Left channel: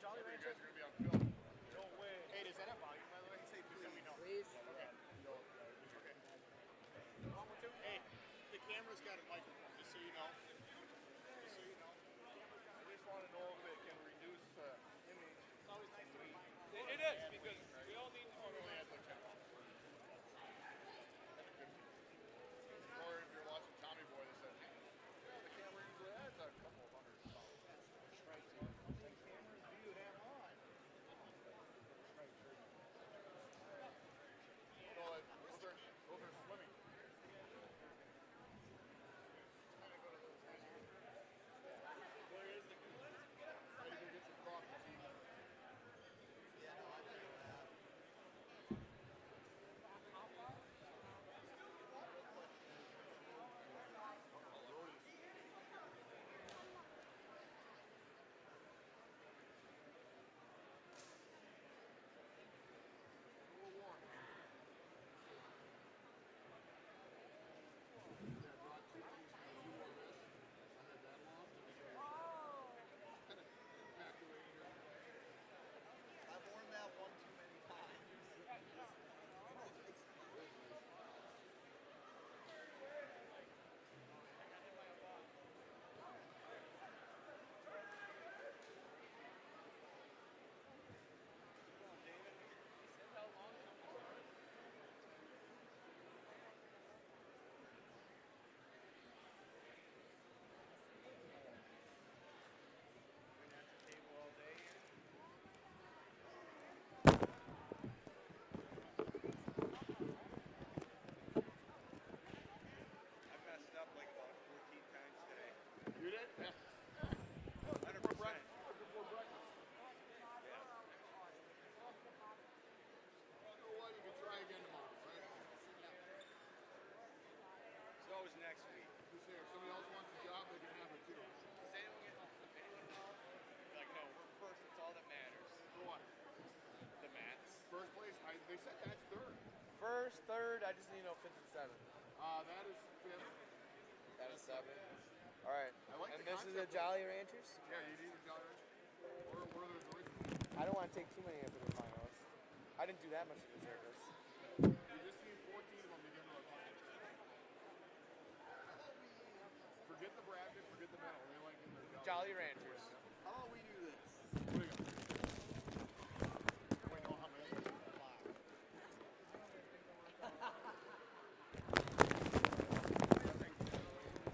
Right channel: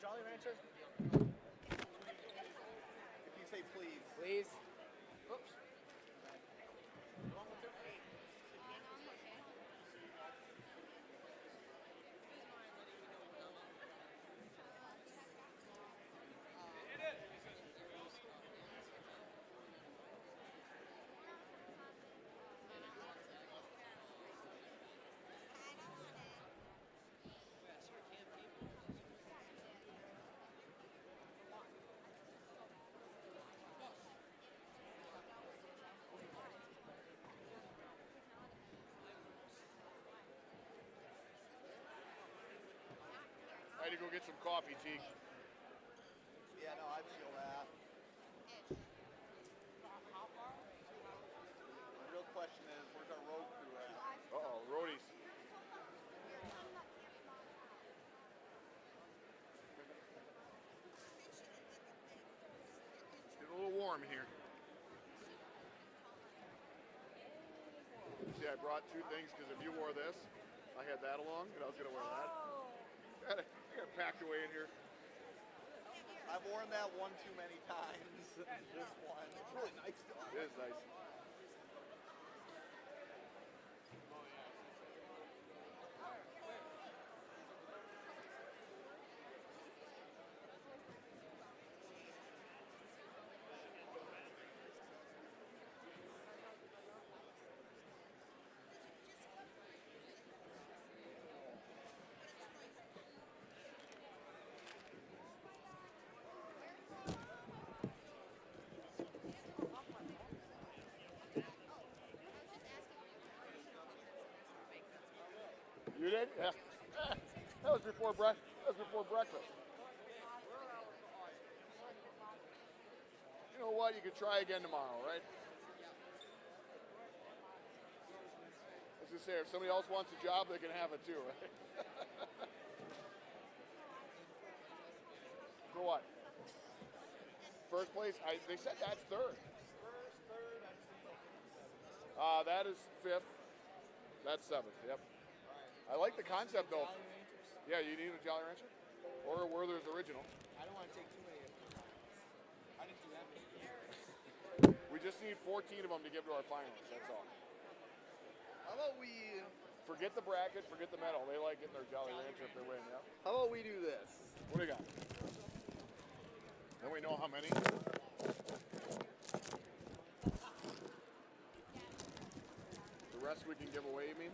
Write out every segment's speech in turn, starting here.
Jolly Rancher? Hey, does that have volume, by the way? You say please. Please. Oops. Wrong with him? Hey, the camera's got a microphone, just so you know. Just so you know. I just want to know if it can reduce It is, because we all need to know the answer. You're watching Tommy Boy. I had to go get some coffee, Teague. Yeah, no, I feel that. The real question is, where's our road crew at? Uh-oh, roadies. It's getting a little warm here. See, I brought two things because if you wore this, I had that along, and I was going to wear that. I got it packed away in here. I've worn that one too many times. This one. It's really nice though. It is nice. You did? Yeah. That was before breakfast. You know what? You could try again tomorrow, right? It's always next week. I was gonna say, if somebody else wants a job, they can have it too, right? Like, no, we're first. It's all that matters. For what? The match. First place? They said that's third. First, third, I just need to know 5th and 7th. That is fifth. That's seventh. Yep. All right. I like the This is concept the though. Jolly Ranchers? Yeah, you need a Jolly Rancher, or Werther's original. I don't want to take too many of them to the finals. I didn't do that much of this. We just need 14 of them to give to our finalists. That's all. How about we? Forget the bracket. Forget the medal. They like getting their Jolly Rancher if they win. Ranchers. Yep. How about we do this? What do we got? Then we know how many. The rest we can give away, you mean?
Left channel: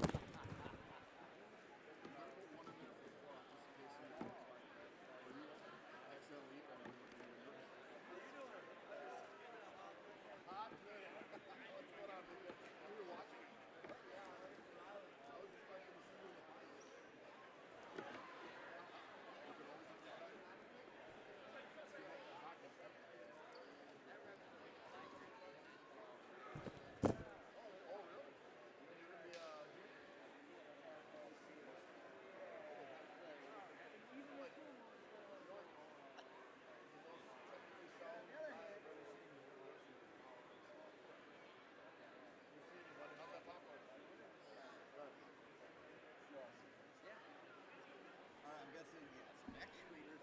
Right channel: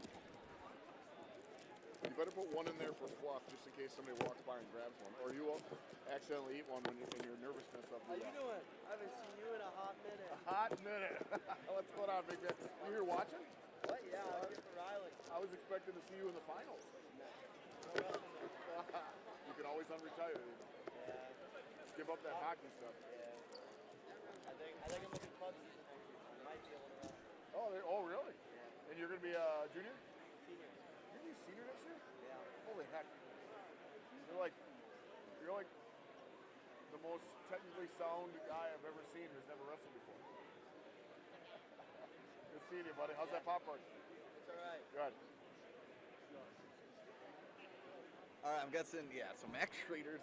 You better put one in there for fluff, just in case somebody walks by and grabs one. Or you will accidentally eat one when you're nervousness up How you here. doing? I haven't seen you in a hot minute. Hot minute. What's going on, Big Man? You here watching? What? Yeah, I was just Riley. I was expecting to see you in the finals. You can always unretire. Give up that hockey stuff. I think I'm looking clubs. Oh, really? And you're going to be a junior? You're going to be a senior next year? Holy heck. You're like the most technically sound guy I've ever seen who's never wrestled before. Good seeing you, buddy. How's that popcorn? All right. Good. All right, I'm guessing. Yeah, so Max Schroeder's.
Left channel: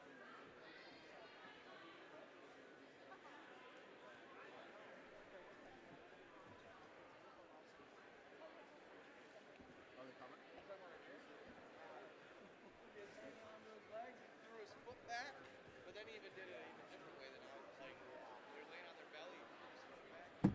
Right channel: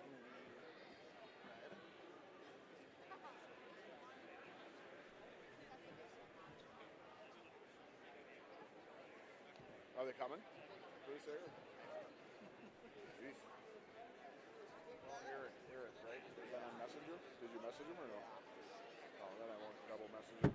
Are they coming? Who's there? Jeez. Eric, right? Is that on Messenger? Did you message him or no? Oh, I don't know. Double message.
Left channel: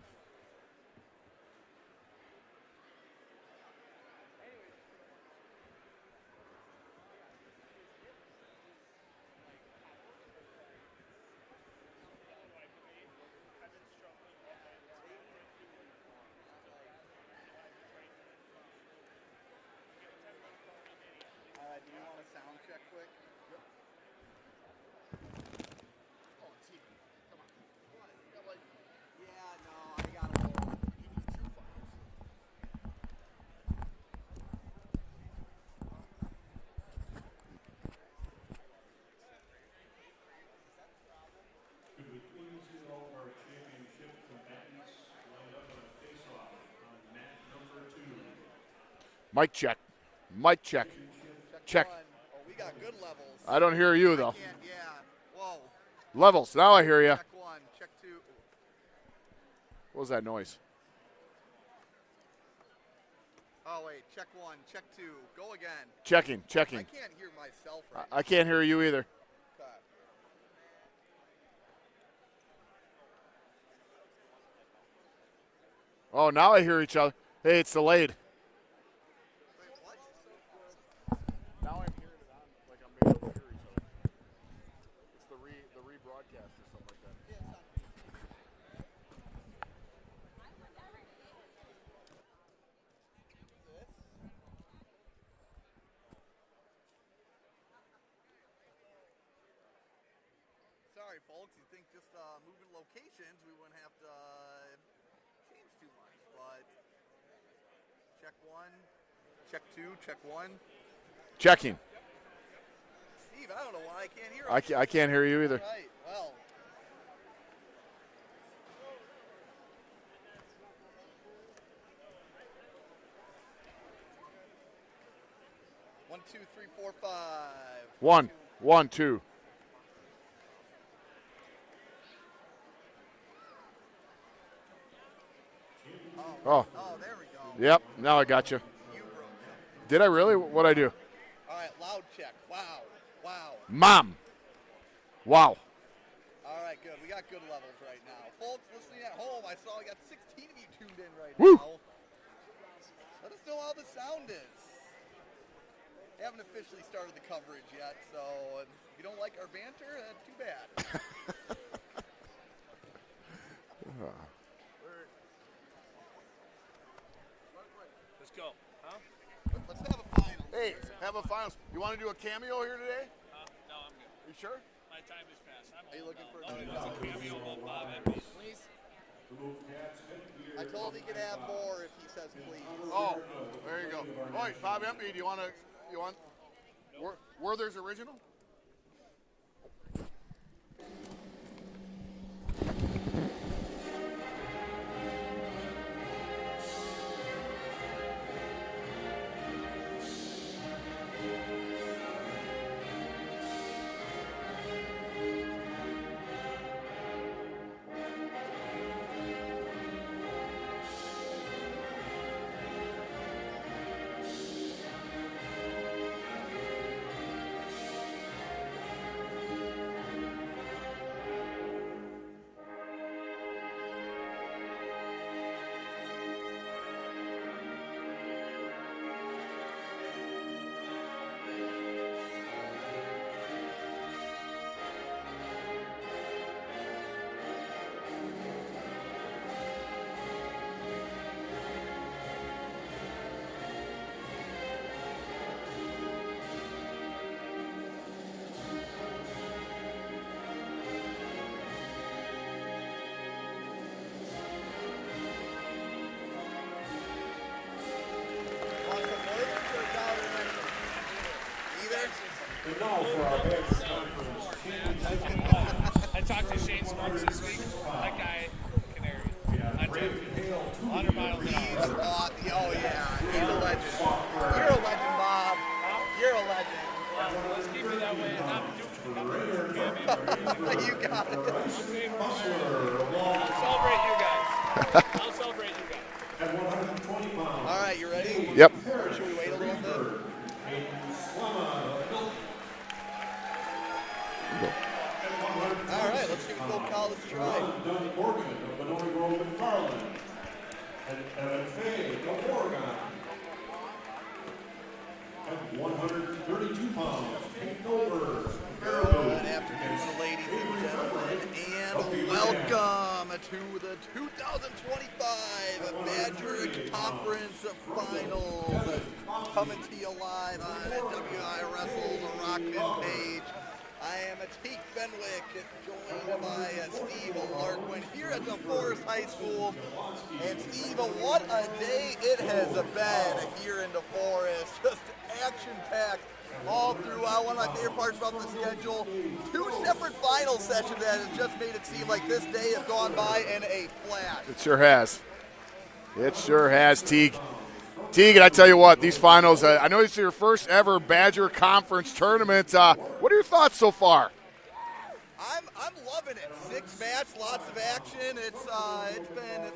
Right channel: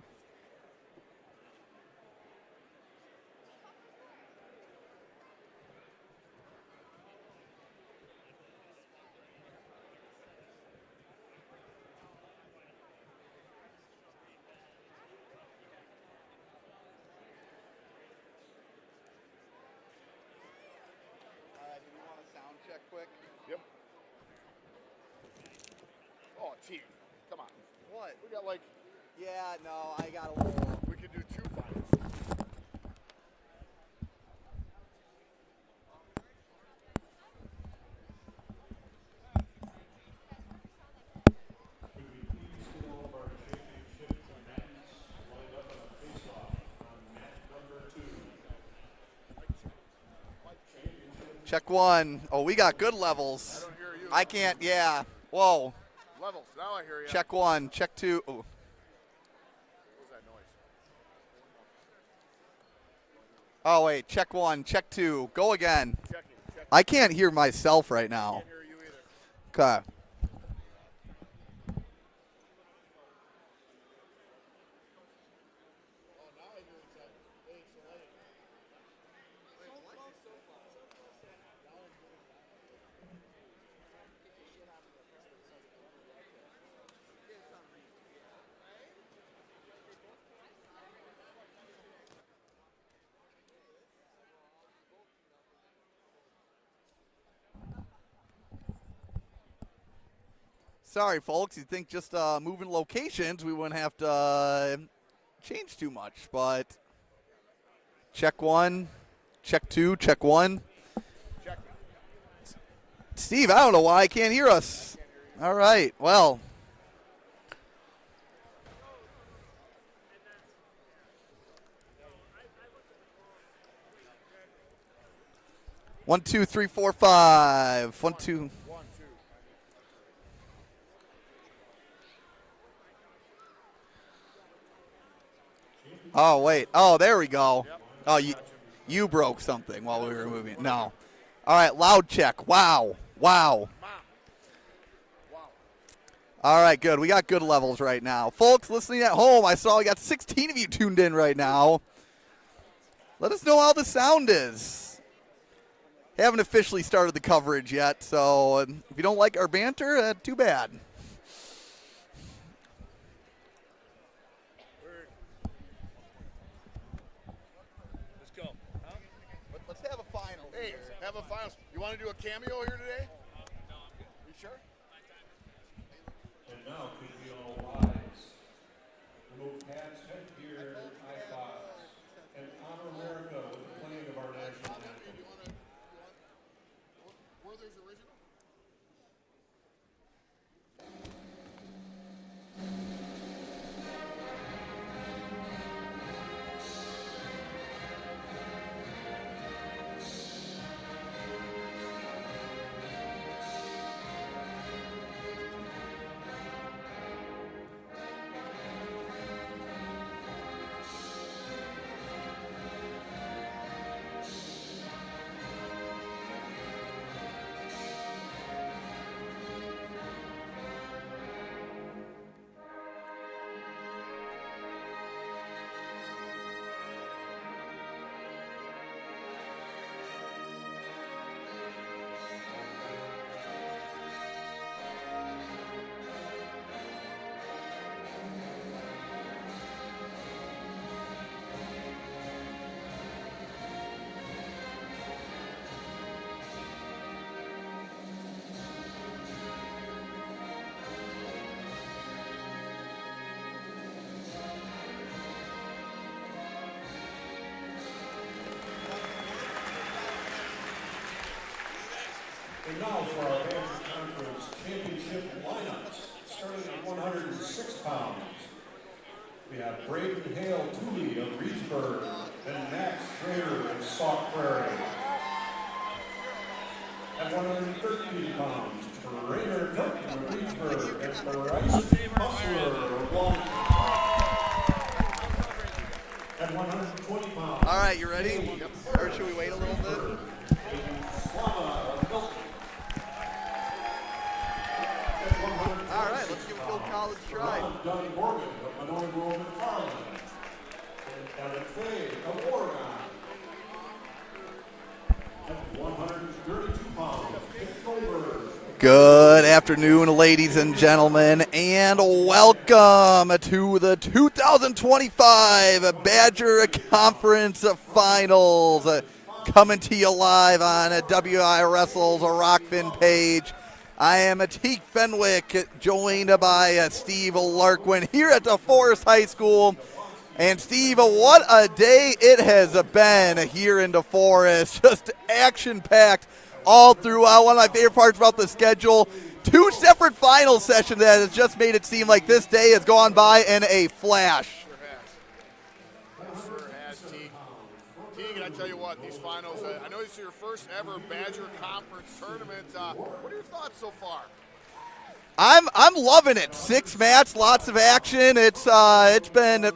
Do we want a sound check quick? Yep. Oh, T. Come on. What? We got like, Yeah, no, I got a little. we could do 2 finals. Could we please do all of our championship amendments lined up on a face-off on mat number 2? Mic check. Mic check. Check Check. 1. Oh, we got good levels. I don't hear you, though. I can't, yeah. Whoa. Levels. Now I hear you. Check 1. Check 2. Ooh. What was that noise? Oh, wait. Check 1. Check 2. Go again. Checking. I can't hear myself right now. I can't hear you either. Okay. Oh, now I hear each other. Hey, it's delayed. Now I'm hearing it like I'm able to hear each other. It's the rebroadcast or something like that. Sorry, folks. You'd think just moving locations, we wouldn't have to change too much, but check 1, check 2, check 1. Checking. Steve, I don't know why I can't hear us. I can't hear you either. All right, well. One, two, three, four, five. One, two. 1, 2. Oh, wait. Oh, there we go. Yep. Now I you, got you. You broke something. Did I really? What'd I do? All right, loud check. Wow. Mom. Wow. All right, good. We got good levels right now. Folks listening at home, I saw we got 16 of you tuned in right now. Woo. Let us know how the sound is. Haven't officially started the coverage yet, so if you don't like our banter, too bad. Let's go. Huh? Let's have a final. Hey, have a finals. You want to do a cameo here today? No, I'm good. You sure? My time is past. Are you looking for And now, KB will please? remove Pat's headgear. I told he could have more if he says please. Oh, there you go. Oh, wait, Bob Empey, do you want Werther's original? And now for our next conference championship match. I talked to Shane Sparks this week. 106 That pounds. guy, Canary. We have Braiden Hale-Toomey, 100 miles an hour. Schroeder. Oh, yeah. He's a Schroeder, legend. Soccer. You're a legend, Bob. You're a legend. At 113 pounds, Schroeder, You got it. Muscular, Celebrate you guys. I'll celebrate you guys. at 120 pounds. All right, you ready? Yep. Or should we wait a little bit? All right, let's do Phil Collins try. Doug Morgan of Monona Grove and Farland. And Evan Fay of Oregon. At 132 pounds, Kent Goldberg. Good afternoon, ladies and gentlemen, and welcome to the 2025 Badger Conference Finals. Coming to you live on WI Wrestle's Rokfin page. I am Teek Fenwick, joined by Steve Larkwin here at DeForest High School. And Steve, what a day it has been here in DeForest. Just action-packed all throughout. One of my favorite parts about the schedule, 2 separate final sessions that has just made it seem like this day has gone by in a flash. It sure has. It sure has, Teague. Teagan, I tell you what, these finals, I know it's your first ever Badger Conference tournament. What are your thoughts so far? I'm loving it. 6 matches, lots of action. It's been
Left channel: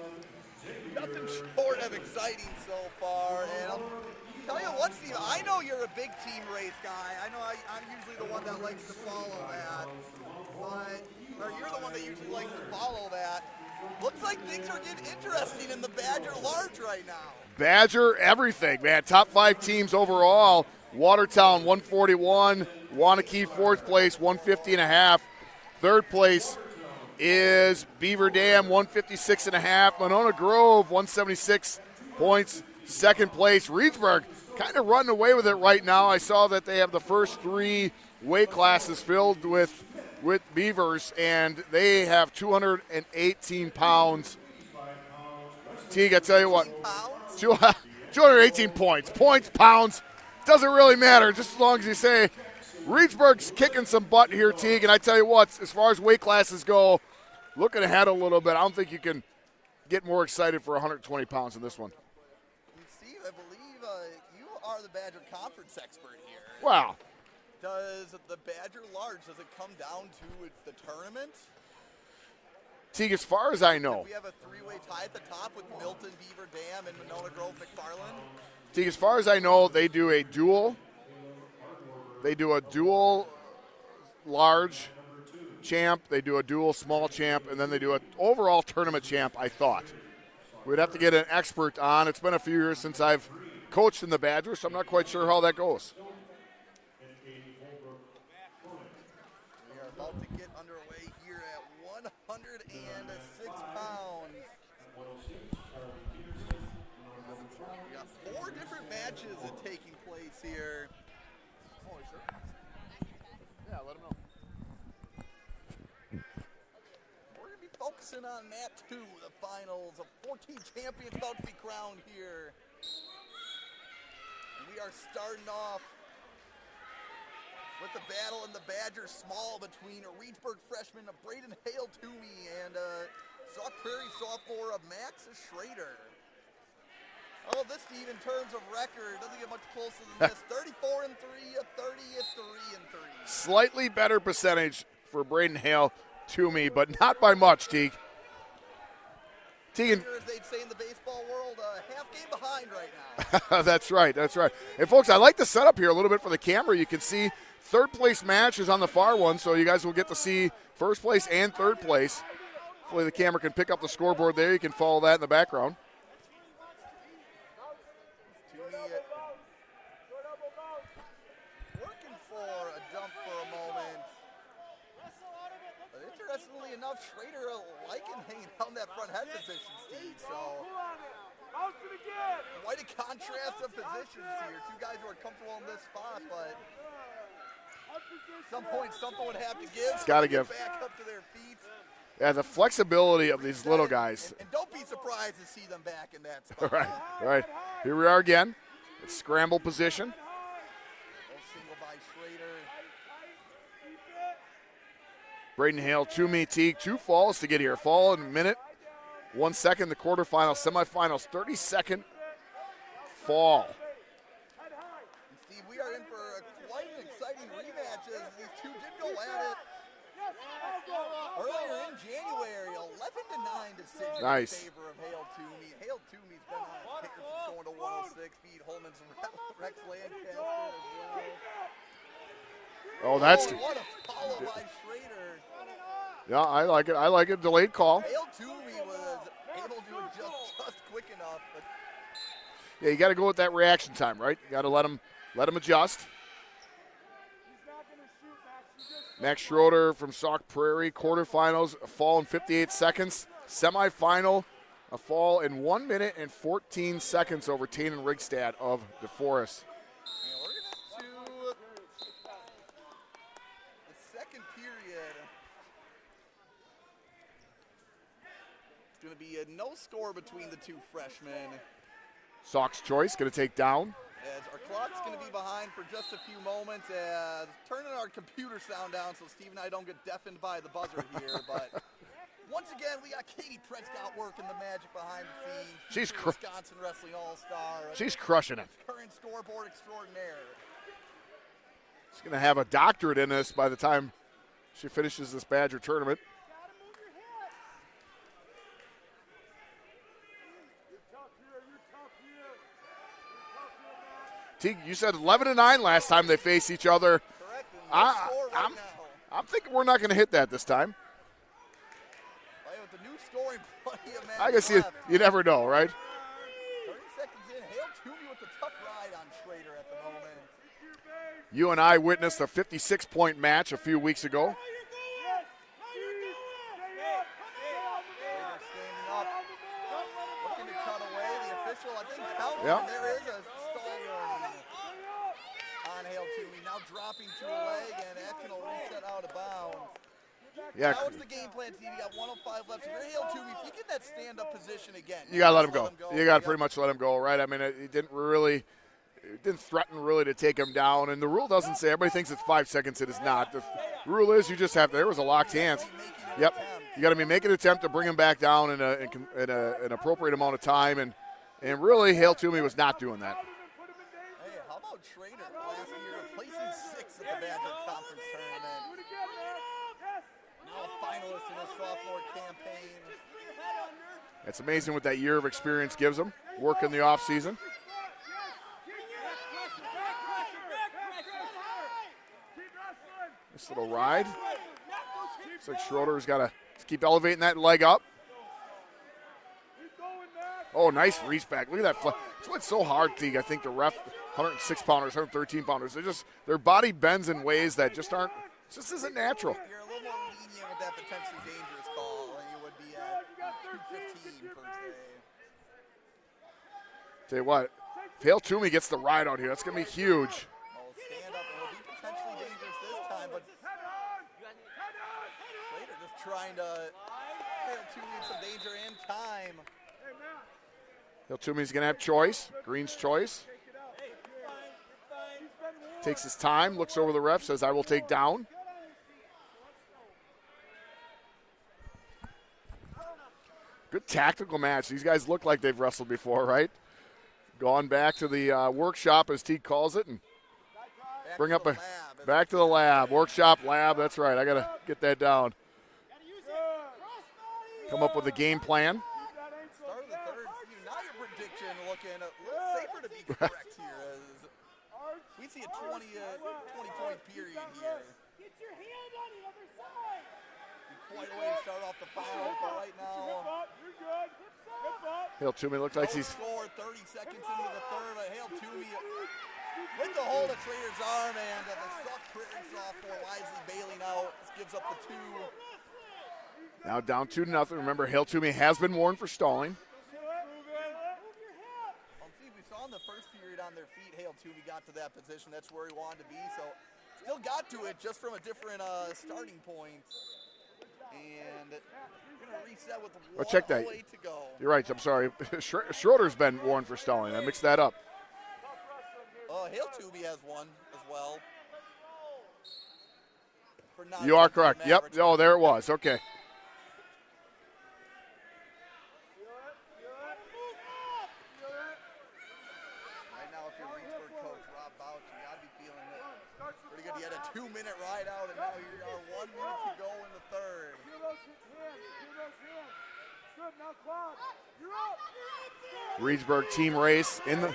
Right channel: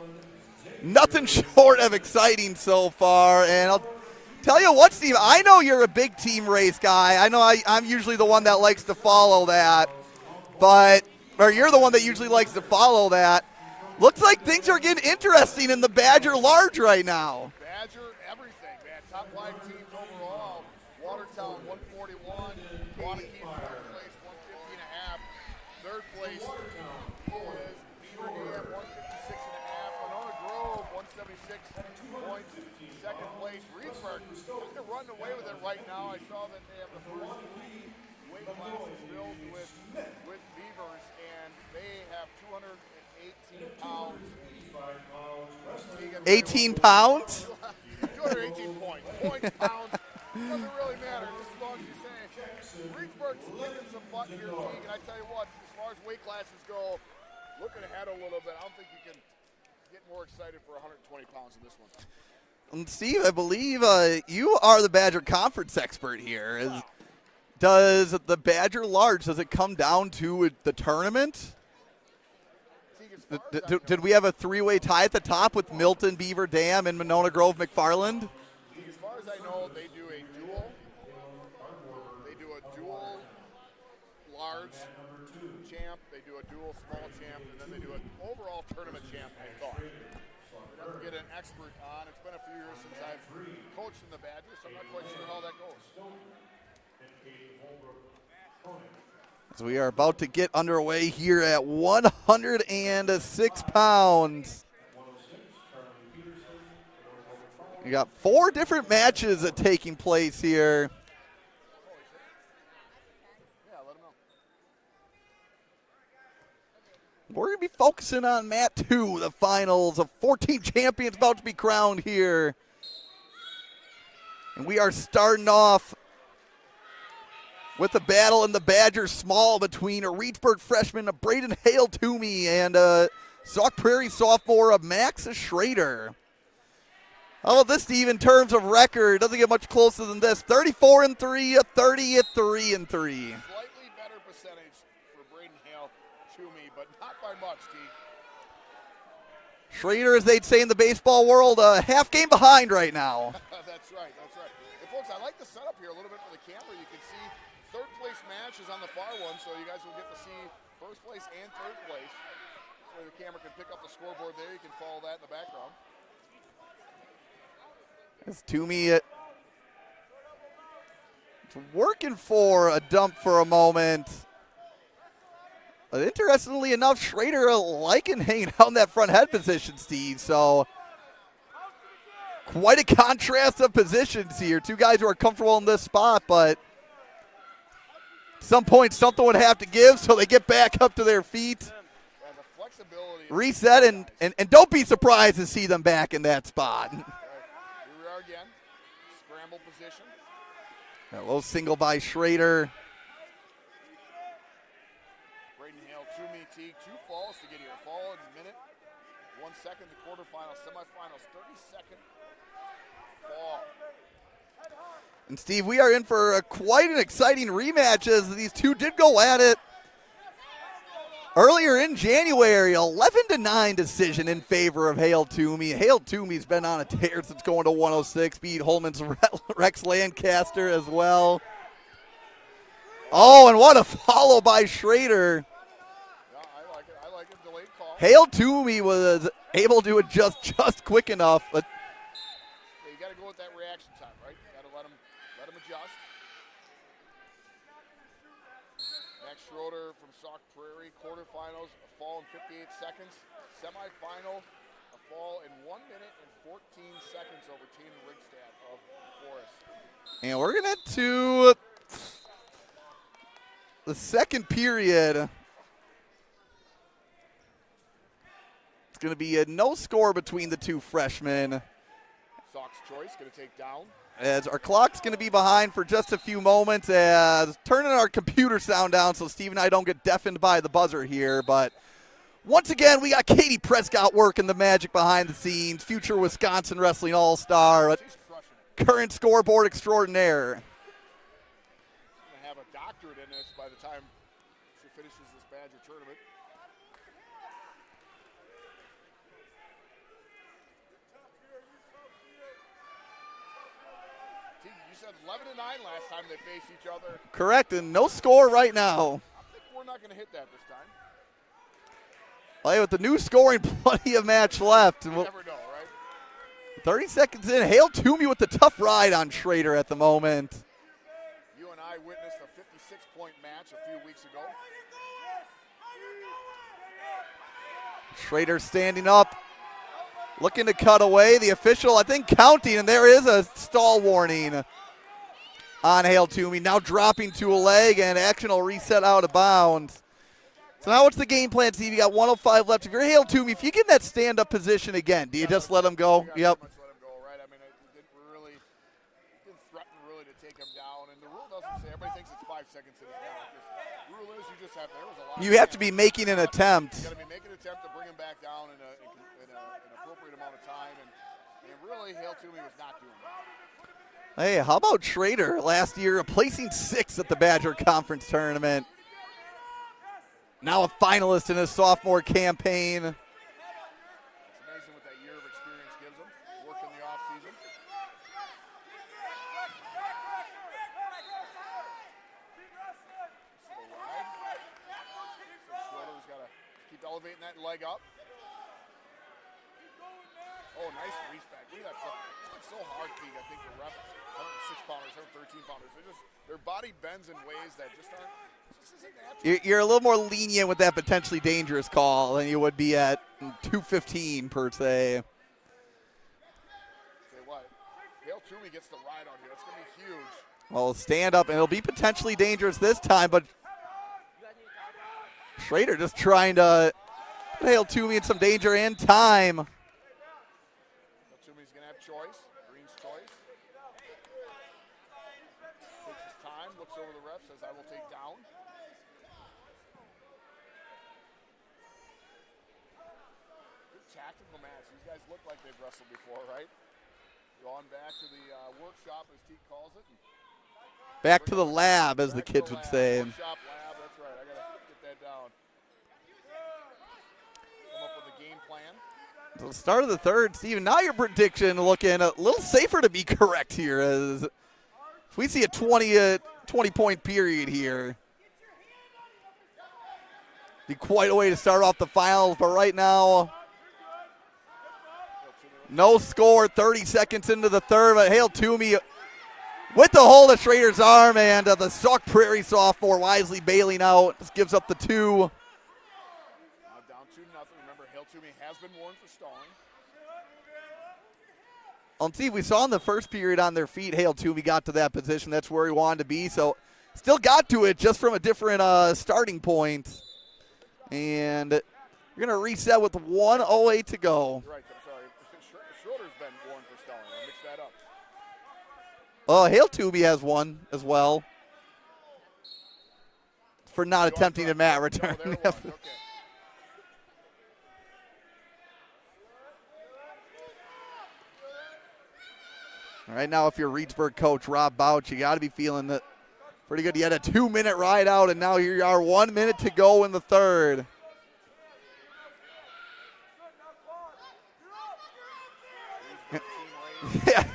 nothing short of exciting so far. And I'll tell you what, Steve, I know you're a big team race guy. I know I'm usually the one that likes to follow that. Or you're the one that usually likes to follow that. Looks like things are getting interesting in the Badger Large right now. Badger, everything, man. Top 5 teams overall. Watertown, 141. Wanakee, 4th place, 150.5. 3rd place is Beaver Dam, 156.5. Monona Grove, 176 points. 2nd place, Reedsburg, kind of running away with it right now. I saw that they have the first 3 weight classes filled with Beavers, and they have 218 pounds. Teague, I tell you what, 18 pounds? 218 points. Points, pounds, doesn't really matter, just as long as you say Reedsburg's kicking some butt here, Teague, and I tell you what, as far as weight classes go, looking ahead a little bit, I don't think you can get more excited for 120 pounds in this one. And Steve, I believe you are the Badger Conference expert here. Wow. Does the Badger Large, does it come down to the tournament? Teague, as far as I know. Did we have a 3-way tie at the top with Milton, Beaver Dam, and Monona Grove, McFarland? Teague, as far as I know, they do a dual large champ, they do a dual small champ, and then they do an overall tournament champ, I thought. We'd have to get an expert on. It's been a few years since I've coached in the Badgers, so I'm not quite sure how that goes. So we are about to get underway here at 106 pounds. We got 4 different matches taking place here. We're going to be focusing on Mat 2, the finals of 14 champions about to be crowned here. And we are starting off with a battle in the Badger Small between a Reedsburg freshman, a Braiden Hale-Toomey, and a Sauk Prairie sophomore, Max Schroeder. How about this, Steve, in terms of record? Doesn't get much closer than this. 34-3, a 30-3. Slightly better percentage for Braiden Hale-Toomey, but not by much, Teague. Schroeder, as they'd say in the baseball world, half game behind right now. That's right. And, folks, I like the setup here a little bit for the camera. You can see 3rd place match is on the far one, so you guys will get to see 1st place and 3rd place. Hopefully the camera can pick up the scoreboard there. You can follow that in the background. As Toomey working for a dump for a moment. But interestingly enough, Schroeder liking hanging out in that front head position, Steve. So quite a contrast of positions here. 2 guys who are comfortable in this spot, but at some point something would have to give, so they get back up to their feet. Yeah, the flexibility of reset these guys. And don't be surprised to see them back in that spot. Right. Here we are again. It's scramble position. A low single by Schroeder. Braiden Hale-Toomey, Teague, 2 falls to get here. Fall in a minute, 1 second, the quarterfinals, semifinals, 30-second fall. And Steve, we are in for quite an exciting rematch as these 2 did go at it earlier in January. 11-9 decision in favor of Hale-Toomey. Hale-Toomey's been on a tear since going to 106, beat Holman's Rex Lancaster as well. Oh, and what a follow by Schroeder. Yeah, I like it. I like it. Delayed call. Hale-Toomey was able to adjust just quick enough. But yeah, you got to go with that reaction time, right? You got to let him adjust. Max Schroeder from Sauk Prairie, quarterfinals, a fall in 58 seconds. Semifinal, a fall in 1 minute and 14 seconds over Tannen Rigstad of DeForest. And we're going to the second period. It's going to be a no score between the 2 freshmen. Sauk's choice going to take down. As our clock's going to be behind for just a few moments, as turning our computer sound down so Steve and I don't get deafened by the buzzer here. But Once again, we got Katie Prescott working the magic behind the scenes. Future Wisconsin Wrestling All-Star. She's crushing it. Current scoreboard extraordinaire. She's going to have a doctorate in this by the time she finishes this Badger tournament. Teague, you said 11-9 last time they faced each other. Correct, and no score right now. I'm thinking we're not going to hit that this time. Well, with the new scoring, plenty of match left. You never know, right? 30 seconds in. Hale-Toomey with the tough ride on Schroeder at the moment. You and I witnessed a 56-point match a few weeks ago. Schroeder standing up, looking to cut away. The official, I think, counting, and there is a stall warning on Hale-Toomey. Now dropping to a leg, and action will reset out of bounds. Yeah. So now what's the game plan, Steve? You got 105 left. If you're Hale-Toomey, if you get in that stand-up position again, do you just let him go? You got to pretty much let him go, right? I mean, it didn't threaten really to take him down. And the rule doesn't say, everybody thinks it's 5 seconds. It is not. The rule is you just have to, there was a lock. You have to be making an attempt. You got to be making an attempt to bring him back down in an appropriate amount of time. And really, Hale-Toomey was not doing that. Hey, how about Schroeder last year placing 6th at the Badger Conference Tournament? Now a finalist in his sophomore campaign. It's amazing what that year of experience gives him, work in the offseason. Nice little ride. Looks like Schroeder's got to keep elevating that leg up. Oh, nice reach back. Look at that. That's why it's so hard, Teague. I think the ref, 106-pounders, 113-pounders, their body bends in ways that just aren't. This isn't natural. You're a little more lenient with that potentially dangerous call than you would be at 215 per se. Tell you what, if Hale-Toomey gets the ride out here, that's going to be huge. Well, stand up, and it'll be potentially dangerous this time, but Schroeder just trying to put Hale-Toomey in some danger and time. Hale-Toomey's going to have choice, Green's choice. Takes his time, looks over the ref, says, I will take down. Good tactical match. These guys look like they've wrestled before, right? Gone back to the workshop, as Teague calls it. And back to the lab, as back the to the kids lab. would say. Workshop, lab, that's right. I got to get that down. Come up with a game plan. So the start of the third, Steven, now your prediction looking a little safer to be correct here, as we see a 20-point period here. Be quite a way to start off the finals, but right now, Hale-Toomey looks no like score, 30 seconds into the third, but Hale-Toomey with the hold of Schroeder's arm, and the Sauk Prairie sophomore wisely bailing out. Just gives up the 2. now down 2-0. Remember, Hale-Toomey has been warned for stalling. See, we saw in the first period on their feet, Hale-Toomey got to that position. That's where he wanted to be, so still got to it just from a different starting point. And you're going to reset with 1:08 to go. You're right, I'm sorry. Schroeder's been warned for stalling. I mixed that up. Hale-Toomey has one as well for not attempting a mat return. No, there it was. Okay. All right, now if you're Reedsburg coach Rob Bouch, you got to be feeling that pretty good. You had a 2-minute ride out, and now here you are, 1 minute to go in the third. Reedsburg team race. Yeah.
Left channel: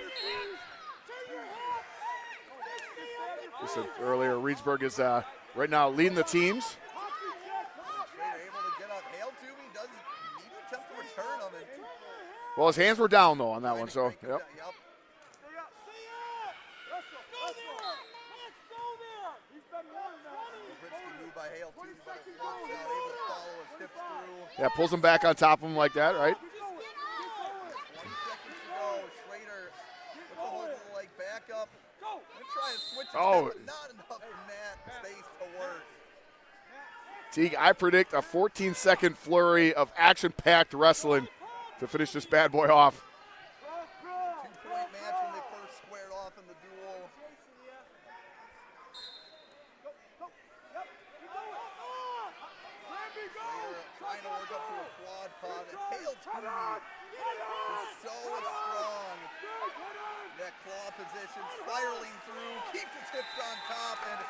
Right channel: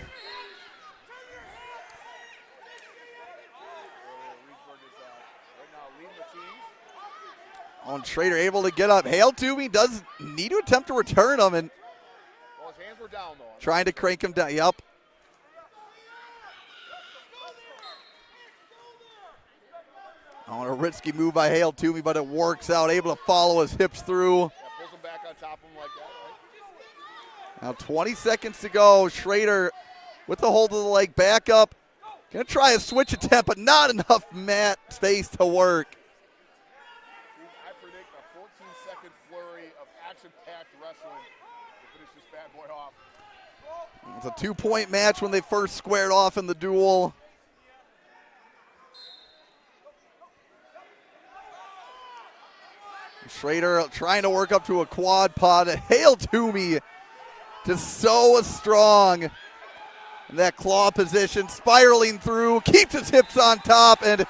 We said earlier, Reedsburg is right now leading the teams. And Schroeder able to get up. Hale-Toomey does need to attempt to return him, and well, his hands were down though. On trying that to crank him down. Yep. A risky move by Hale-Toomey, but it works out. Able to follow his hips through. Yeah, pulls him back on top of him like that, right? Now 20 seconds to go. Schroeder with the hold of the leg back up. Gonna try a switch attempt, but not enough mat space to work. Teague, I predict a 14-second flurry of action-packed wrestling to finish this bad boy off. It's a 2-point match when they first squared off in the duel. Schroeder trying to work up to a quad pod. Hale-Toomey just so strong in that claw position, spiraling through, keeps his hips on top, and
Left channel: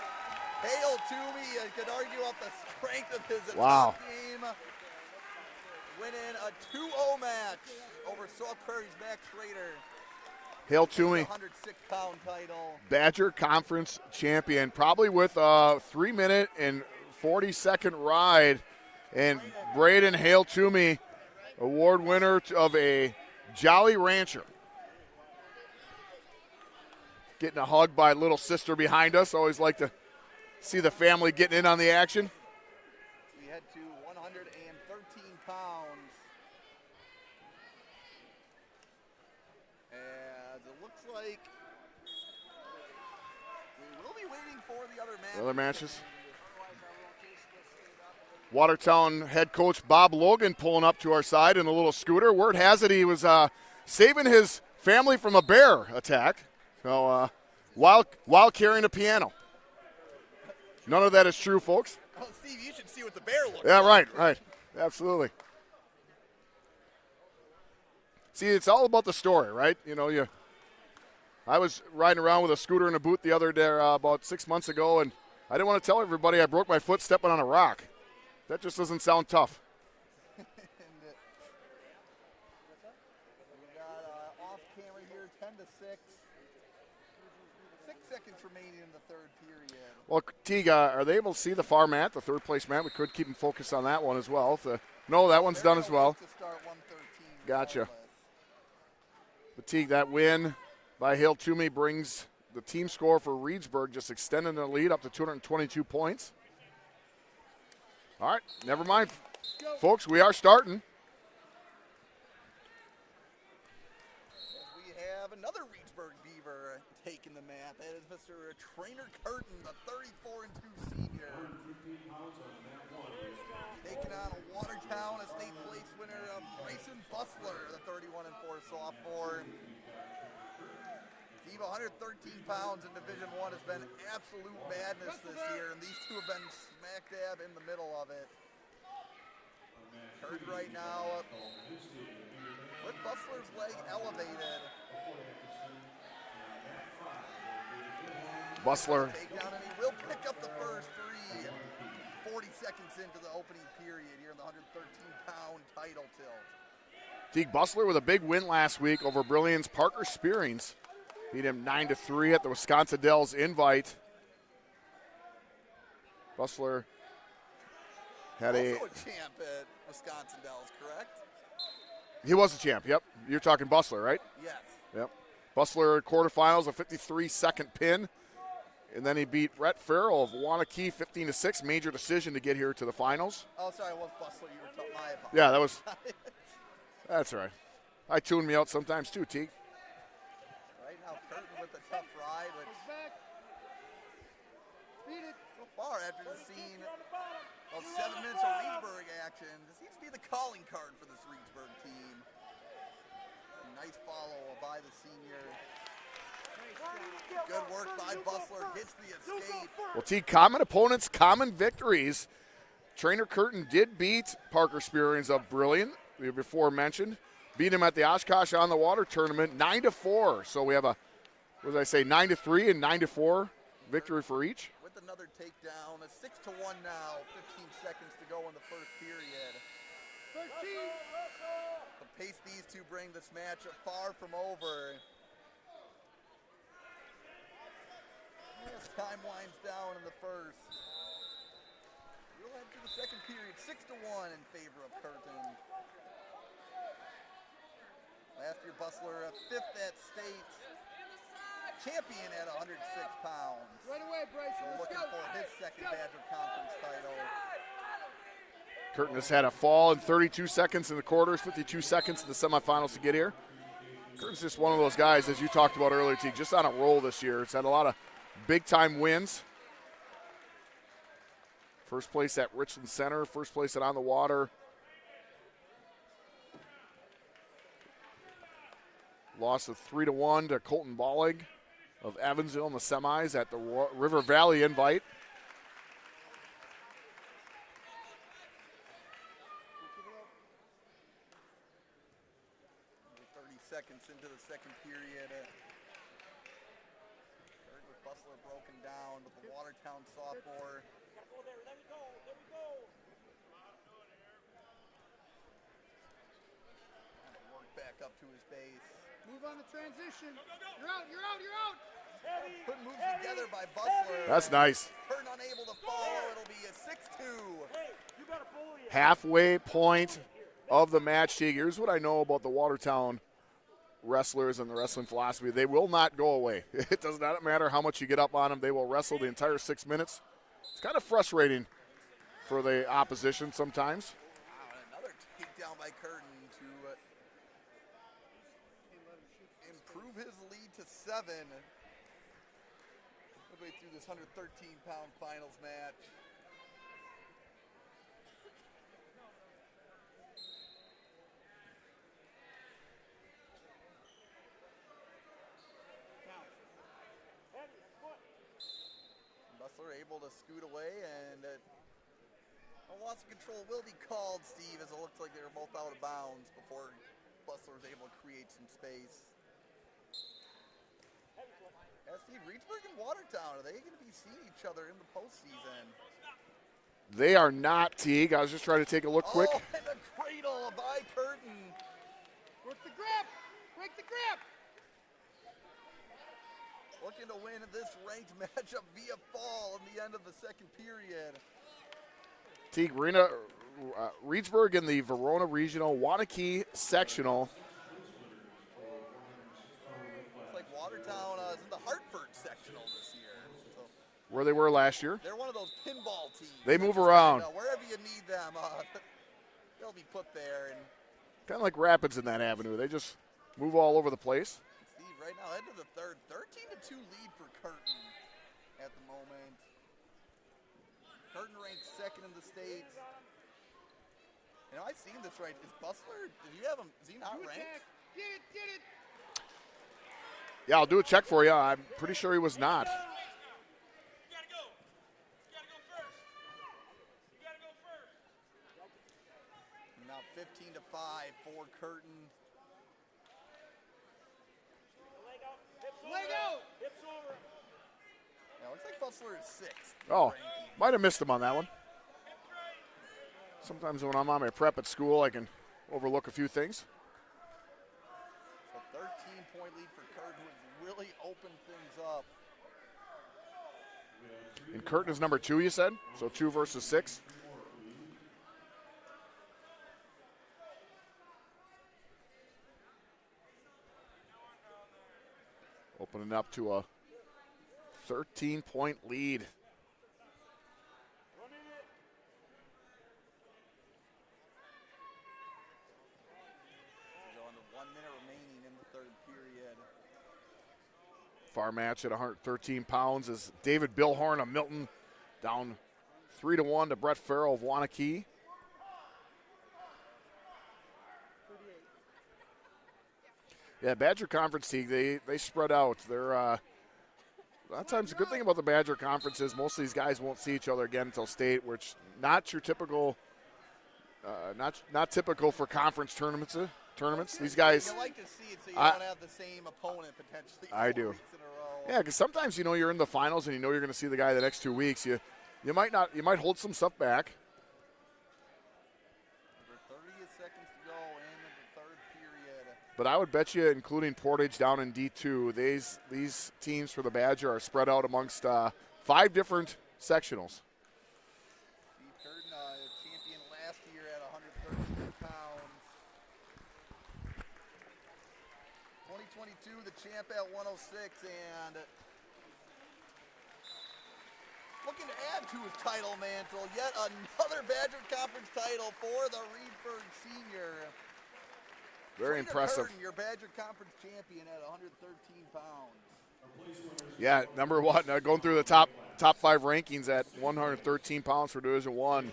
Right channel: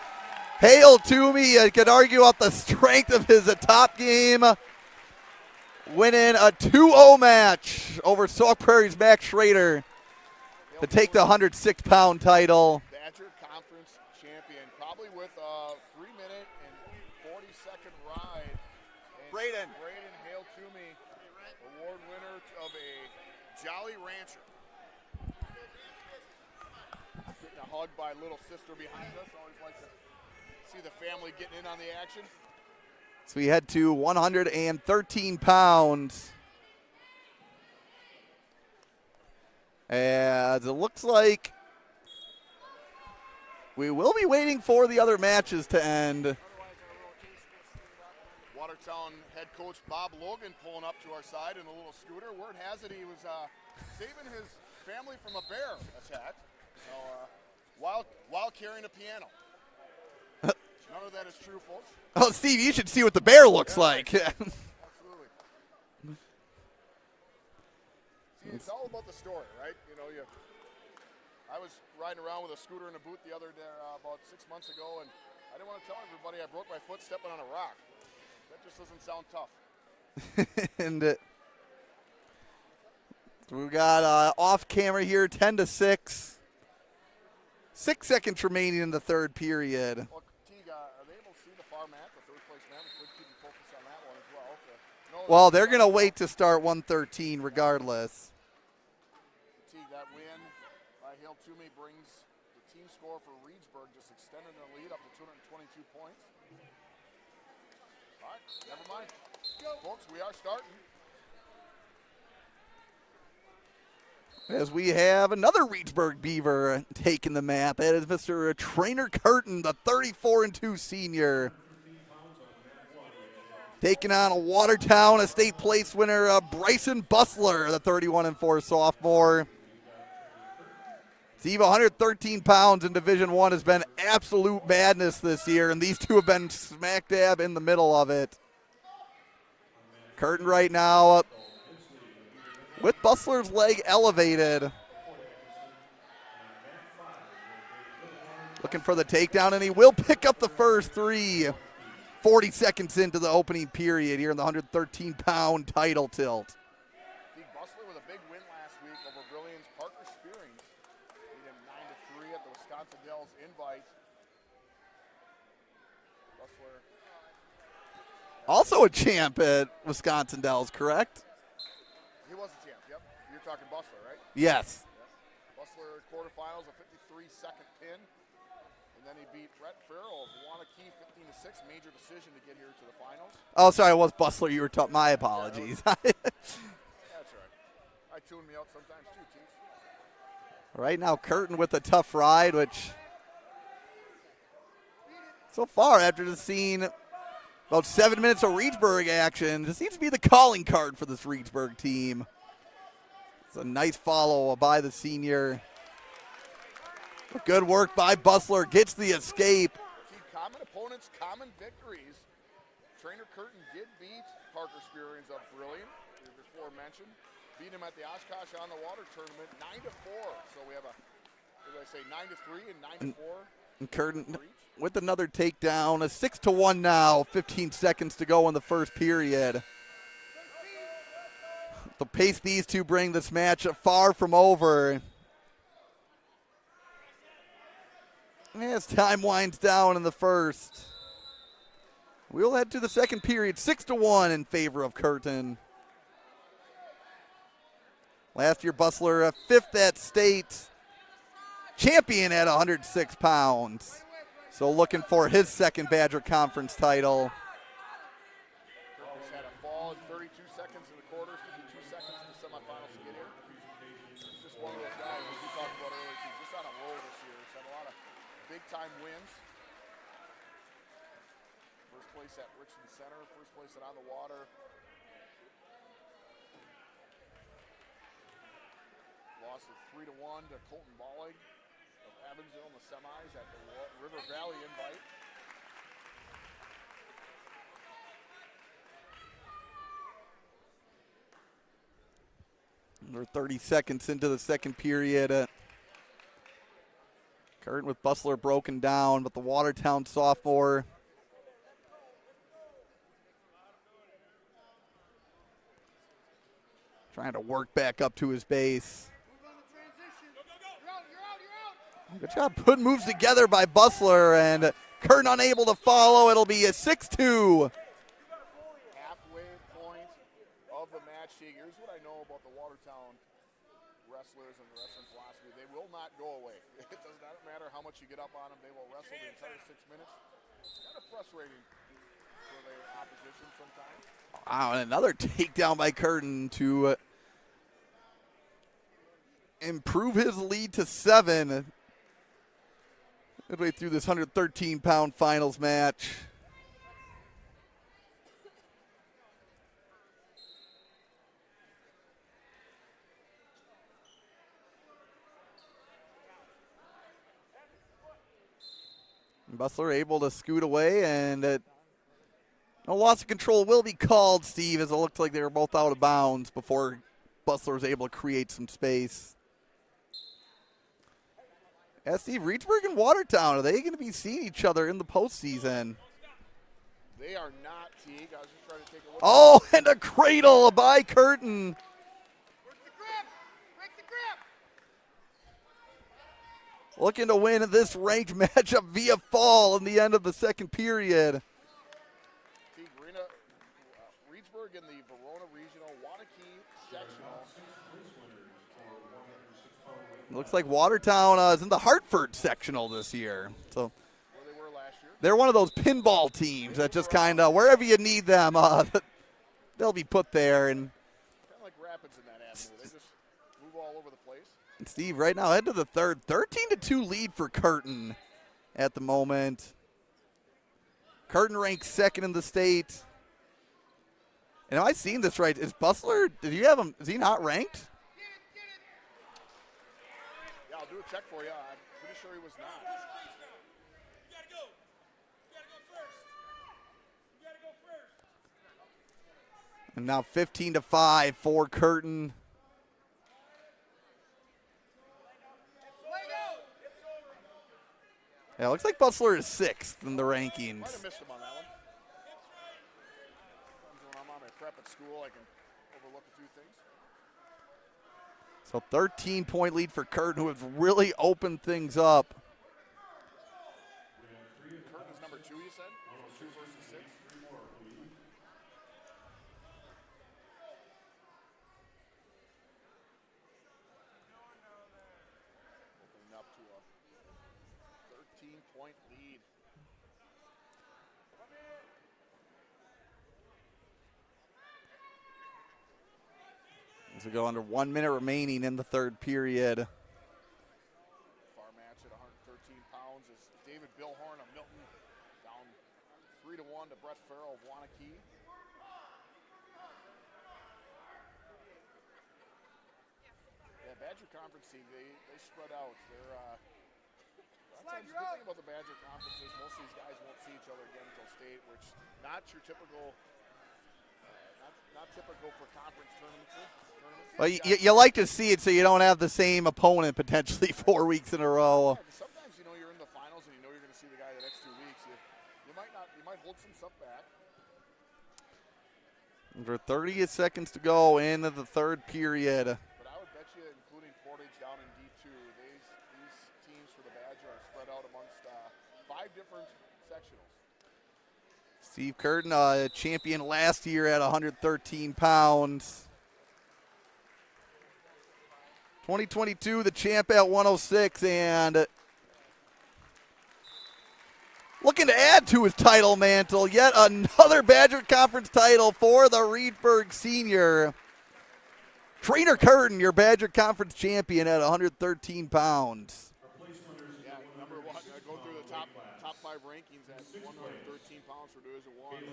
Hale-Toomey, you could argue about the strength of his top game, winning a 2-0 match over Sauk Prairie's Max Schroeder to take the 106-pound title. Badger Conference champion, probably with a 3-minute and 40-second ride. And Braiden Hale-Toomey, award winner of a Jolly Rancher. Getting a hug by little sister behind us. Always like to see the family getting in on the action. So we head to 113 pounds. As it looks like we will be waiting for the other matches to end. Watertown head coach Bob Logan pulling up to our side in a little scooter. Word has it he was saving his family from a bear attack. So while carrying a piano. None of that is true, folks. Oh, Steve, you should see what the bear looks like. Right. Absolutely. See, it's all about the story, right? You know, I was riding around with a scooter in a boot the other day about 6 months ago, and I didn't want to tell everybody I broke my foot stepping on a rock. That just doesn't sound tough. And we've got off camera here, 10-6. 6 seconds remaining in the third period. Well, Teague, are they able to see the far mat, the third place mat? We could keep them focused on that one as well. They're going to wait to start 113 regardless. Gotcha. But Teague, that win by Hale-Toomey brings the team score for Reedsburg just extending the lead up to 222 points. All right, never mind. Folks, we are starting. As we have another Reedsburg Beaver taking the mat. That is Mr. Trainer Curtin, the 34-2 senior. Taking on a Watertown Estate Place winner, Bryson Bustler, the 31-4 sophomore. Steve, 113 pounds in Division I has been absolute madness this year, and these two have been smack dab in the middle of it. Curtin right now with Bustler's leg elevated. Looking for the takedown, and he will pick up the first three. 40 seconds into the opening period here in the 113-pound title tilt. Teague Bustler with a big win last week over Brilliant's Parker Spearings. Beat him 9-3 at the Wisconsin Dells Invite. Bustler also a champ at Wisconsin Dells, correct? He was a champ, yep. You're talking Bustler, right? Yes. Yep. Bustler quarterfinals, a 53-second pin. And then he beat Rhett Farrell of Wanakee 15-6, major decision to get here to the finals. Oh, sorry, it was Bustler. You were talking. My apologies. Yeah, that was. That's right. I tune me out sometimes too, Teague. Right now, Curtin with a tough ride, which so far after just seeing about 7 minutes of Reedsburg action, this seems to be the calling card for this Reedsburg team. It's a nice follow by the senior. Good work by Bustler, gets the escape. Well, Teague, common opponents, common victories. Trainer Curtin did beat Parker Spearings of Brilliant, we before mentioned. Beat him at the Oshkosh on the Water tournament, 9-4. So we have a, what did I say, 9-3 and 9-4 victory for each. With another takedown, a 6-1 now, 15 seconds to go in the first period. The pace these two bring this match far from over. As time winds down in the first, we'll head to the second period, 6-1 in favor of Curtin. Last year, Bustler, fifth at state, champion at 106 pounds. So looking for his second Badger Conference title. Curtin has had a fall in 32 seconds in the quarters, 52 seconds in the semifinals to get here. Curtin's just one of those guys, as you talked about earlier, T, just on a roll this year. It's had a lot of big-time wins. First place at Richland Center, first place at On the Water. Loss of 3-1 to Colton Bollig of Evansville in the semis at the River Valley Invite. We're 30 seconds into the second period. Curtin with Bustler broken down, but the Watertown sophomore trying to work back up to his base. Move on the transition. You're out, you're out, you're out. Good job putting moves together by Bustler. That's and nice. Curtin unable to follow. It'll be a 6-2. Halfway point of the match. Here's what I know about the Watertown wrestlers and the wrestling philosophy. They will not go away. It does not matter how much you get up on them. They will wrestle the entire 6 minutes. It's kind of frustrating for the opposition sometimes. Wow, and another takedown by Curtin to improve his lead to 7. Midway through this 113-pound finals match. Bustler able to scoot away, and no loss of control will be called, Steve, as it looked like they were both out of bounds before Bustler was able to create some space. Steve, Reedsburg and Watertown, are they going to be seeing each other in the postseason? They are not, Teague. I was just trying to take a look. Oh, quick. and a cradle by Curtin. Work the grip. Break the grip. Looking to win this ranked matchup via fall in the end of the second period. Teague, Reedsburg in the Verona Regional, Wanakee Sectional. Looks like Watertown is in the Hartford sectional this year. So Where they were last year. they're one of those pinball teams They that move just around. kind of, wherever you need them, they'll be put there. And Kind of like Rapids in that avenue. They just move all over the place. Steve, right now, head to the third. 13-2 lead for Curtin at the moment. Curtin ranks second in the state. And have I seen this right? Is Bustler, did you have him, is he not ranked? Yeah, I'll do a check for you. I'm pretty sure he was not. And now 15-5 for Curtin. Yeah, it looks like Bustler is 6th in the rankings. Might have missed him on that one. Sometimes when I'm on my prep at school, I can overlook a few things. So 13-point lead for Curtin, who has really opened things up. And Curtin is number 2, you said? So 2 versus 6. Opening up to a 13-point lead. As we go under 1 minute remaining in the third period. Far match at 113 pounds is David Billhorn of Milton down 3-1 to Brett Farrell of Wanakee. Yeah, Badger Conference League, they spread out. They're a lot of times the good thing about the Badger Conference is most of these guys won't see each other again until state, which not your typical, not typical for conference tournaments. Well, Guys, you like to see it so you don't have the same opponent potentially I 4 do. weeks in a row. Yeah, because sometimes you're in the finals and you're going to see the guy the next 2 weeks. You might hold some stuff back. Under 30 seconds to go in the third period. But I would bet you, including Portage down in D2, these teams for the Badger are spread out amongst 5 different sectionals. Steve Curtin, champion last year at 113 pounds. 2022, the champ at 106, and looking to add to his title mantle. Yet another Badger Conference title for the Reedsburg senior. Trainer Curtin, your Badger Conference champion at 113 pounds. Yeah, number 1, going through the top 5 rankings at 113 pounds for Division I.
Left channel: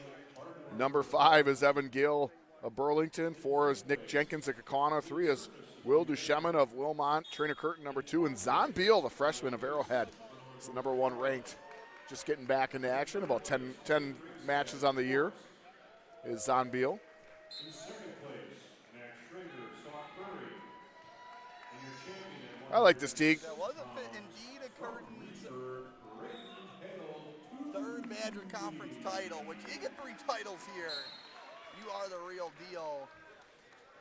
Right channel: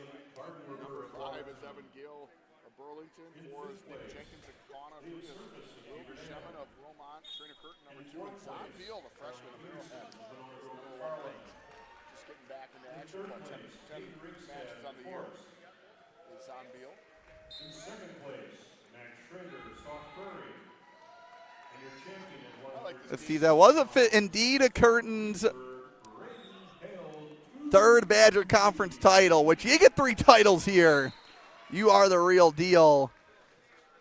Number 5 is Evan Gill of Burlington. 4 is Nick Jenkins of Kaukauna. 3 is Will Duchemin of Wilmont. Trainer Curtin, number 2. And Zon Beal, the freshman of Arrowhead, is the number 1 ranked. Just getting back into action, about 10 matches on the year is Zon Beal. In second place, Max Schroeder, South Prairie. I like this Let's see, team. that was indeed a Curtin's third Badger Conference title, which you get 3 titles here. You are the real deal.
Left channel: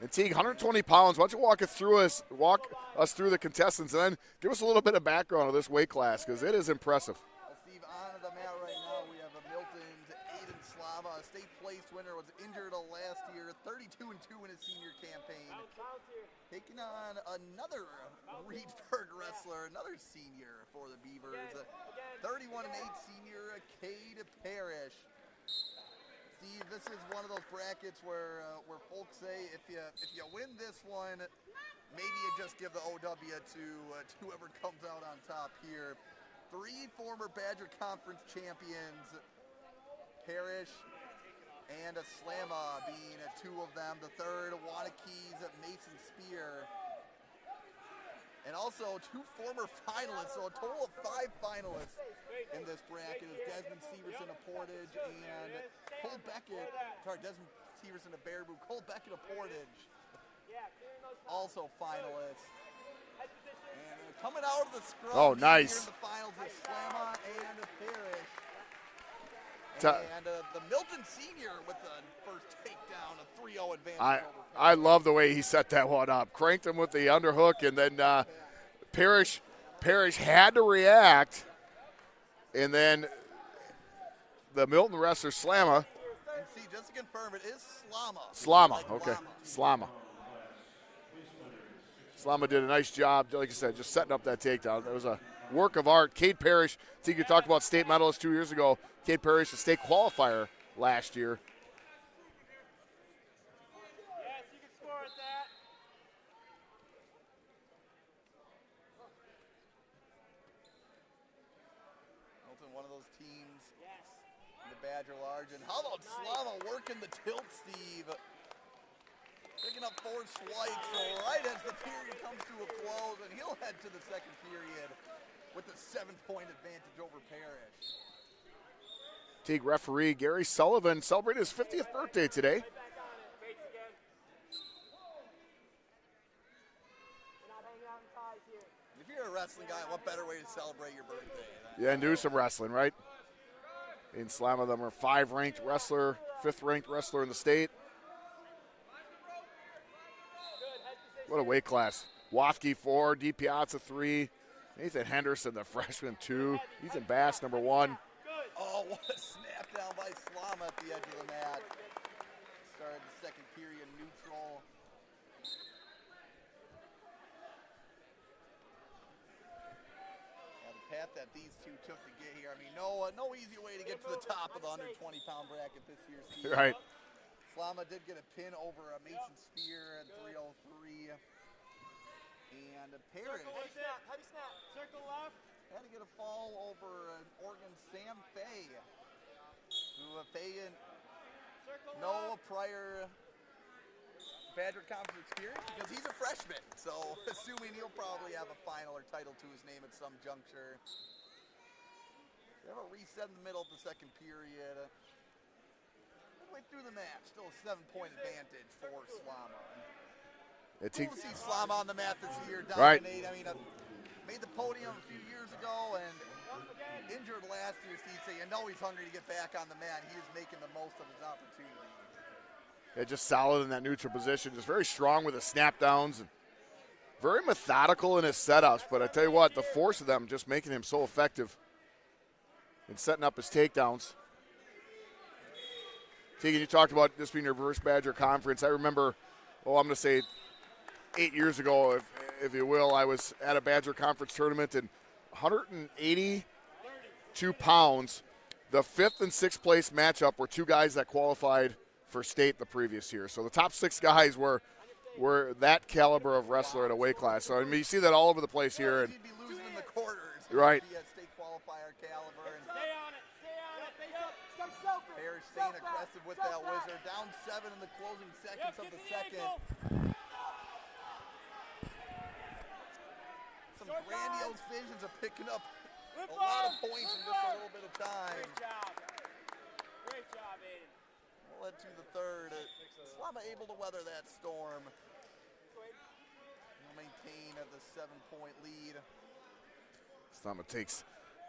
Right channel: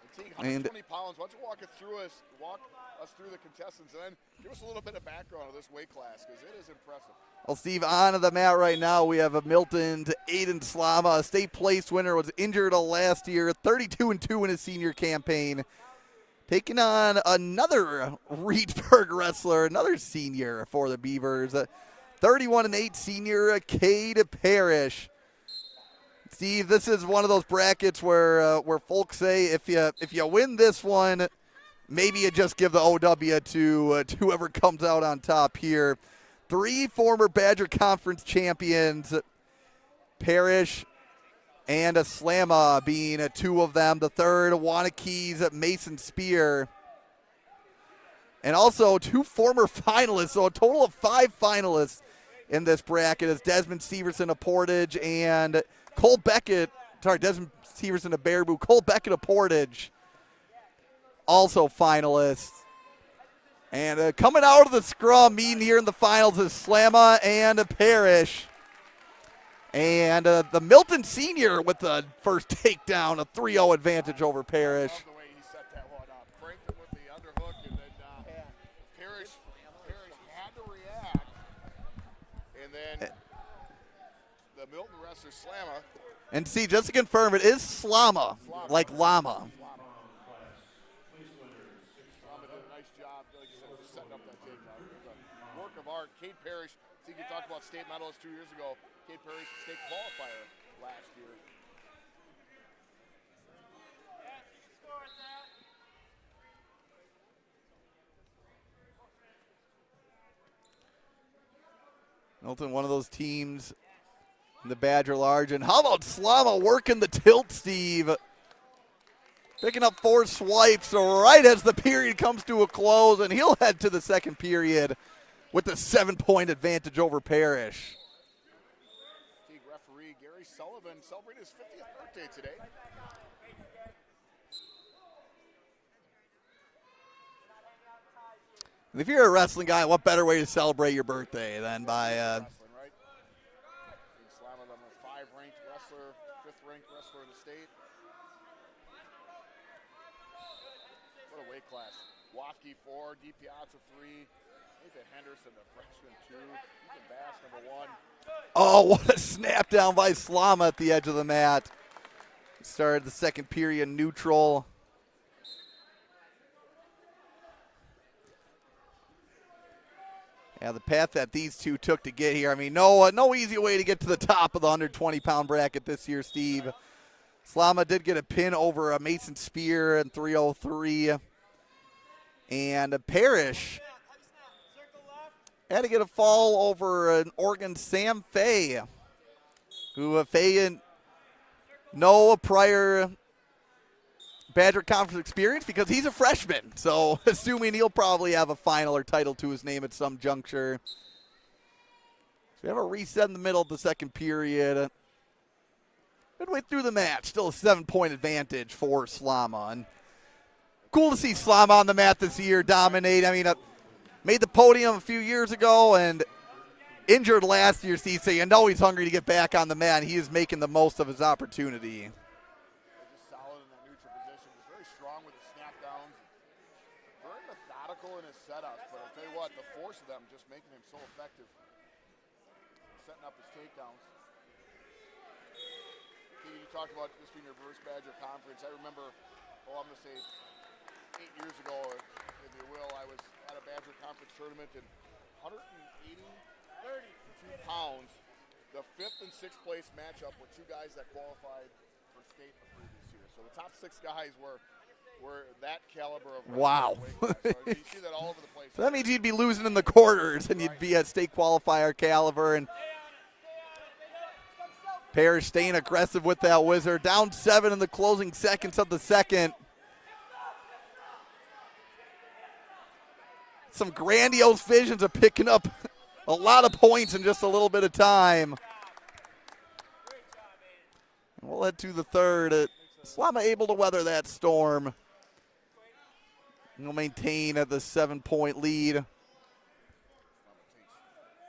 And Teague, 120 pounds. Why don't you walk us through the contestants and then give us a little bit of background of this weight class because it is impressive. Well, Steve, on the mat right now, we have a Milton's Aiden Slama, a state place winner, was injured last year, 32-2 in his senior campaign. Taking on another Reedsburg wrestler, another senior for the Beavers, 31-8 senior Cade Parrish. Steve, this is one of those brackets where folks say if you win this one, maybe you just give the OW to whoever comes out on top here. 3 former Badger Conference champions, Parrish and Slama being 2 of them. The third, Wanakee's Mason Spear. And also 2 former finalists, so a total of 5 finalists in this bracket is Desmond Severson of Portage and Cole Beckett, Desmond Severson of Baraboo, Cole Beckett of Portage, also finalists. And coming out of the scrum, meeting here in the finals is Slama and Parrish. And the Milton senior with the first takedown, a 3-0 advantage over Parrish. I love the way he set that one up. Cranked him with the underhook, and then Parrish had to react. And then the Milton wrestler, Slama. And see, just to confirm, it is Slama. Slama. Like okay. llama. Slama. Slama did a nice job, like I said, just setting up that takedown. It was a work of art. Cade Parrish, I think you talked about state medalist 2 years ago. Cade Parrish, a state qualifier last year. Milton, one of those teams in the Badger Large. And how about Slama working the tilt, Steve? Picking up 4 swipes right as the period comes to a close, and he'll head to the second period with a 7-point advantage over Parrish. Teague referee Gary Sullivan celebrated his 50th birthday today. And if you're a wrestling guy, what better way to celebrate your birthday than do some wrestling, right? In Slama, them are 5-ranked wrestler, 5th-ranked wrestler in the state. What a weight class. Wafke 4, D. Piazza 3, Nathan Henderson, the freshman 2, Ethan Bass, number 1. Oh, what a snap down by Slama at the edge of the mat. Started the second period neutral. Yeah, the path that these two took to get here. I mean, no easy way to get to the top of the 120-pound bracket this year, Steve. Right. Slama did get a pin over a Mason Spear in 303. And Parrish had to get a fall over an Oregon Sam Fay, who Fay no prior Badger Conference experience because he's a freshman. So assuming he'll probably have a final or title to his name at some juncture. So we have a reset in the middle of the second period. Midway through the match, still a 7-point advantage for Slama. And cool to see Slama on the mat this year, dominate. Right. I mean, made the podium a few years ago and injured last year, Steve. So you know he's hungry to get back on the mat. And he is making the most of his opportunity. Yeah, just solid in that neutral position. Just very strong with the snap downs. And very methodical in his setups. But I tell you what, the force of them just making him so effective in setting up his takedowns. Tegan, you talked about this being your first Badger Conference. I remember, I'm going to say 8 years ago, if you will, I was at a Badger Conference tournament and 182 pounds. The 5th and 6th place matchup were 2 guys that qualified for state the previous year. So the top 6 guys were that caliber of wrestler at a weight class. So I mean, you see that all over the place here. That means you'd be losing in the quarters and right. You'd be at state qualifier caliber. And Parrish staying aggressive with that whizzer. Down 7 in the closing seconds of the second. Some grandiose visions of picking up a lot of points in just a little bit of time. We'll head to the third. Slama able to weather that storm. He'll maintain at the 7-point lead. Slama takes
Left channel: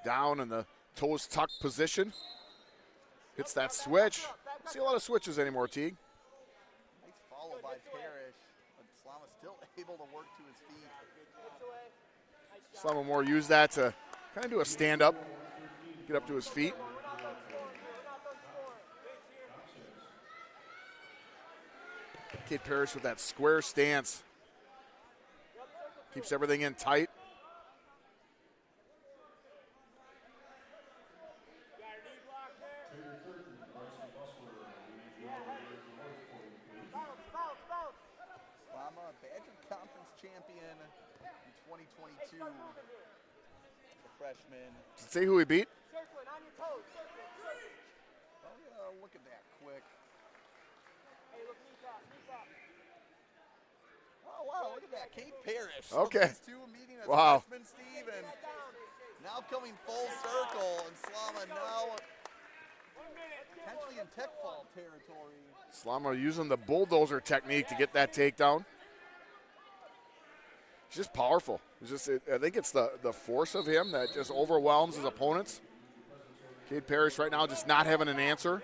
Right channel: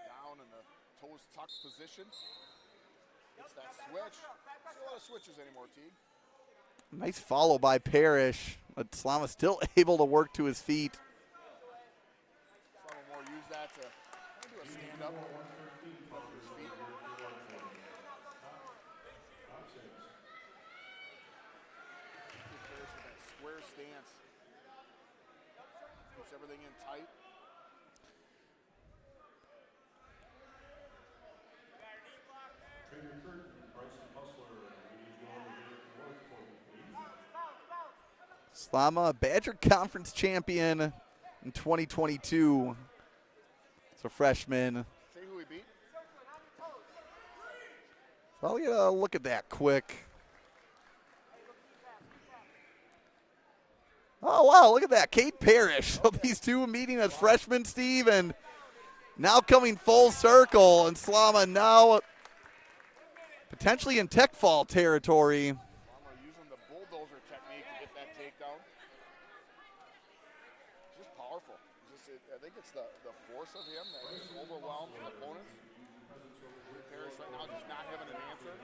down in the toes tucked position. Hits that switch. Don't see a lot of switches anymore, Teague. Nice follow by Parrish, but Slama still able to work to his feet. Slama more use that to kind of do a stand-up, get up to his feet. Kate Parrish with that square stance. Keeps everything in tight. Slama, Badger Conference champion in 2022. So freshman. See who he beat? Well, we gotta look at that quick. Oh, wow, look at that. Kate Parrish. Okay. So these two meeting as Wow. freshmen, Steve, and now coming full circle. And Slama now potentially in tech fall territory. Slama using the bulldozer technique to get that takedown. It's just powerful. It's just, I think it's the force of him that just overwhelms his opponents. Kate Parrish right now just not having an answer.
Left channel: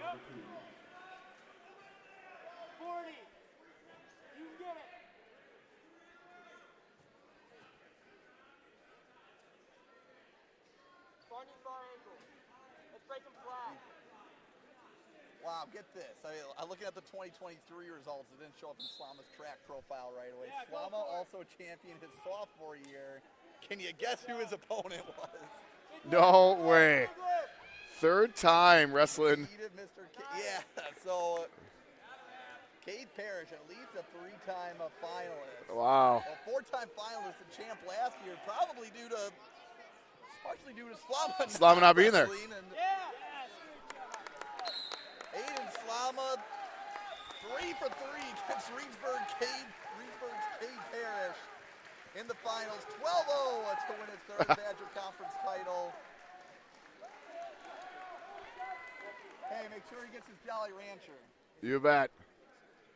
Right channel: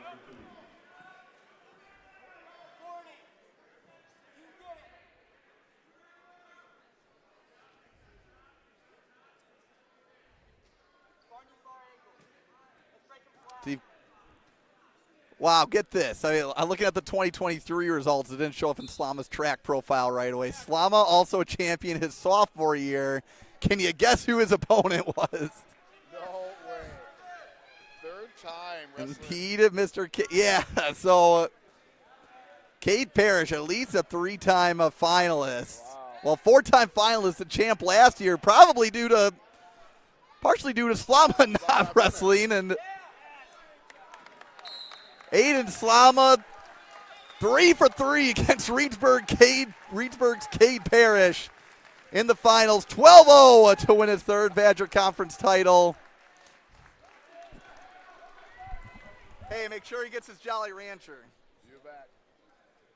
Steve. Wow, get this. I mean, I'm looking at the 2023 results. It didn't show up in Slama's track profile right away. Slama also a champion his sophomore year. Can you guess who his opponent was? No way. Third time wrestling. Repeated Mr. K. Yeah, so Kate Parrish, at least a 3-time finalist. Wow. Well, 4-time finalist, the champ last year, partially due to Slama not being there. wrestling. And Aiden Slama, 3 for 3 against Reedsburg's Cade Parrish in the finals. 12-0 to win his third Badger Conference title. Hey, make sure he gets his Jolly Rancher. You bet.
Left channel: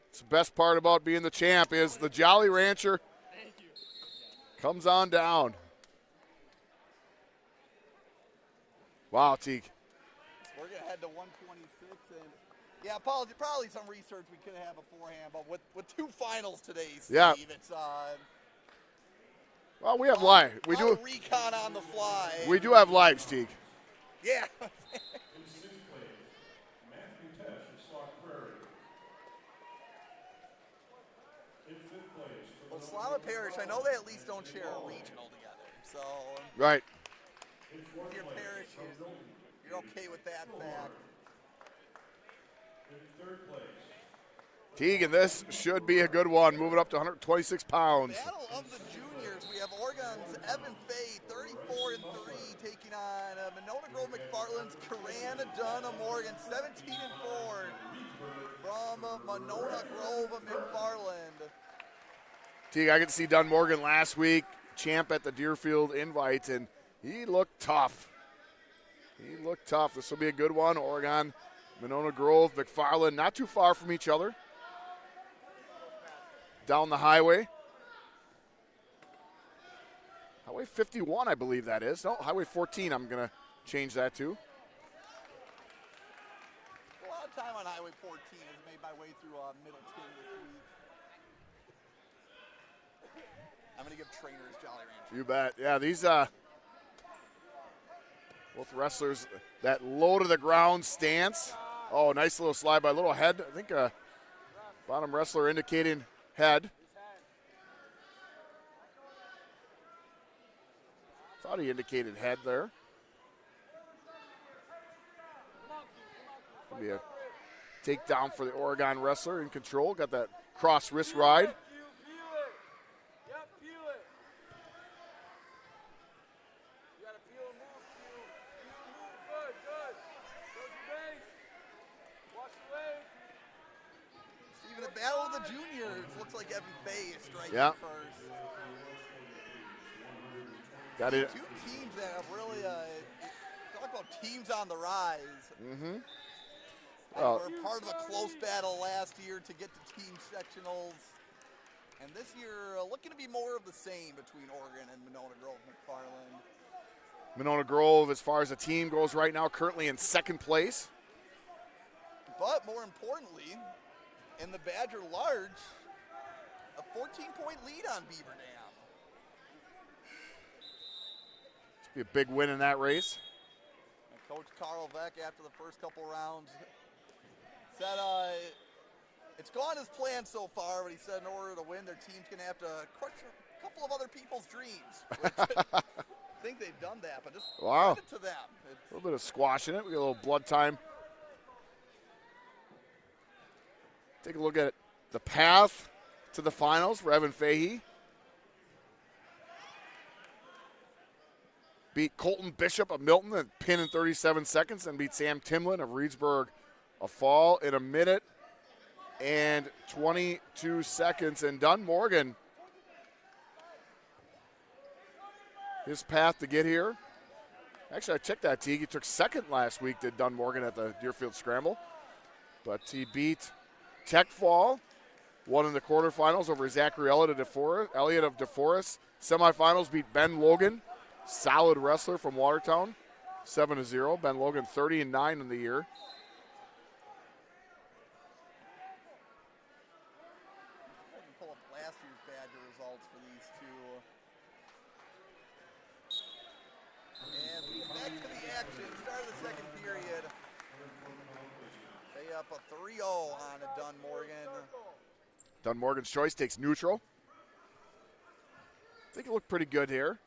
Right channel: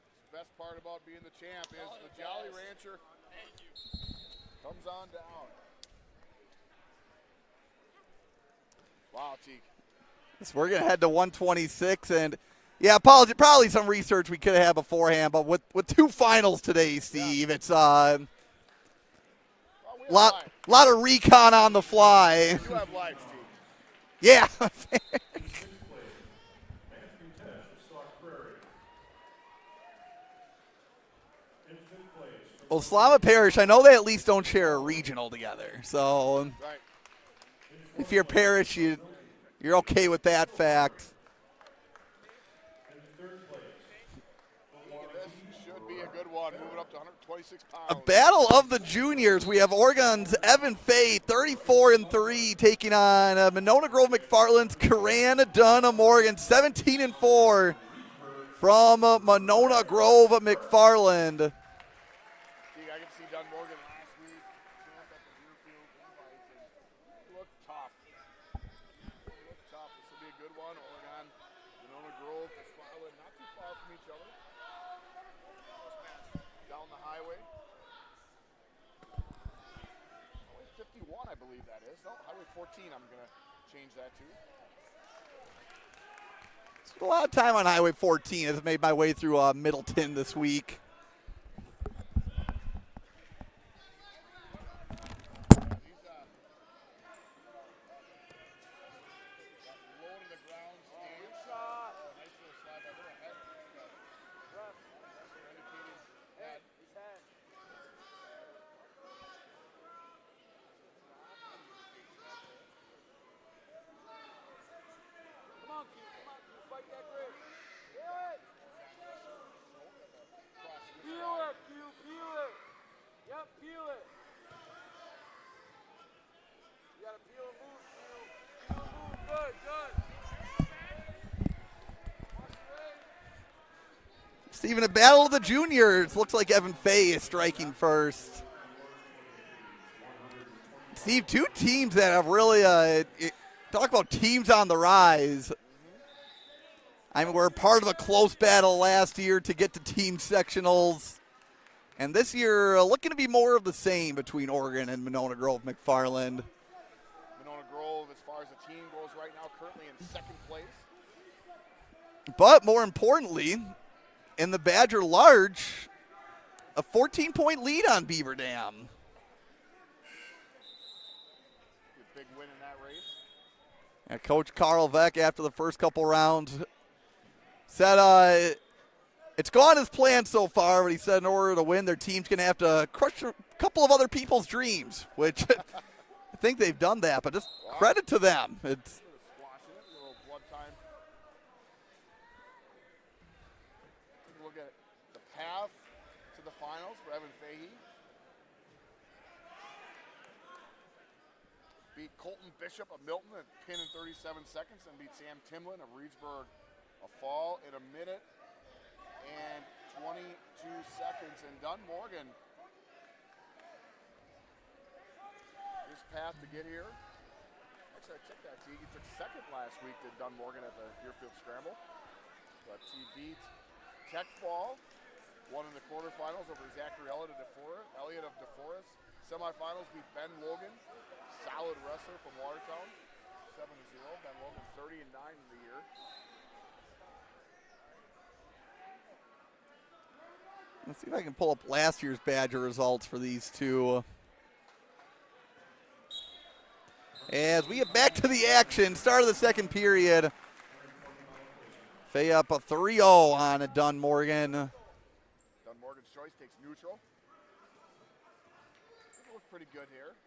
It's the best part about being the champ is the Jolly Rancher comes on down. Wow, Teague. So we're going to head to 126, and yeah, probably some research we could have had beforehand, but with 2 finals today, Steve, Yeah. it's Well, we have lot of recon on the fly. We do have lives, Teague. Yeah. Well, Slama Parrish, I know they at least don't share a regional together. So Right. if you're Parrish, you're okay with that fact. Teague, and this should be a good one. Moving up to 126 pounds. Battle of the juniors. We have Oregon's Evan Fay, 34-3, taking on Monona Grove McFarland's Coran Dunham, Oregon, 17-4 from Monona Grove McFarland. Teague, I could see Dunn Morgan last week, champ at the Deerfield Invite, and he looked tough. This will be a good one. Oregon, Monona Grove, McFarland, not too far from each other. Down the highway. Highway 51, I believe that is. No, Highway 14, I'm going to change that to. Spent a lot of time on Highway 14 as I made my way through Middleton this week. I'm going to give trainers Jolly. You bet. Yeah, these both wrestlers, that low to the ground stance. Oh, nice little slide by little head. I think bottom wrestler indicating head. Thought he indicated head there. Be a takedown for the Oregon wrestler in control. Got that cross wrist ride. Stephen, a battle of the juniors. Looks like Evan Fay is striking first. Steve, 2 teams that have really talk about teams on the rise. I mean, we're part of a close battle last year to get to team sectionals. And this year, looking to be more of the same between Oregon and Monona Grove McFarland. Monona Grove, as far as the team goes right now, currently in second place. But more importantly, in the Badger Large, a 14-point lead on Beaver Dam. Be a big win in that race. And Coach Carl Veck, after the first couple rounds, said it's gone as planned so far, but he said in order to win, their team's going to have to crush a couple of other people's dreams, which I think they've done that, but just credit to them. It's a little bit of squash in it. We got a little blood time. Take a look at the path to the finals for Evan Fahey. Beat Colton Bishop of Milton and pin in 37 seconds, and beat Sam Timlin of Reedsburg a fall in 1 minute and 22 seconds. And Dunn Morgan, his path to get here. Actually, I checked that, Teague. He took second last week, did Dunn Morgan at the Deerfield Scramble. But he beat Tech Fall, won in the quarterfinals over Zachary Elliott of DeForest. Semifinals beat Ben Logan, solid wrestler from Watertown, 7-0. Ben Logan 30-9 in the year. Let's see if I can pull up last year's Badger results for these two. As we get back to the action, start of the second period. Fay up a 3-0 on Dunn Morgan. Dunn Morgan's choice takes neutral. I think it looked pretty good here.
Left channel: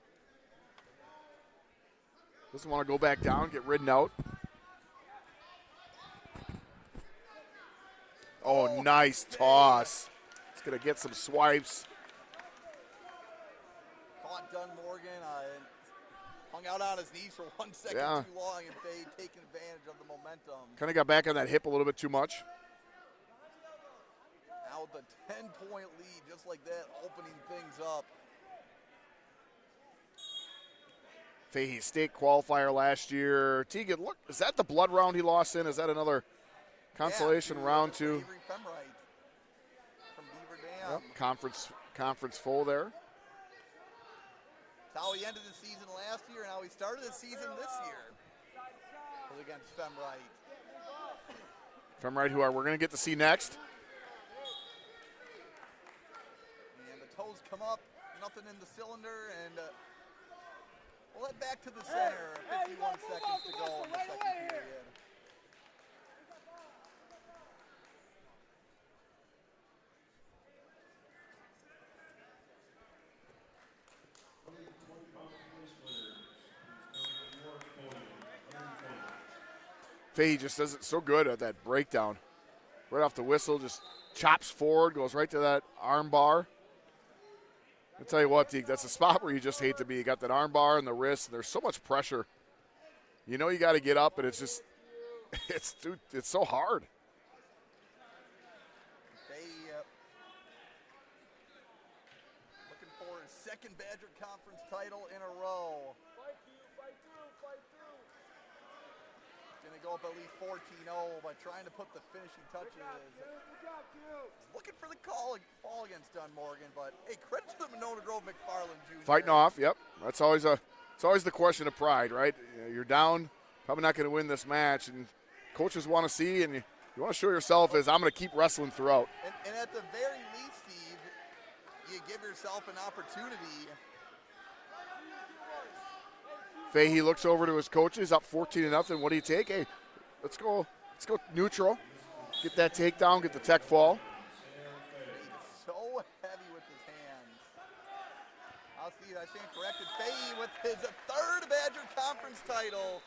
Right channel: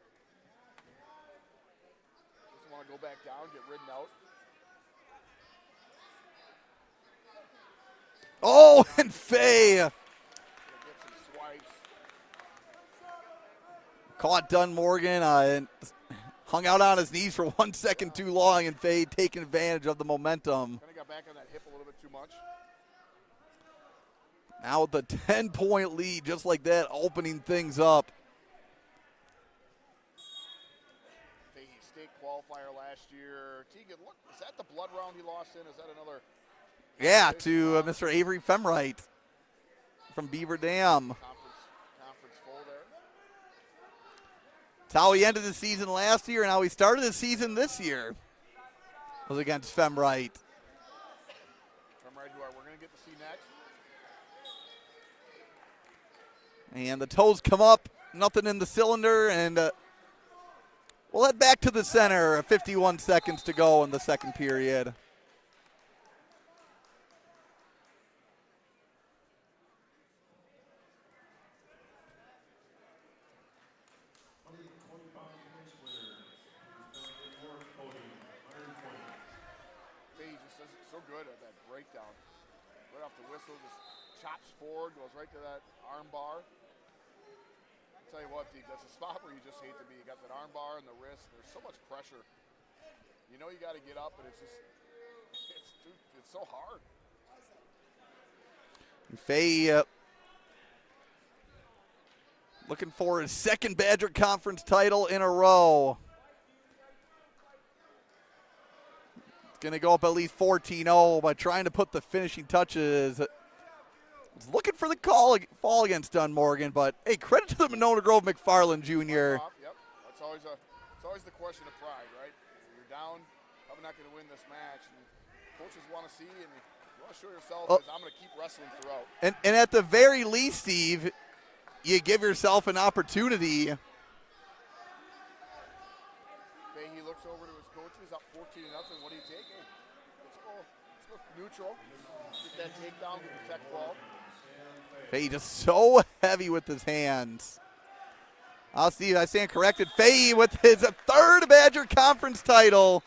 Doesn't want to go back down, get ridden out. Oh, nice Fay. toss. He's going to get some swipes. Caught Dunn Morgan and hung out on his knees for 1 second too long, and Fay taking advantage of the momentum. Kind of got back on that hip a little bit too much. Now with the 10-point lead, just like that, opening things up. Fahey State qualifier last year. Tegan, look, is that the blood round he lost in? Is that another to round Mr. Avery Femright from Beaver Dam. Conference full there. It's how he ended the season last year and how he started the season this year was against Femright. Femright, who we're going to get to see next. And the toes come up, nothing in the cylinder, and we'll head back to the center. 51 seconds to go in the second period. Fahey just does it so good at that breakdown. Right off the whistle, just chops forward, goes right to that arm bar. I'll tell you what, Deke, that's a spot where you just hate to be. You got that arm bar and the wrist, and there's so much pressure. You know you got to get up, and it's just, it's so hard. Fahey looking for his second Badger Conference title in a row. Going to go up at least 14-0 by trying to put the finishing touches. He's looking for the fall against Dunn Morgan, but hey, credit to the Monona Grove McFarland Jr. Fighting off, yep. It's always the question of pride, right? You're down, probably not going to win this match, and coaches want to see, and you want to show yourself as I'm going to keep wrestling throughout. And at the very least, Steve, you give yourself an opportunity. Fahey looks over to his coaches, up 14-0. What do you take? Hey, let's go neutral. Get that takedown, get the tech fall. Fahey just so heavy with his hands. Steve, I stand corrected. Fahey with his third Badger Conference title.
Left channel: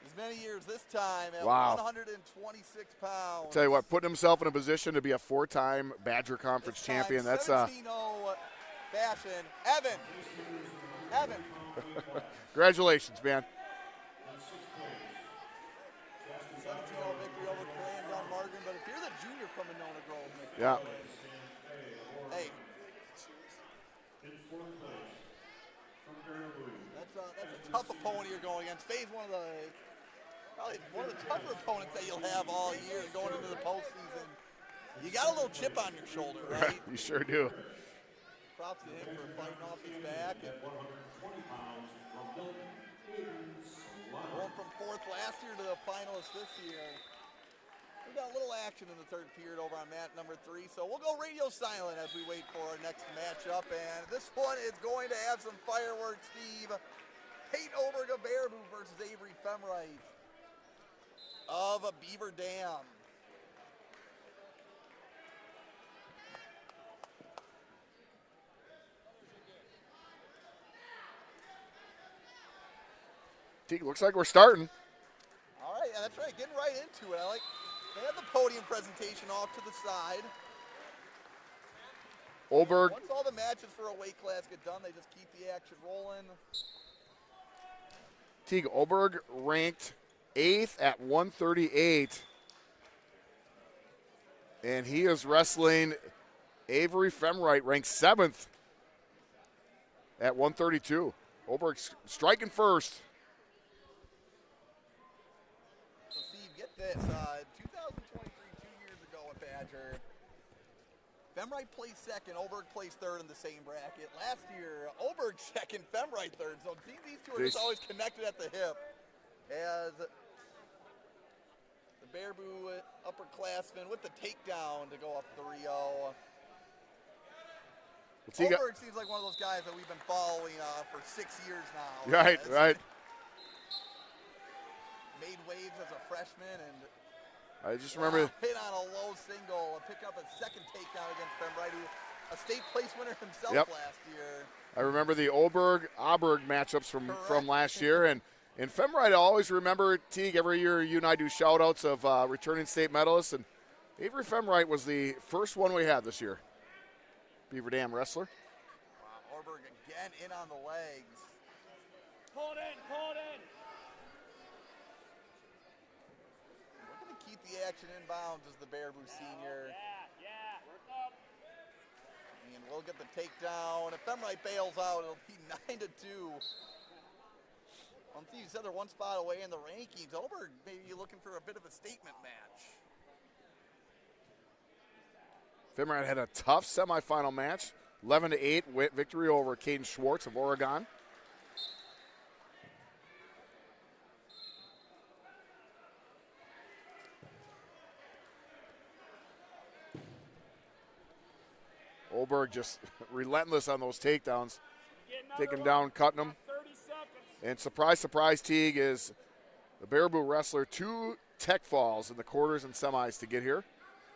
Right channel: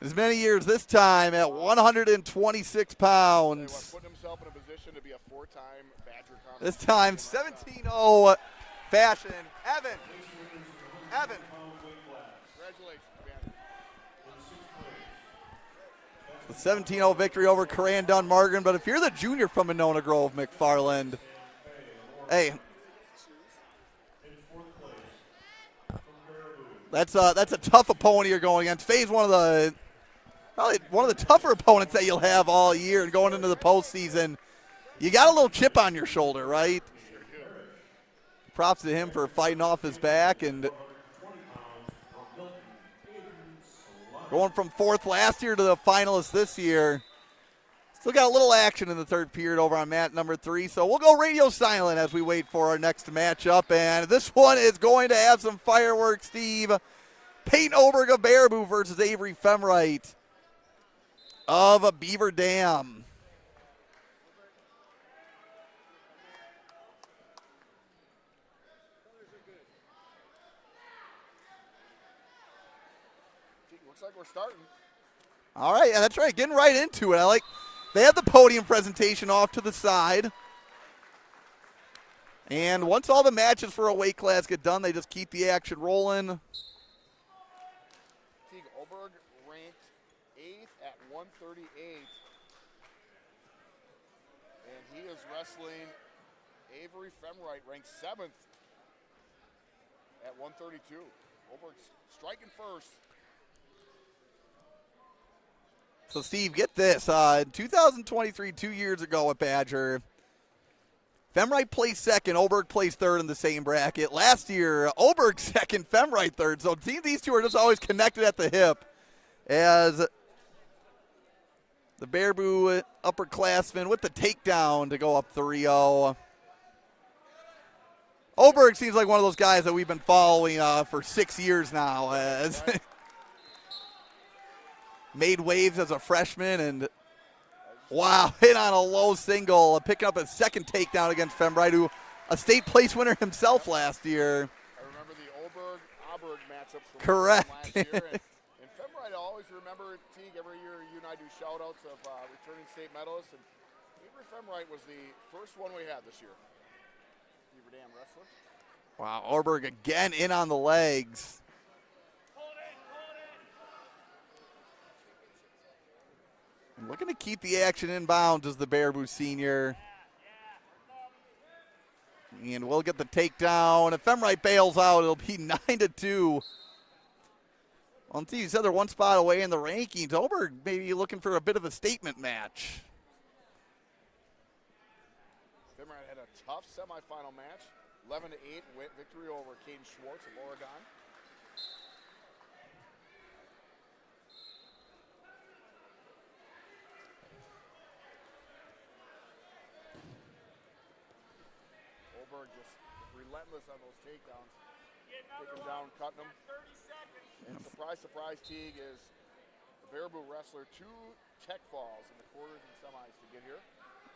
As many years this time at 126 pounds. Tell you what, putting himself in a position to be a 4-time Badger Conference this time, champion. 17-0 fashion. Evan. Congratulations, man. The 17-0 victory over Coran Dunn Morgan. But if you're the junior from Monona Grove McFarland, hey, that's a tough opponent you're going against. Fahey's probably one of the tougher opponents that you'll have all year and going into the postseason. You got a little chip on your shoulder, right? You sure do. Props to him for fighting off his back and going from 4th last year to the finalists this year. Still got a little action in the 3rd period over on mat number 3. So we'll go radio silent as we wait for our next matchup. And this one is going to have some fireworks, Steve. Peyton Oberg of Baraboo versus Avery Femright of Beaver Dam. Looks like we're starting. All right, yeah, that's right. Getting right into it. They have the podium presentation off to the side. And once all the matches for a weight class get done, they just keep the action rolling. Teague Oberg ranked 8th at 138. And he is wrestling Avery Femright, ranked 7th at 132. Oberg striking first. So, Steve, get this. In 2023, 2 years ago at Badger, Femright placed 2nd, Oberg placed 3rd in the same bracket. Last year, Oberg 2nd, Femright 3rd. So, see, these two are just always connected at the hip as the Baraboo upperclassmen with the takedown to go up 3-0. Oberg seems like one of those guys that we've been following for 6 years now. Right. Made waves as a freshman and wow, hit on a low single, picking up a 2nd takedown against Femright, who a state place winner himself last year. I remember the Oberg-Auberg matchups from last year. And Femright, I always remember, Teague, every year you and I do shout-outs of returning state medalists. And Avery Femright was the first one we had this year. Beaver Dam wrestler. Wow, Oberg again in on the legs. Looking to keep the action inbounds as the Baraboo senior. And we'll get the takedown. If Femright bails out, it'll be 9-2. Well, you said they're one spot away in the rankings. Oberg maybe looking for a bit of a statement match. Femright had a tough semifinal match. 11-8 victory over Caden Schwartz of Oregon. Oberg just relentless on those takedowns, taking them down, cutting them. And surprise, surprise, Teague, is the Baraboo wrestler 2 tech falls in the quarters and semis to get here.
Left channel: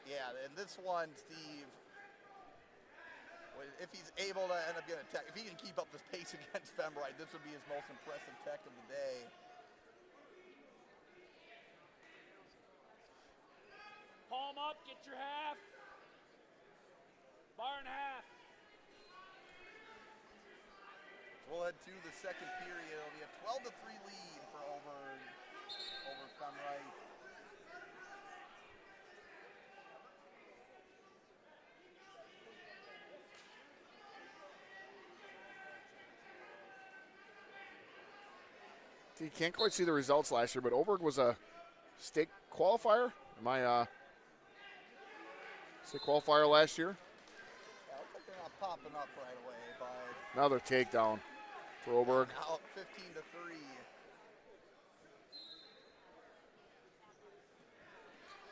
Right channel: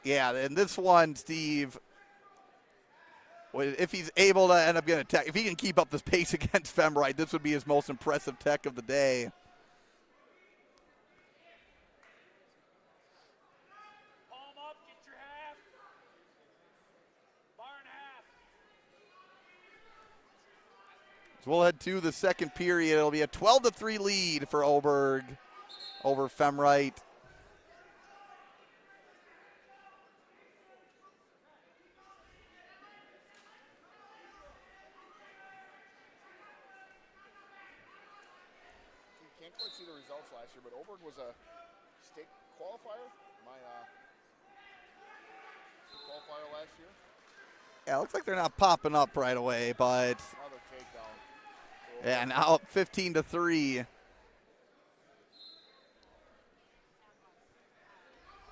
Yeah, and this one, Steve, if he's able to end up getting a tech, if he can keep up this pace against Femright, this would be his most impressive tech of the day. We'll head to the 2nd period. It'll be a 12-3 lead for Oberg over Femright. You can't quite see the results last year, but Oberg was a state qualifier. State qualifier last year. Yeah, looks like they're not popping up right away, but another takedown. And now up 15-3.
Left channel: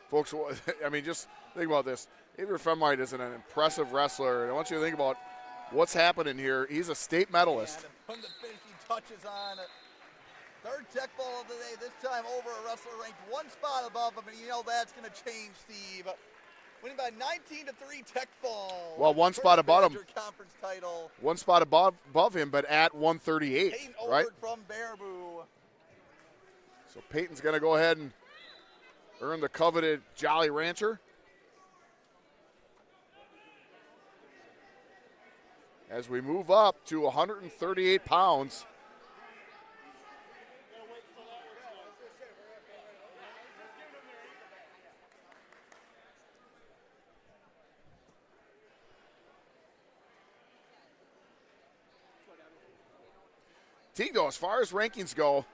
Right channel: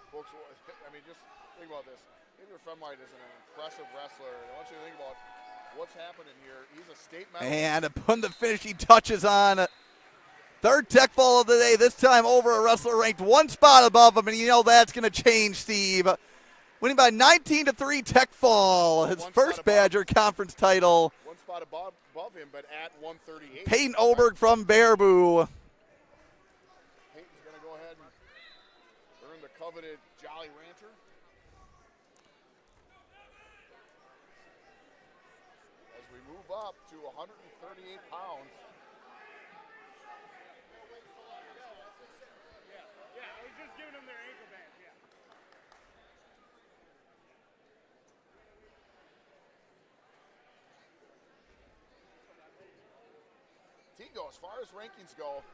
Folks, I mean, just think about this. Avery Femright is an impressive wrestler, and I want you to think about what's happening here. He's a state medalist. And putting the finishing touches on. 3rd tech fall of the day, this time over a wrestler ranked 1 spot above him, and you know that's going to change, Steve. Winning by 19-3 tech fall. Well, his 1 first spot above Badger conference title. 1 spot above him, but at 138. Peyton Oberg from Baraboo. So Peyton's going to go ahead and earn the coveted Jolly Rancher. As we move up to 138 pounds. Teague, though, as far as rankings go,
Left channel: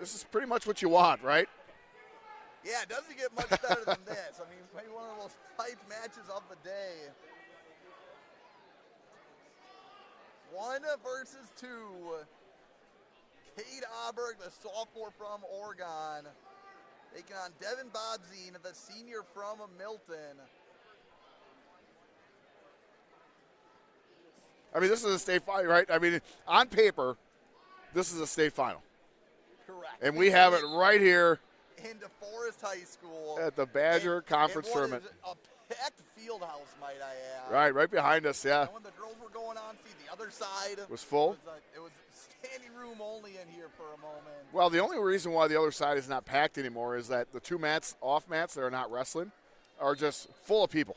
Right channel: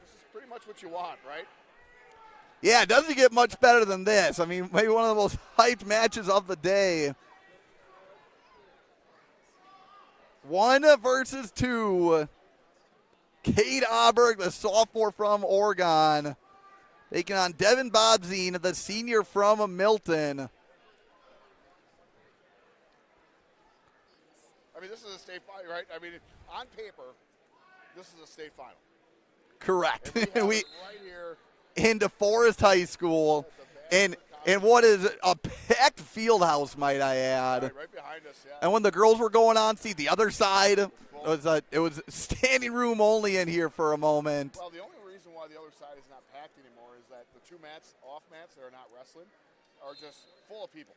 this is pretty much what you want, right? Yeah, it doesn't get much better than this. I mean, maybe one of the most hyped matches of the day. 1 versus 2. Cade Auberg, the sophomore from Oregon, taking on Devin Bobzine, the senior from Milton. I mean, this is a state final, right? I mean, on paper, this is a state final. Correct. And we have it right here in DeForest High School. at the Badger Conference. And what Tournament. is a packed field house, might I add. Right behind us, yeah. And when the girls were going on, see, the other side was full. It was standing room only in here for a moment. Well, the only reason why the other side is not packed anymore is that the 2 mats, off mats that are not wrestling, are just full of people.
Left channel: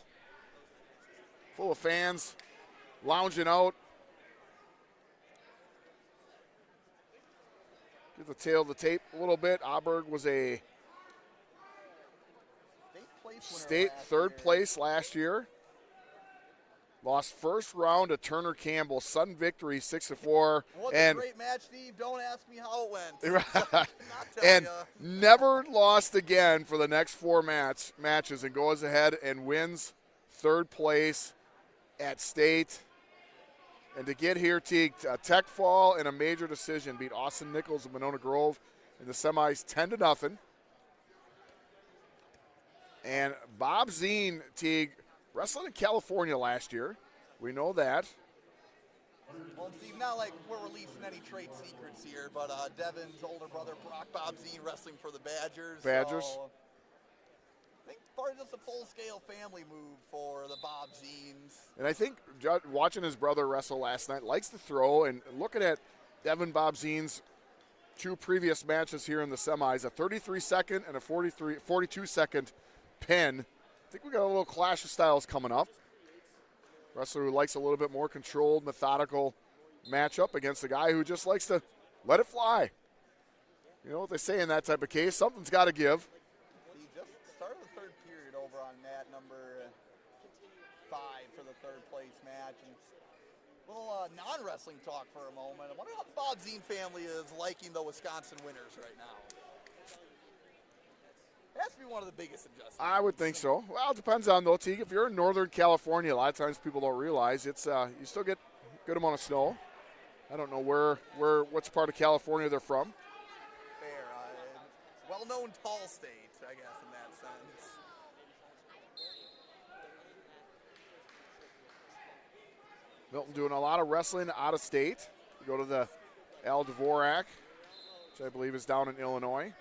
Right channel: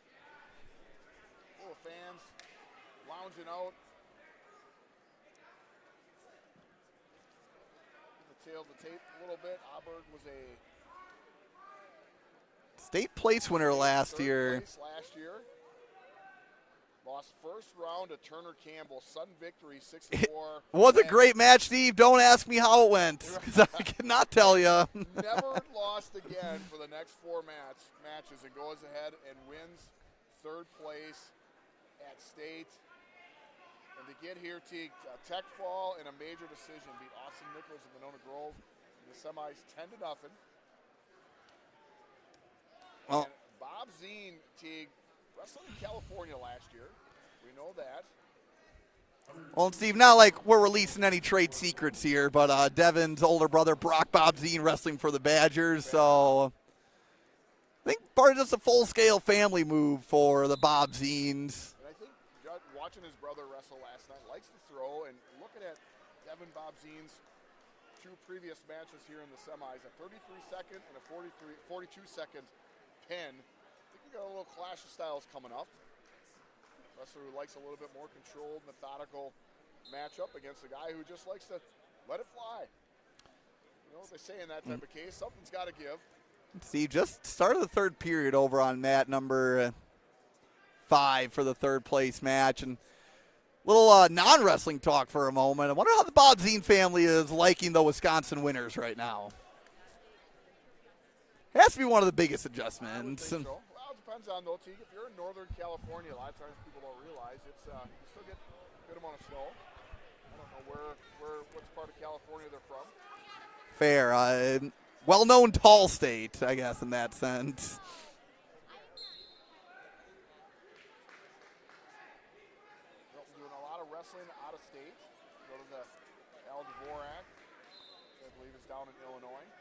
Full of fans, lounging out. Get the tail of the tape a little bit. Auberg was a state place winner third year. Place last year. Lost first round to Turner Campbell. Sudden victory, 6-4. Was a great match, Steve. Don't ask me how it went. I cannot tell you. Never lost again for the next 4 matches and goes ahead and wins third place at state. And to get here, Teague, Tech Fall in a major decision beat Austin Nichols of Monona Grove in the semis 10-0. And Bob Zine, Teague, wrestled in California last year. We know that. Well, and Steve, not like we're releasing any trade secrets here, but Devin's older brother, Brock Bob Zine, wrestling for the Badgers. So I think part of just a full-scale family move for the Bob Zines. And I think watching his brother wrestle last night, likes to throw, and looking at Devin Bob Zine's 2 previous matches here in the semis, a 33-second and a 42-second pin. I think we got a little clash of styles coming up. Wrestler who likes a little bit more controlled, methodical matchup against a guy who just likes to let it fly. You know what they say in that type of case, something's got to give. See, just started the third period over on mat number 5 for the third place match. And a little non-wrestling talk for a moment. I wonder how the Bob Zine family is liking the Wisconsin winners right now. Has to be one of the biggest adjustments. I would think so. Well, it depends on, though, Teague. If you're in Northern California, a lot of times people don't realize it's you still get a good amount of snow. I don't know which part of California they're from. Fair. Well-known tall state, I guess, in that sense. Milton doing a lot of wrestling out of state. You go to the Al Dvorak, which I believe is down in Illinois.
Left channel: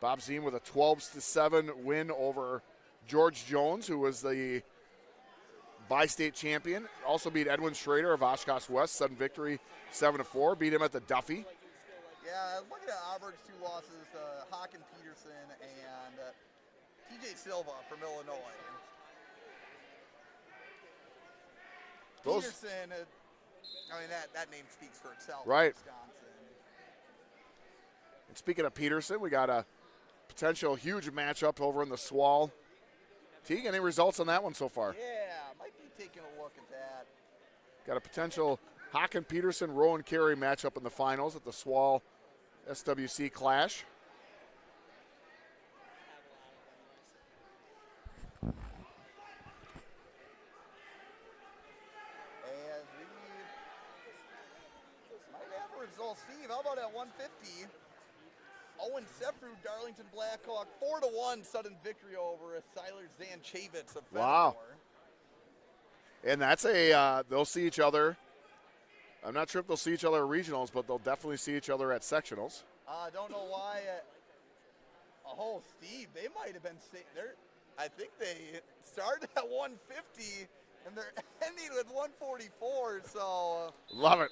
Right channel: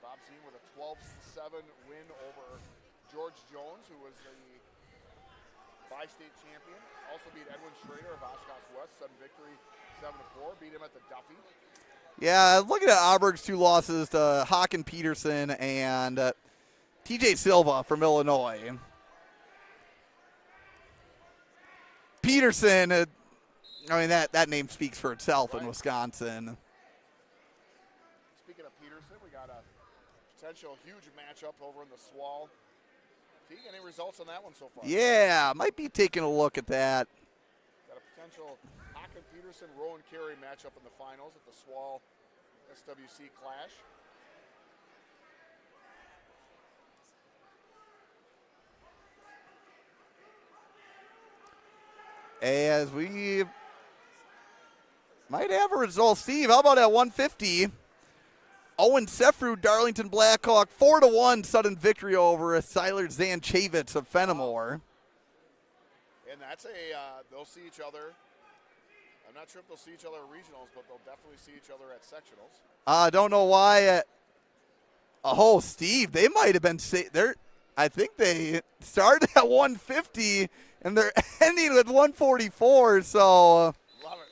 Bob Zine with a 12-7 win over George Jones, who was the bi-state champion. Also beat Edwin Schroeder of Oshkosh West, sudden victory, 7-4. Beat him at the Duffy. Yeah, looking at Auberg's 2 losses to Haken Peterson and TJ Silva from Illinois. Peterson, I mean, that name speaks for itself in Wisconsin. And speaking of Peterson, we got a potential huge matchup over in the Swall. Teague, any results on that one so far? Yeah, might be taking a look at that. Got a potential Haken Peterson, Rowan Carey matchup in the finals at the Swall SWC Clash. As we might have a result. Steve, how about at 150? Owen Sefru, Darlington Blackhawk, 4-1 sudden victory over Siler Zanchavitz of Fenimore. Wow. And that's they'll see each other. I'm not sure if they'll see each other at regionals, but they'll definitely see each other at sectionals. I don't know why. Steve, they might have been I think they started at 150 and they're ending with 144. So love it.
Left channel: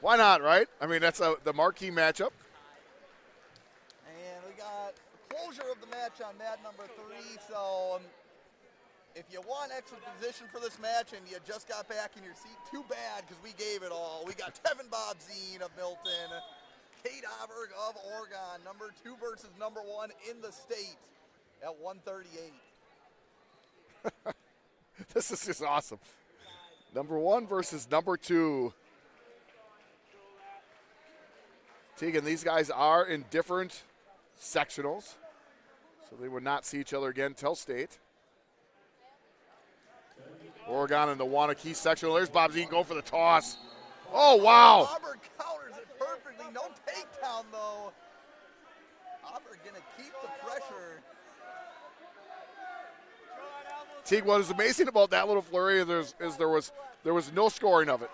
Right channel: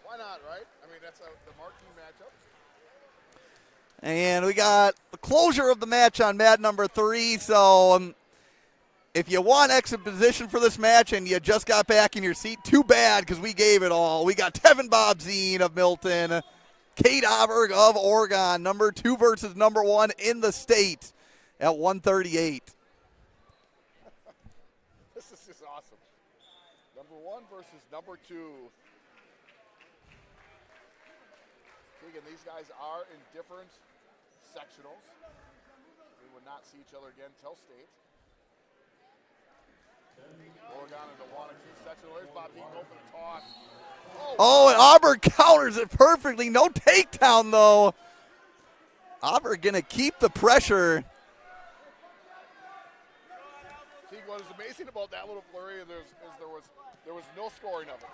Why not, right? I mean, that's the marquee matchup. And we got the closure of the match on mat number 3. So if you want exposition for this match and you just got back in your seat, too bad because we gave it all. We got Devin Bob Zine of Milton, Cade Auberg of Oregon, number 2 versus number 1 in the state at 138. This is just awesome. Number 1 versus number 2. Tegan, these guys are in different sectionals, so they would not see each other again till state. Oregon in the Wanakee sectional. There's Bob Zine going for the toss. Oh, wow. Oh, and Auburn counters it perfectly. No takedown, though. Auburn going to keep the pressure. Teague, what is amazing about that little flurry is there was no scoring of it.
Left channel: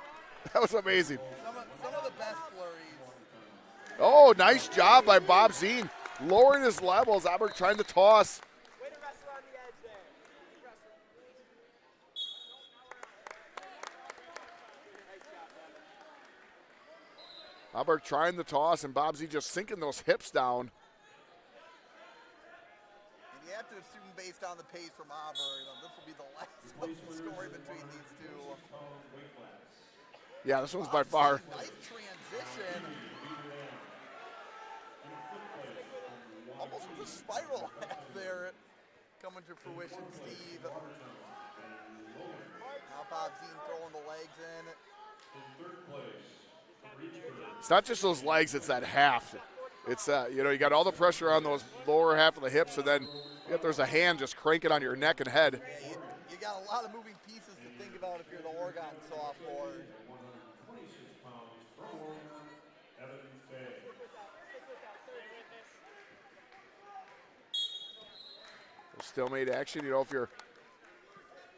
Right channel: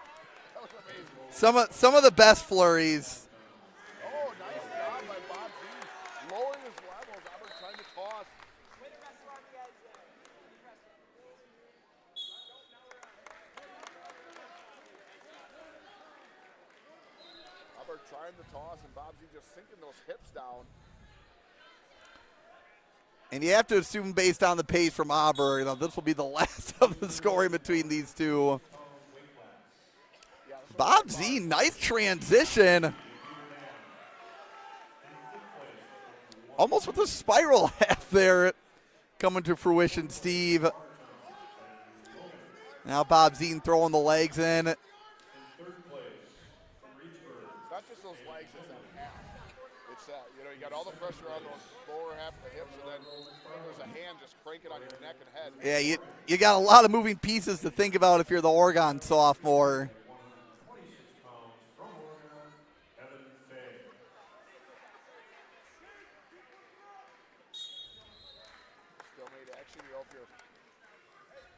That was amazing. Some of the best flurries. Oh, nice job by Bob Zine. Lowering his levels. Auburn trying to toss. Auburn trying the toss, and Bob Zine just sinking those hips down. And you have to assume, based on the pace from Auburn, this will be the last of the scoring between these two. Yeah, this was Bob by far. Zine, nice transition. Almost with a spiral half there coming to fruition, Steve. Now Bob Zine throwing the legs in. It's not just those legs, it's that half. It's, you got all the pressure on those lower half of the hips, and then there's a hand just cranking on your neck and head. Yeah, you got a lot of moving pieces to think about if you're the Oregon sophomore. Still made action. If you're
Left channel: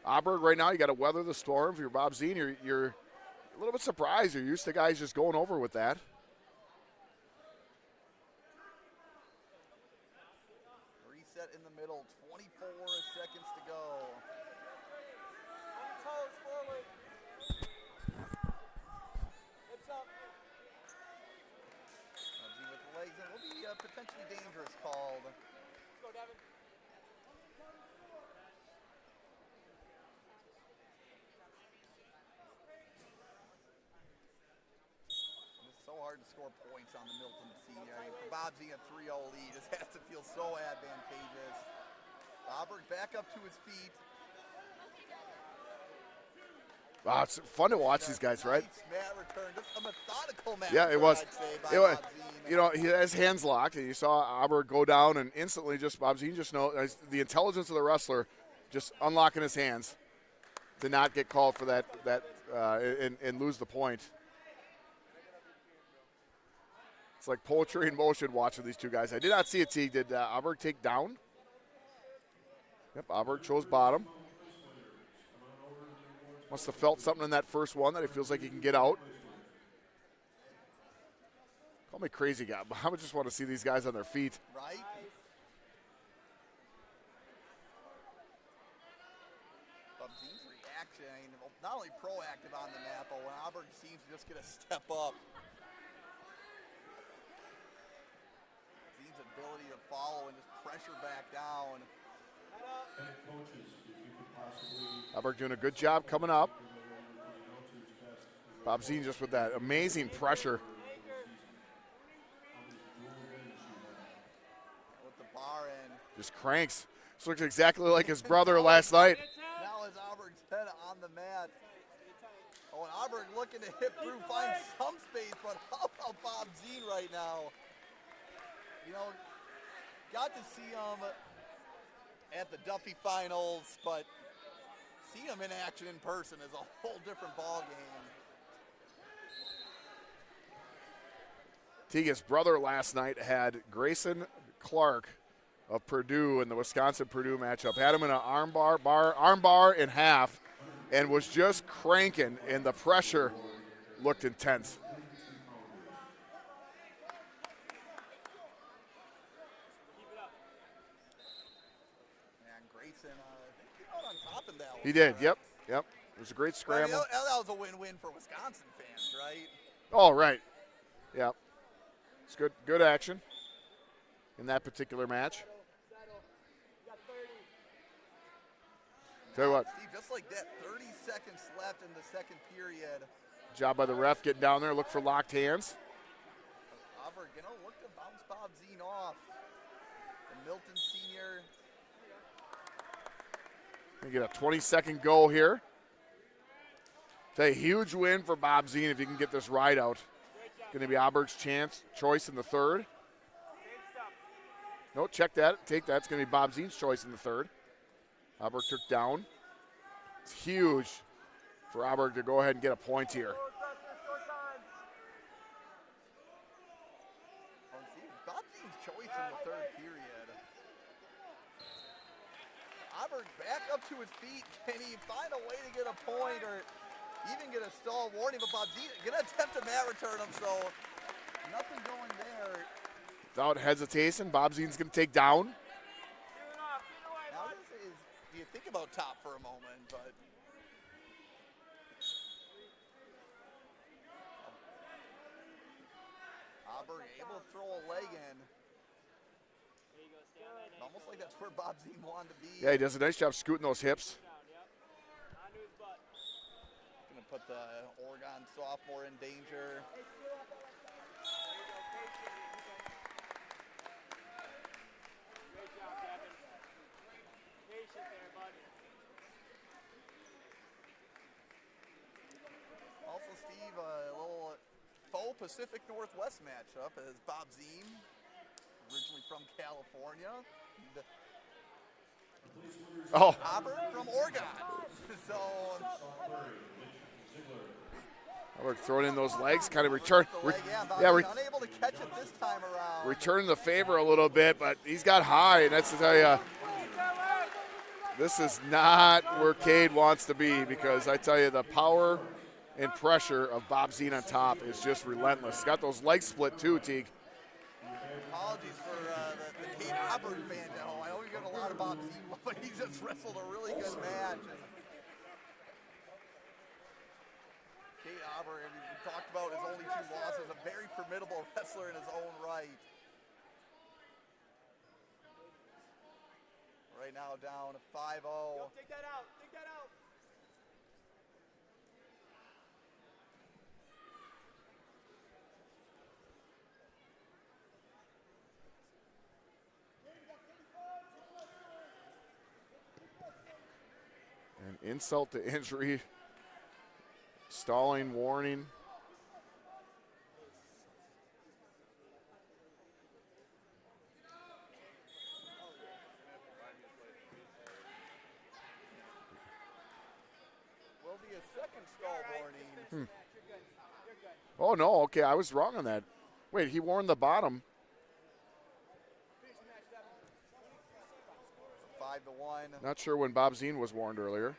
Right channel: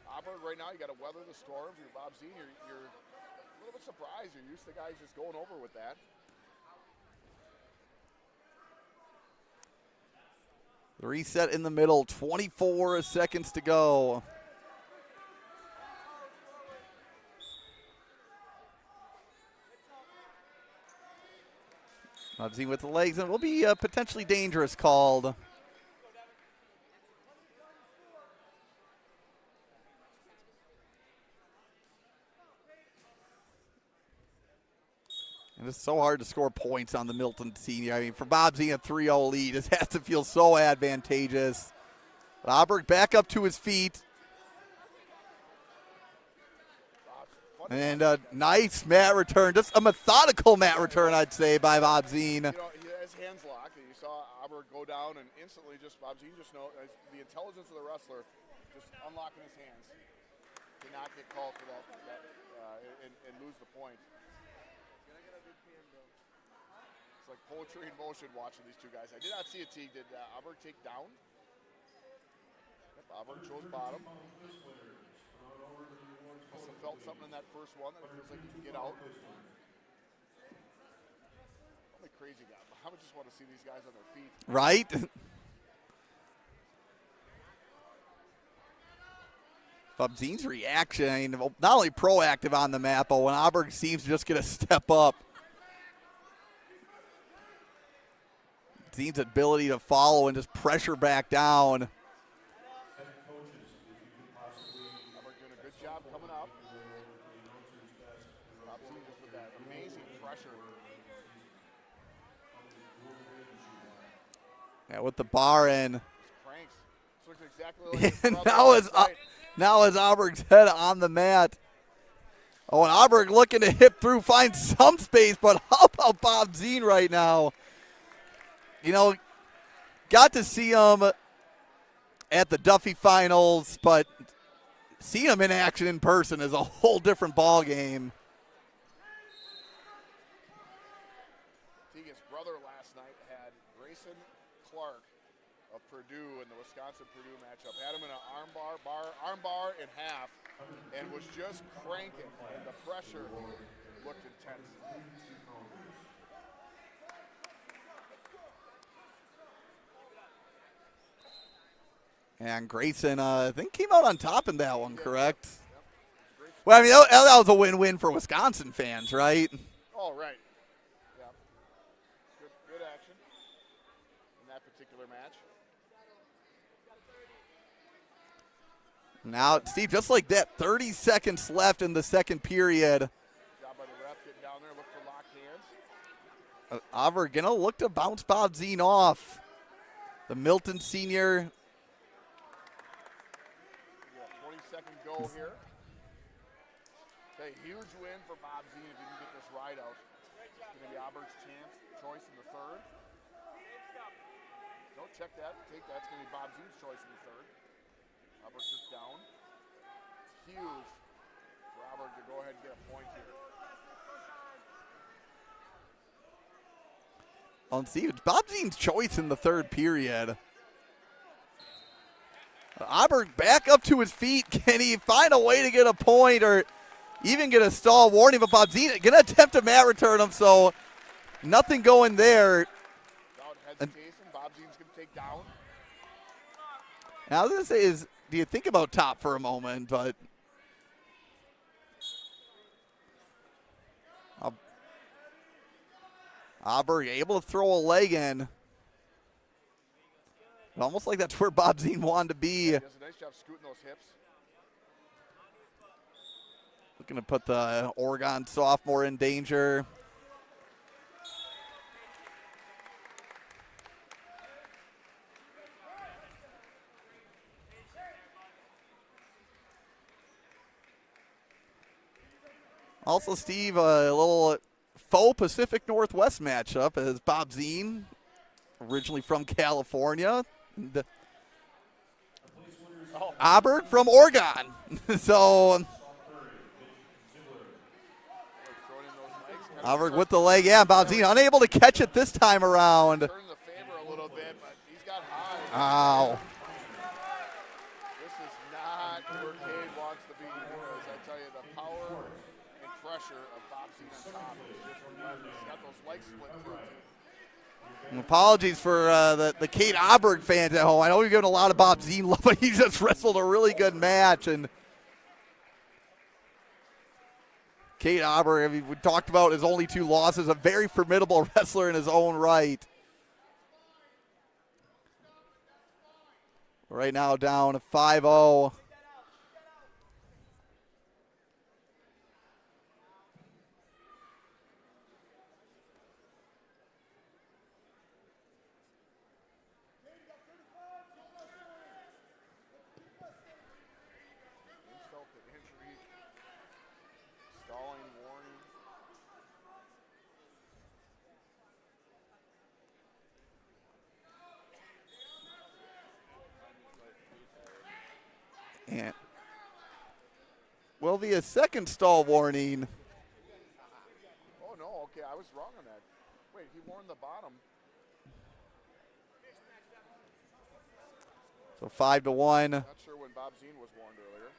Auburn right now, you got to weather the storm. If you're Bob Zine, you're a little bit surprised. You're used to guys just going over with that. Reset in the middle, 24 seconds to go. Bob Zine with the legs, and it will be potentially dangerous called. And it's so hard to score points on the Milton Senior. I mean, for Bob Zine, a 3-0 lead, this has to feel so advantageous. Auburn back up to his feet. Wow, it's fun to watch these guys. Nice mat return. Just a methodical mat return, I'd say, by Bob Zine. He has hands locked, and you saw Auburn go down, and instantly Bob Zine just knows the intelligence of the wrestler just unlocking his hands to not get called for that and lose the point. It's like poetry in motion watching these two guys. I did not see it, T. Did Auburn take down? Yep, Auburn chose bottom. Must have felt something in that first one that he feels like he can get out. Call me crazy guy, but I would just want to see these guys on their feet. Right? Bob Zine's reaction, I mean, not only proactive on the mat, but when Auburn seems to just get a step up. Zine's ability to follow and just pressure back down. Auburn doing a good job coming up. Bob Zine just with that amazing pressure. Yeah, with the bar in. Just cranks. This looks exactly like his brother last night. Now is Auburn's head on the mat. Oh, and Auburn looking to hip through, find some space, but how about Bob Zine right now? Got to see him at the Duffy Finals, but seeing him in action in person is a whole different ball game. Tegan's brother last night had Grayson Clark of Purdue in the Wisconsin-Purdue matchup. Had him in an armbar in half, and was just cranking, and the pressure looked intense. And Grayson, I think, came out on top in that one, He did, correct? Yep. It was a great Well, I scramble. mean, that was a win-win for Wisconsin fans, right? Oh, right. Yeah. It's good action in that particular match. Now, Steve, just like that, 30 seconds left in the second period. Job by the ref getting down there, look for locked hands. Auburn gonna look to bounce Bob Zine off. The Milton senior. We get a 20-second go here. It's a huge win for Bob Zine if he can get this ride out. going to be Auberg's choice in the third. No, check that. Take that. It's going to be Bob Zine's choice in the third. Auberg took down. It's huge for Auberg to go ahead and get a point here. Let's see. Bob Zine's choice in the third period. Auberg back up to his feet. Can he find a way to get a point or even get a stall warning? But Bob Zine going to attempt a mat return him, so nothing going there. Without hesitation, Bob Zine's going to take down. Now, I was going to say is, do you think about top for a moment? But Auberg able to throw a leg in. Almost like that's where Bob Zine wanted to be. Yeah, he does a nice job scooting those hips. Looking to put the Oregon sophomore in danger. Also, Steve, a little faux Pacific Northwest matchup as Bob Zine, originally from California. Auberg from Oregon. So Auberg throwing in those legs, kind of Auberg with the leg, yeah. Bob Zine unable to catch it this time around. Return the favor a little bit, but he's got high, and that's to tell you, this is not where Cade wants to be, because I tell you, the power and pressure of Bob Zine on top is just relentless. Got those legs split too, Teague. And apologies for the Cade Auberg fans at home. I know you're giving a lot of Bob Zine love, but he just wrestled a really good match. And Cade Auberg, I mean, we talked about his only 2 losses, a very formidable wrestler in his own right. Right now down 5-0. Insult to injury, stalling warning. And will be a second stall warning. Oh no, okay, I was wrong on that. Wait, he warned the bottom. So 5-1. Not sure when Bob Zine was warned earlier.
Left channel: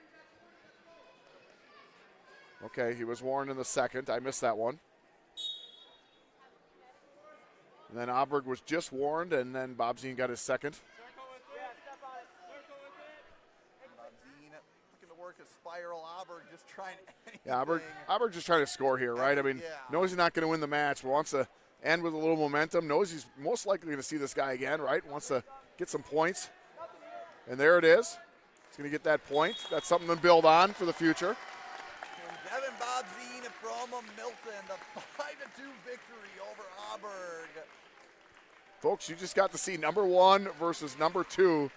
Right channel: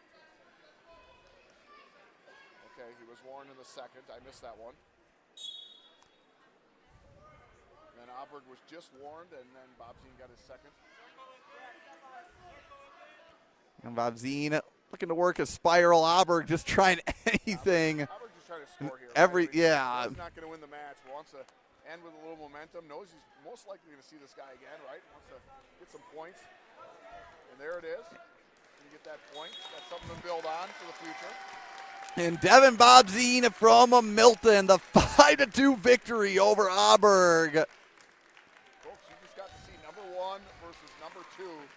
Okay, he was warned in the second. I missed that one. And then Auberg was just warned, and then Bob Zine got his second. And Bob Zine looking to work a spiral. Auberg just trying anything. Yeah, Auberg just trying to score here, right? I mean, yeah. Knows he's not going to win the match, but wants to end with a little momentum. Knows he's most likely going to see this guy again, right? Wants to get some points. And there it is. He's going to get that point. That's something to build on for the future. And Devin Bob Zine from Milton, the 5-2 victory over Auberg. Folks, you just got to see number 1 versus number 2.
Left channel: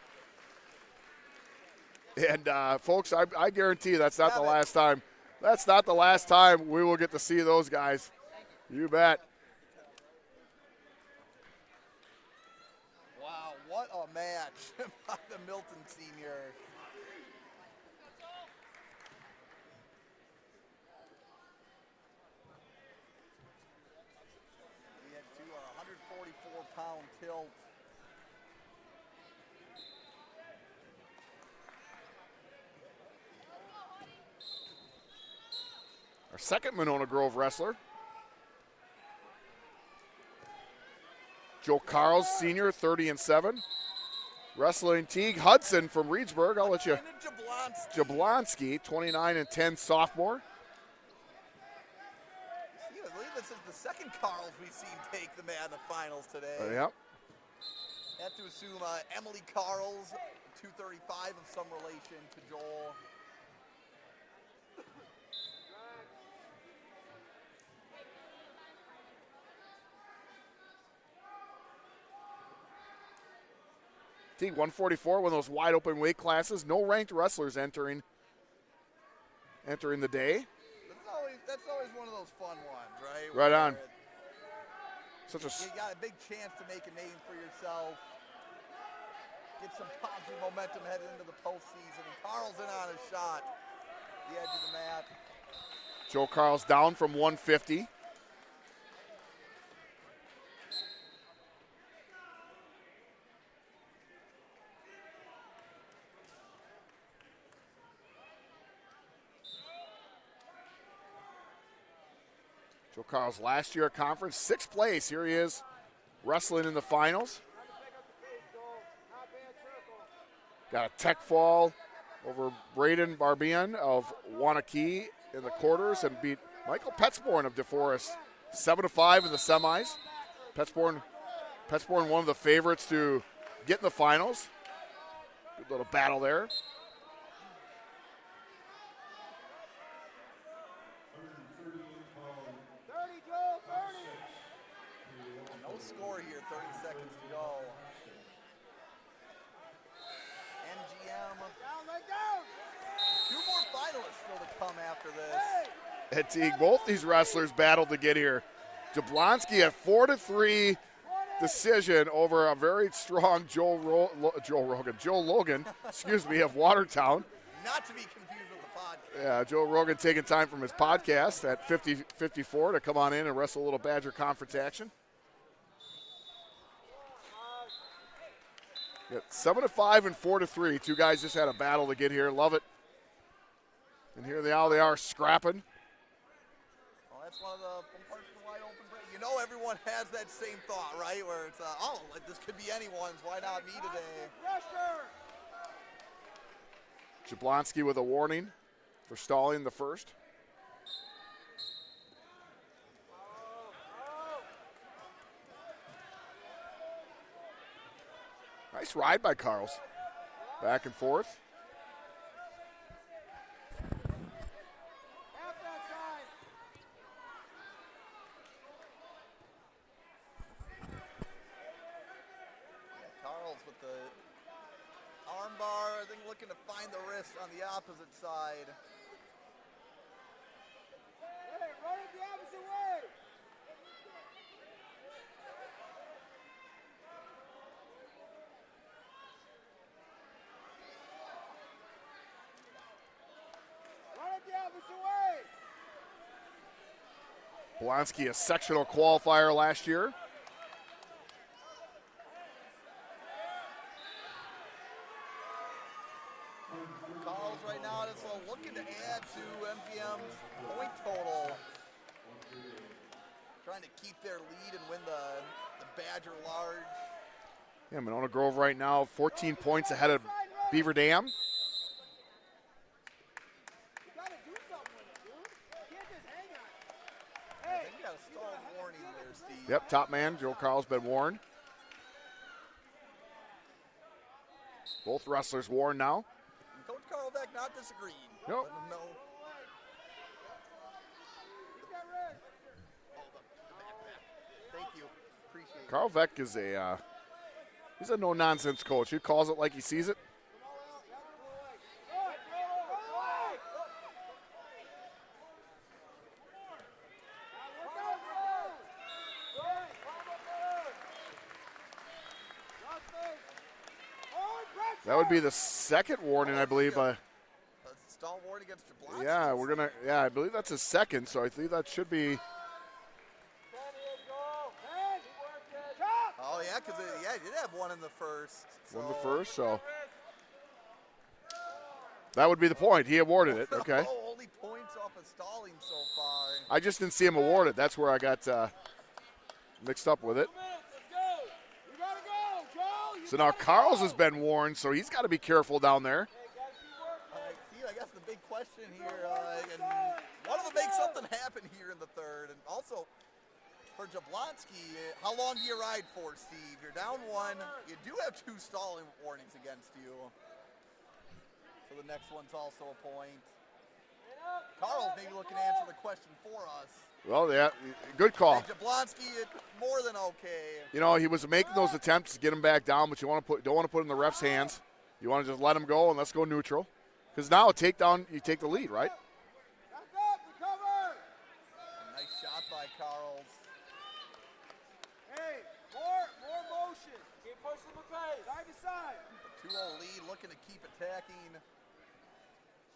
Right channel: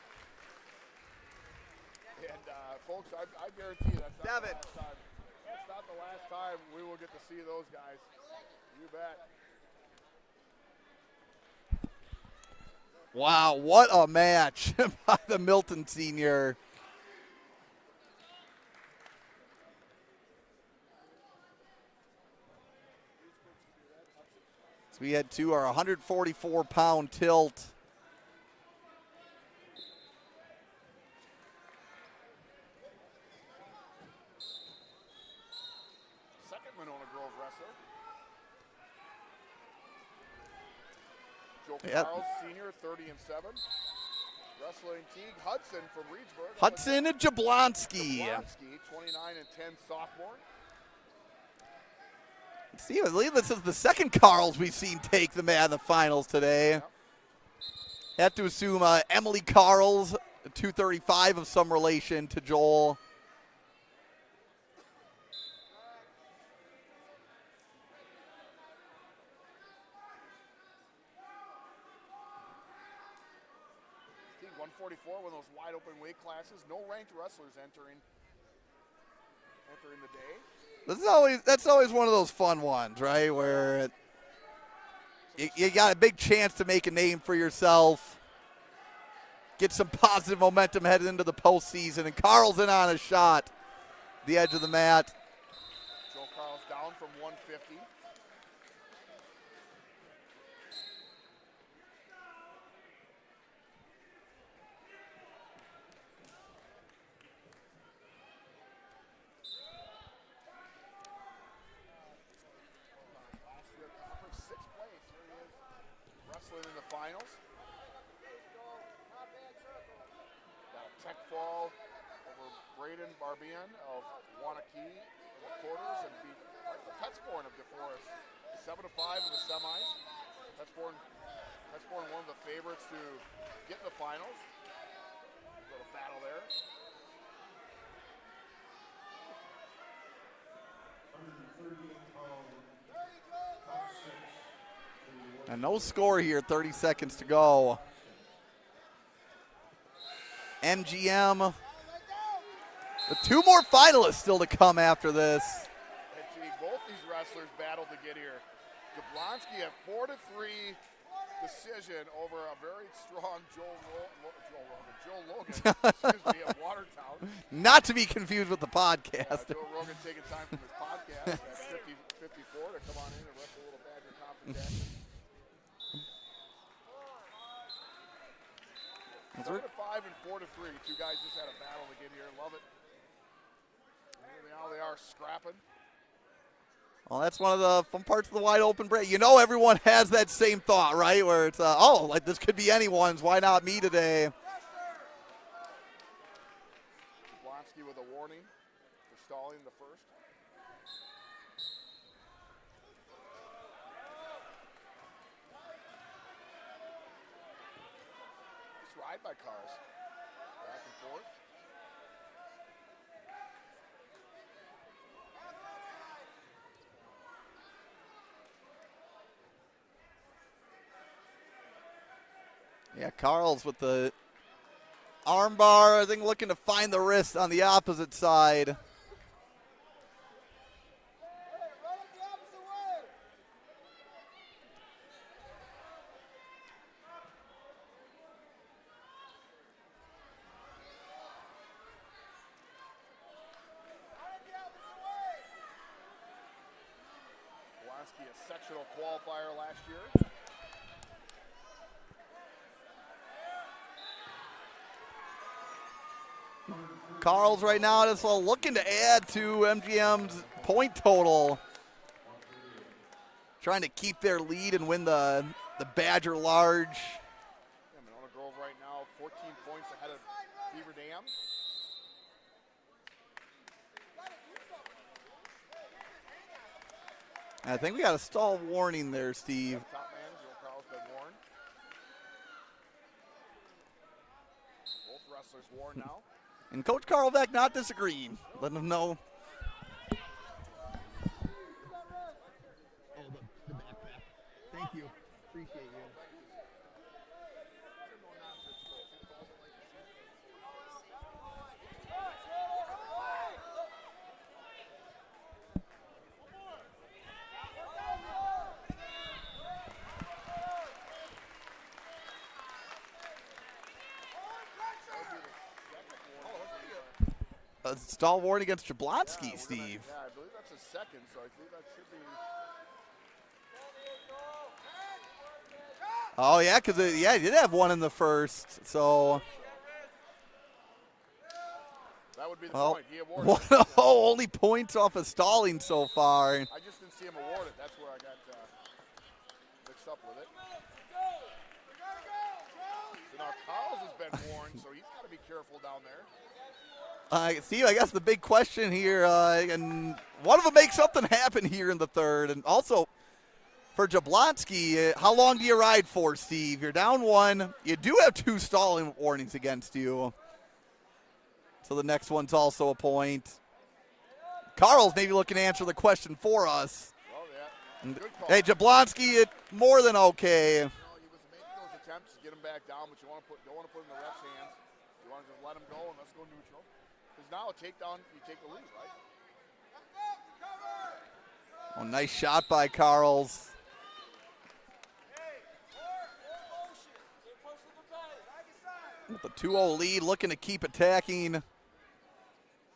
And, folks, I guarantee that's not the last time. That's not the last time we will get to see those guys. You bet. Wow, what a match by the Milton senior. So we head to our 144-pound tilt. Our second Monona Grove wrestler. Joe Carls, senior, 30-7. Wrestling Teague Hudson from Reedsburg. Hudson and Jablonski. Jablonski, 29-10, sophomore. See, I believe this is the second Carls we've seen take the mat in the finals today. Yep. Have to assume Emily Carls, 235 of some relation to Joel. Teague 144, one of those wide open weight classes. No ranked wrestlers entering the day. That's always one of those fun ones, right? Right on. You got a big chance to make a name for yourself. Get some positive momentum headed into the postseason. And Carl's in on a shot. The edge of the mat. Joe Carl's down from 150. Joe Carl's last year at conference, 6th place. Here he is wrestling in the finals. Got a tech fall over Braiden Barbian of Wanakee in the quarters and beat Michael Petzborn of DeForest 7-5 in the semis. Petzborn one of the favorites to get in the finals. Good little battle there. And no score here, 30 seconds to go. MGM. The 2 more finalists still to come after this. At Teague, both these wrestlers battled to get here. Jablonski at 4-3 decision over a very strong Joe Logan, excuse me, of Watertown. Not to be confused with the podcast. Yeah, Joe Rogan taking time from his podcast at 54 to come on in and wrestle a little Badger conference action. 7-5 and 4-3. 2 guys just had a battle to get here. Love it. And here they are scrapping. Well, that's one of the fun parts of the wide open break. You know, everyone has that same thought, right? Where it's, like this could be anyone's. Why not me today? Jablonski with a warning for stalling the first. Nice ride by Carls. Back and forth. Yeah, Carl's with the armbar, I think looking to find the wrist on the opposite side. Blonsky, a sectional qualifier last year. Carl's right now just looking to add to MGM's point total. Trying to keep their lead and win the Badger Large. Yeah, Monona Grove right now 14 points ahead of Beaver Dam. I think we got a stall warning there, Steve. Yep, top man, Joe Carl's been warned. Both wrestlers warned now. And Coach Carlbeck not disagreeing. Nope. Letting him know. Thank you. Appreciate it. Carl Veck is he's a no-nonsense coach. He calls it like he sees it. That would be the second warning, I believe. A stall warning against Jablonski, Yeah, Steve. I believe that's his second, so I think that should be. Oh, yeah, because he did have one in the first. So, that would be the point. He awarded it. Okay. Only points off of stalling so far. I just didn't see him award it. That's where I got mixed up with it. So now Carls has been warned, so he's got to be careful down there. Steve, I guess the big question here, and one of them makes something happen here in the third. And also, for Jablonski, how long do you ride for, Steve? You're down one. You do have 2 stalling warnings against you. So the next one's also a point. Carl's maybe looking to answer the question for us. Well, yeah, good call. Hey, Jablonski, more than okay. You know, he was making those attempts to get him back down, but you don't want to put it in the ref's hands. You want to just let him go and let's go neutral. Because now a takedown, you take the lead, right? Oh, nice shot by Carls. 2-0 lead, looking to keep attacking.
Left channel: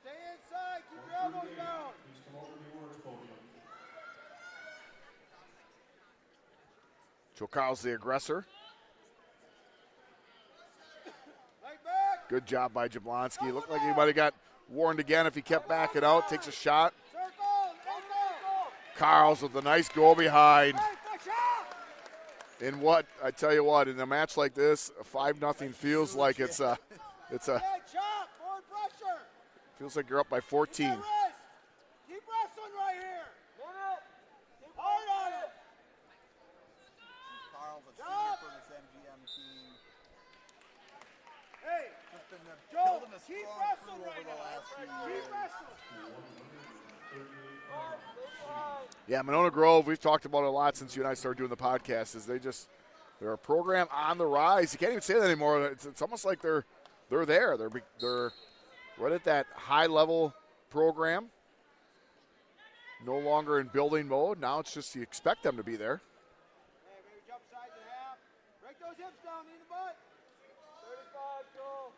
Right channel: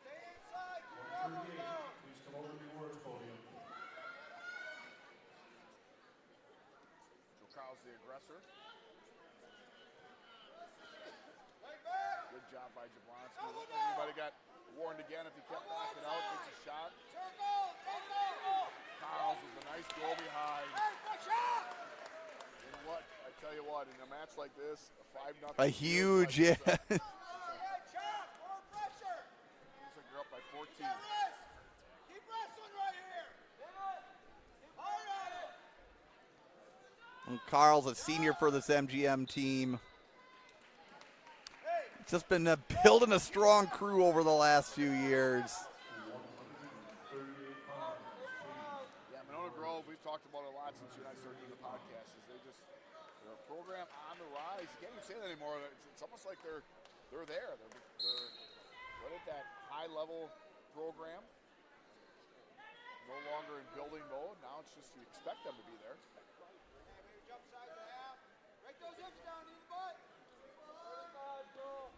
Stay inside. Keep your elbows down. Please come over to the awards podium. Joe Carl's the aggressor. Right back. Good job by Jablonski. Looked like he might have got warned again if he kept backing out. Takes a shot. Circle. Carl's with a nice go behind. Hey, push out. In what, I tell you what, in a match like this, a 5-0 A feels huge, like it's yeah. a, Head chop. Forward pressure. feels like you're up by 14. Rest. Keep wrestling right here. Hard on it. And Carl's a senior for this MGM team. Hey. Just been building a strong crew over the last few years. Yeah, Monona Grove, we've talked about it a lot since you and I started doing the podcast, is they're a program on the rise. You can't even say that anymore. It's almost like they're there. They're right at that high-level program. No longer in building mode. Now it's just you expect them to be there. Hey, maybe jump sides a half. Break those hips down in the butt. 35, go.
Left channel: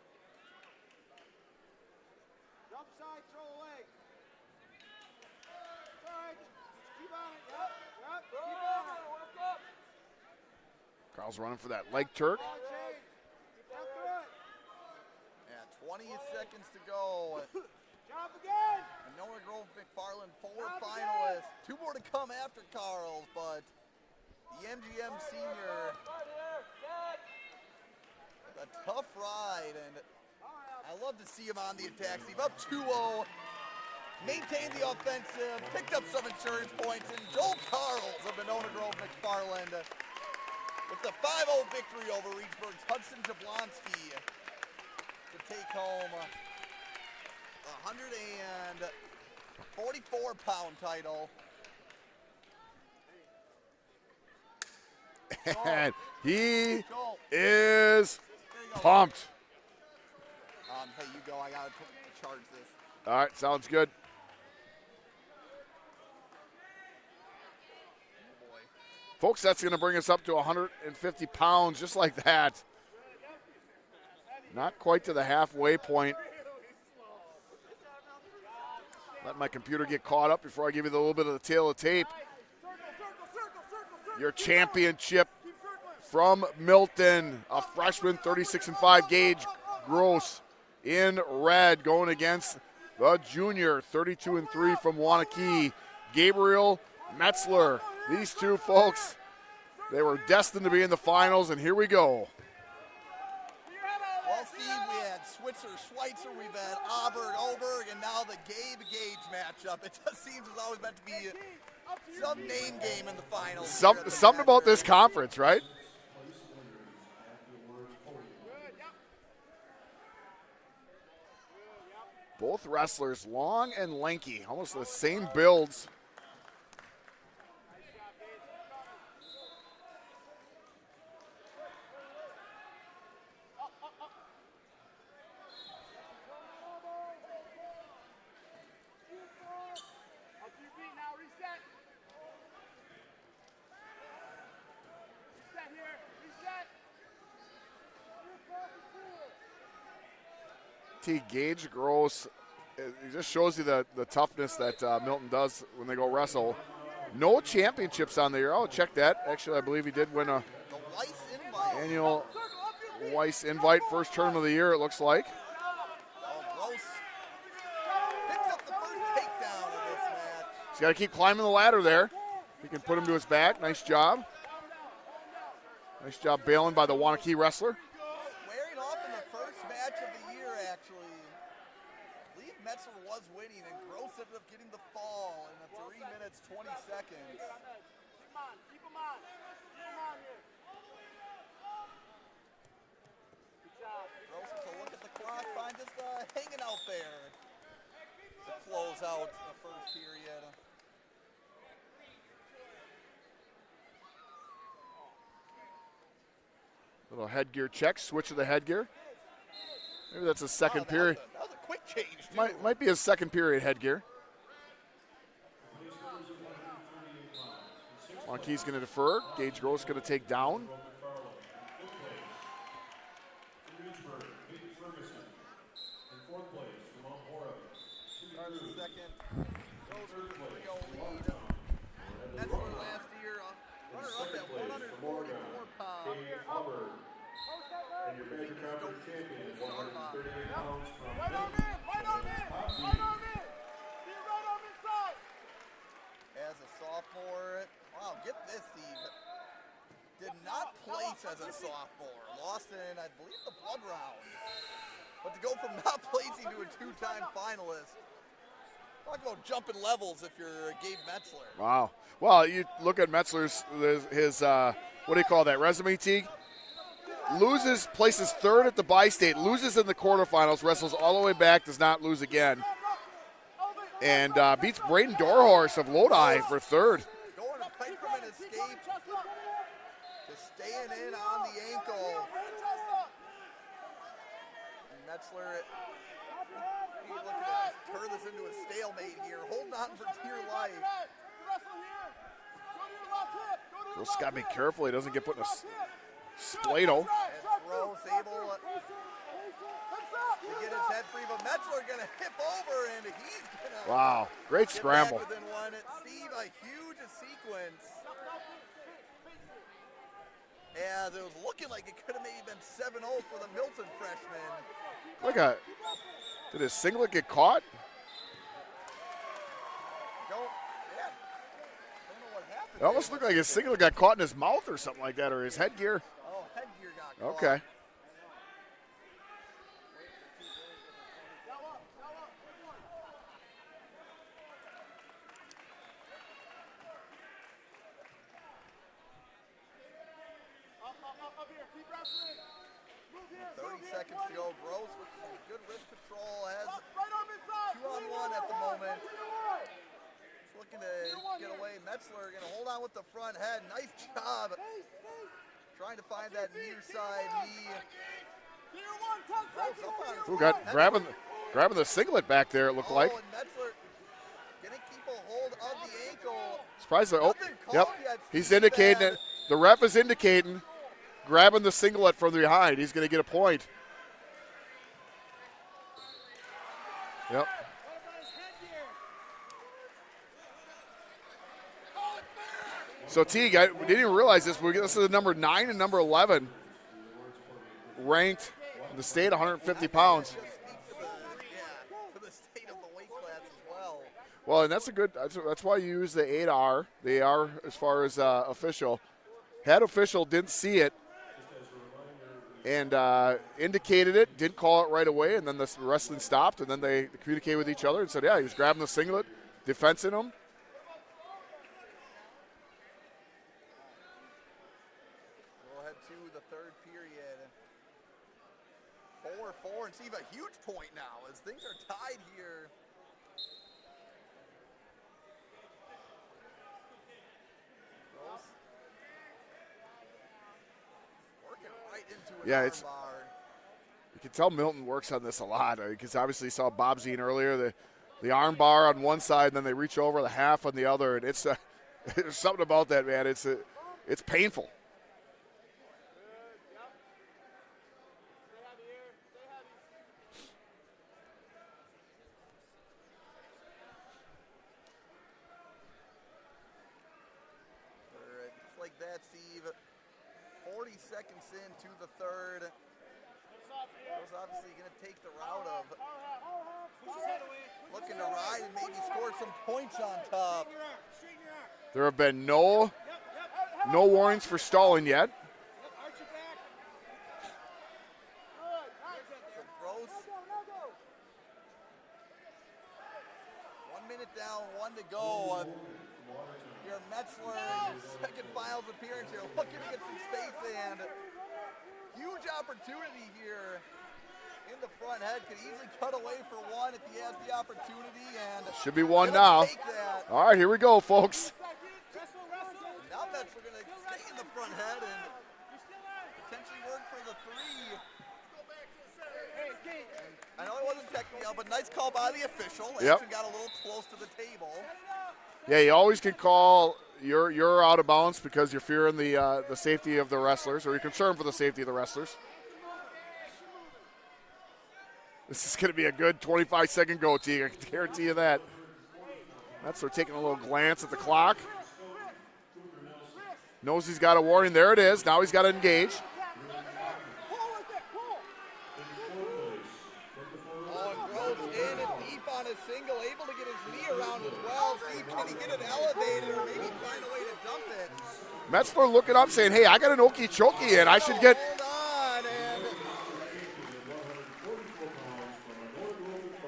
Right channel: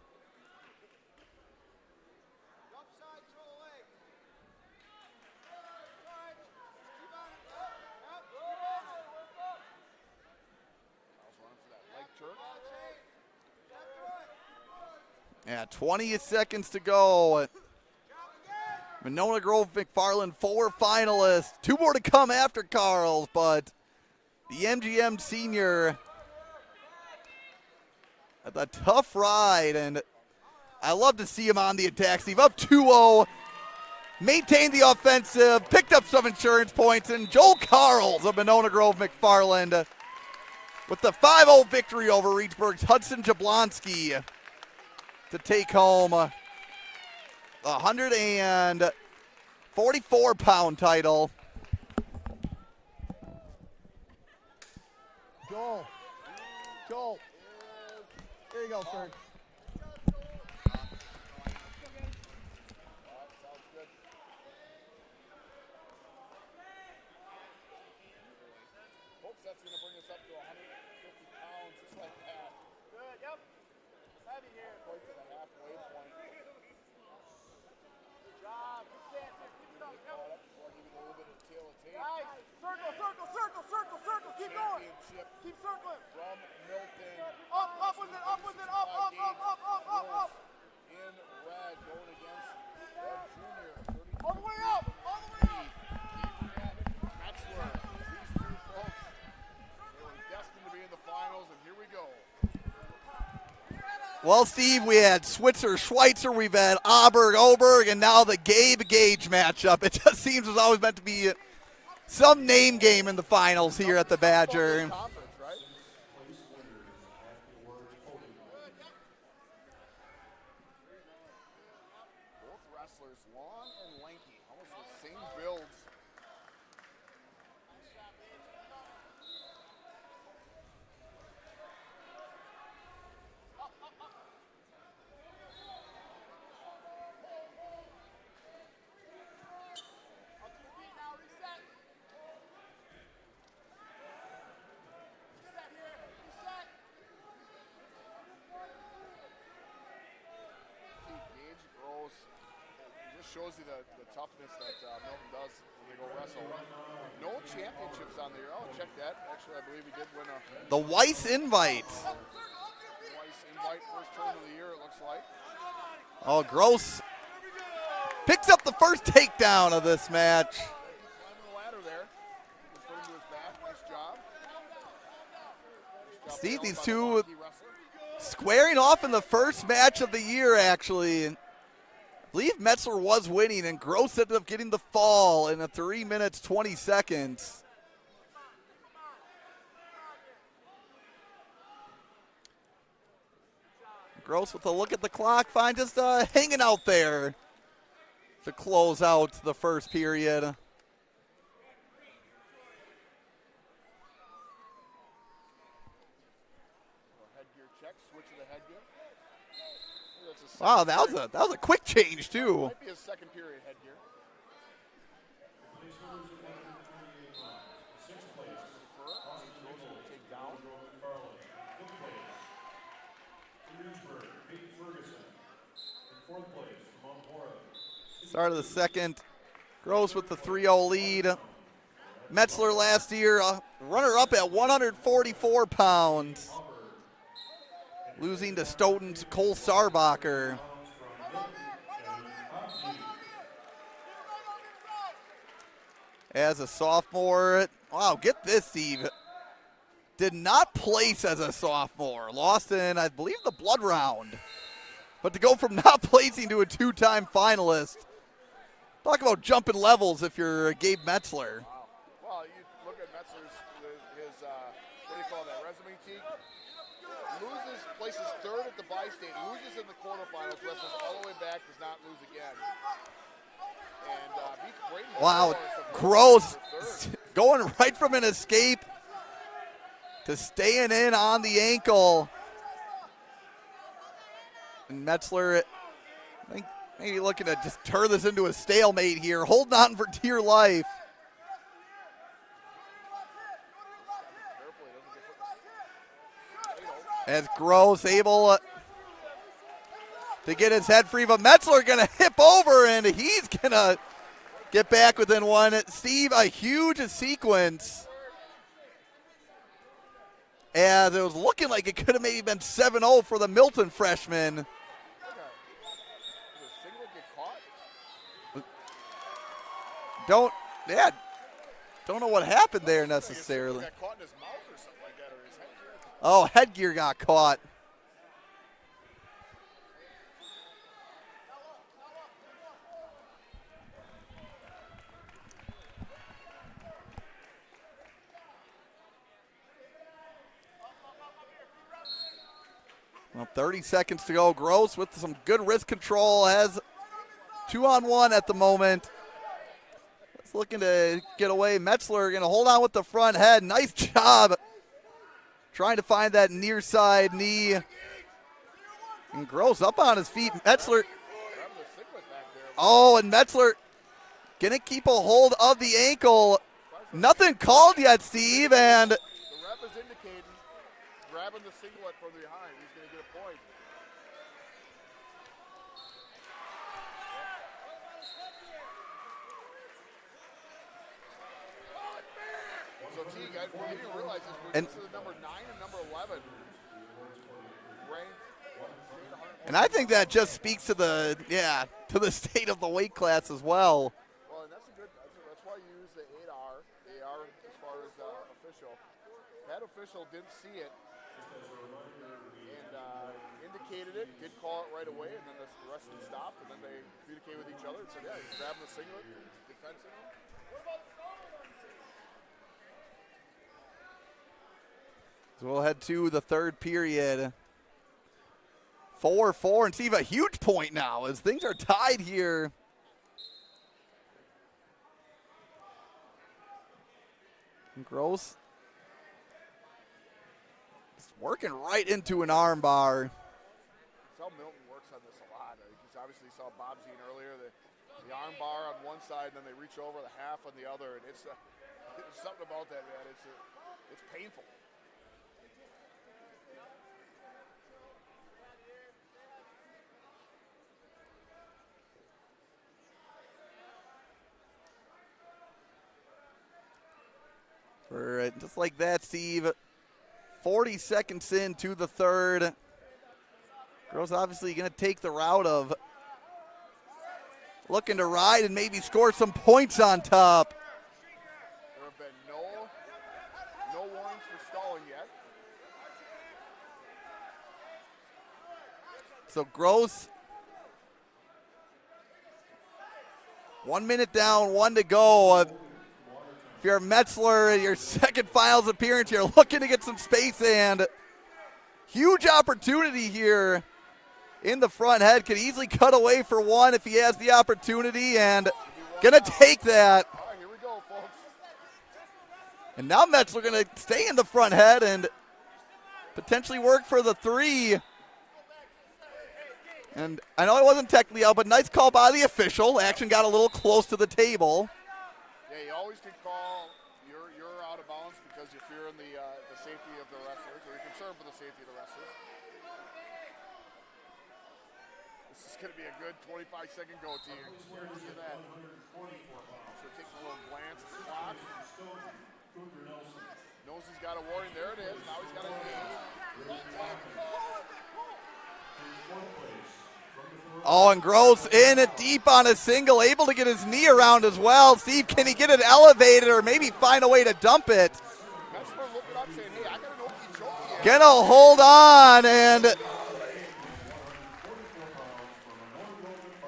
Jump side, throw the leg. Good. Keep on it. Yep. Keep on it. Work up. Carl's running for that leg turk. Step through it. Yeah, 20 seconds to go. Jump again. Monona Grove McFarland, 4 finalists. 2 more to come after Carl's, but the MGM senior had a tough ride, and I love to see him on the attack. Steve up 2-0, maintained the offensive, picked up some insurance points, and Joel Carls of Monona Grove McFarland with the 5-0 victory over Reedsburg's Hudson Jablonski to take home a 144-pound title. And he is pumped. All right, sounds good. Folks, that's going to bring us up to 150 pounds, just like that. Not quite to the halfway point. Let my computer get caught up before I give you a little bit of the tail of tape. Your championship from Milton, a freshman, 36-5, Gage Gross in red, going against the junior, 32-3 from Wanakee, Gabriel Metzler. These two folks, they were destined to be in the finals, and here we go. Well, Steve, we had Switzer, Schweitzer, we've had Oberg, and now the Gabe Gage matchup. It just seems it's always meant to be some name game in the finals here at the Something Badger. about this conference, right? Both wrestlers long and lanky, almost the same builds. Gage Gross, it just shows you the toughness that Milton does when they go wrestle. No championships on the year. Oh, check that. Actually, I believe he did win a the Weiss Invite. Annual Weiss Invite, first tournament of the year, it looks like. Oh, Gross picks up the first takedown of this match. He's got to keep climbing the ladder there. He can put him to his back. Nice job. Nice job Steve, bailing these by the two Wanakee wrestler. Squaring off in the first match of the year, actually. And I believe Metzler was winning, and Gross ended up getting the fall in 3 minutes, 20 seconds. Gross with a look at the clock, fine, just hanging out there to close out the first period. Little headgear check, switch of the headgear. Maybe that's a second Wow, period. that was a quick change, too. Might be a second period headgear. Wanakee's going to defer. Gage Gross going to take down. Start of the second. Gross with the 3-0 lead. Metzler last year, runner-up at 144 pounds. Losing to Stoughton's Cole Sarbacher. As a sophomore, wow, get this, Steve. Did not place as a sophomore. Lost in, I believe, the blood round. But to go from not placing to a two-time finalist, talk about jumping levels if you're Gabe Metzler. Wow. Well, you look at Metzler's, his what do you call that, resume, Teague? Loses, places third at the bi-state, loses in the quarterfinals, wrestles all the way back, does not lose again. And beats Braiden Dorhorst of Lodi for third. Going right from an escape to staying in on the ankle. And Metzler, I think maybe looking to just turn this into a stalemate here, holding on for dear life. Just got to be careful he doesn't get put in a splato. As Gross able to get his head free, but Metzler going to hip over, and he's going to get back within one. Steve, a huge sequence. As it was looking like it could have maybe been 7-0 for the Milton freshman. Did his singlet get caught? Don't know what happened there necessarily. Like his singlet got caught in his mouth or something like that, or his headgear. Oh, headgear got caught. Okay. Well, 30 seconds to go. Gross with some good wrist control, has 2-on-1 at the moment. It's looking to get away. Metzler going to hold on with the front head. Nice job trying to find that near side knee. And Gross up on his feet. Metzler grabbing the singlet back there. And Metzler going to keep a hold of the ankle. Nothing called yet, Steve. And the ref is indicating grabbing the singlet from behind. He's going to get a point. Yep. So Teague, I didn't even realize this. We're getting to the number 9 and number 11 ranked in the state, 150 pounds. And I think pounds. that just speaks to the state of the weight class as well. Well, and that's why you use the 8R, the AR as far as official. Head official didn't see it and indicated it, didn't call it right away, and then the wrestling stopped, and then they communicated with each other and said, yeah, he was grabbing the singlet, defensing him. So we'll head to the third period. 4-4, and Steve, a huge point now as things are tied here. Gross. It's working right into an arm bar. You can tell Milton works on this a lot because obviously you saw Bob Zine earlier, the arm bar on one side, and then they reach over the half on the other, and it's there's something about that, man. It's painful. Just like that, Steve. 40 seconds into the third. Girls obviously going to take the route of looking to ride and maybe score some points on top. There have been no warnings for stalling yet. So Gross, 1 minute down, 1 to go. If you're Metzler in your second finals appearance, you're looking to get some space, and huge opportunity here in the front head. Could easily cut away for one if he has the opportunity, and should be one gonna now. Take that. All right, here we go, folks. And now Metzler gonna stay in the front head and potentially work for the 3. And I know it wasn't technically out, but nice call by the official. Action got a little close to the table. Yeah, you always can call you're out of bounds because you're fearing the safety of the wrestlers, or you're concerned for the safety of the wrestlers. This is going to be a good 25-second go, Teague. I can guarantee you that. Metzler taking a little glance at the clock. Knows he's got a warning. There it is. Now he's got to engage. Oh, and Gross in it deep on a single, able to get his knee around as well. Steve, can he get it elevated or maybe find a way to dump it? Metzler looking up saying, hey, I got an okie-chokie. Gonna hold on, and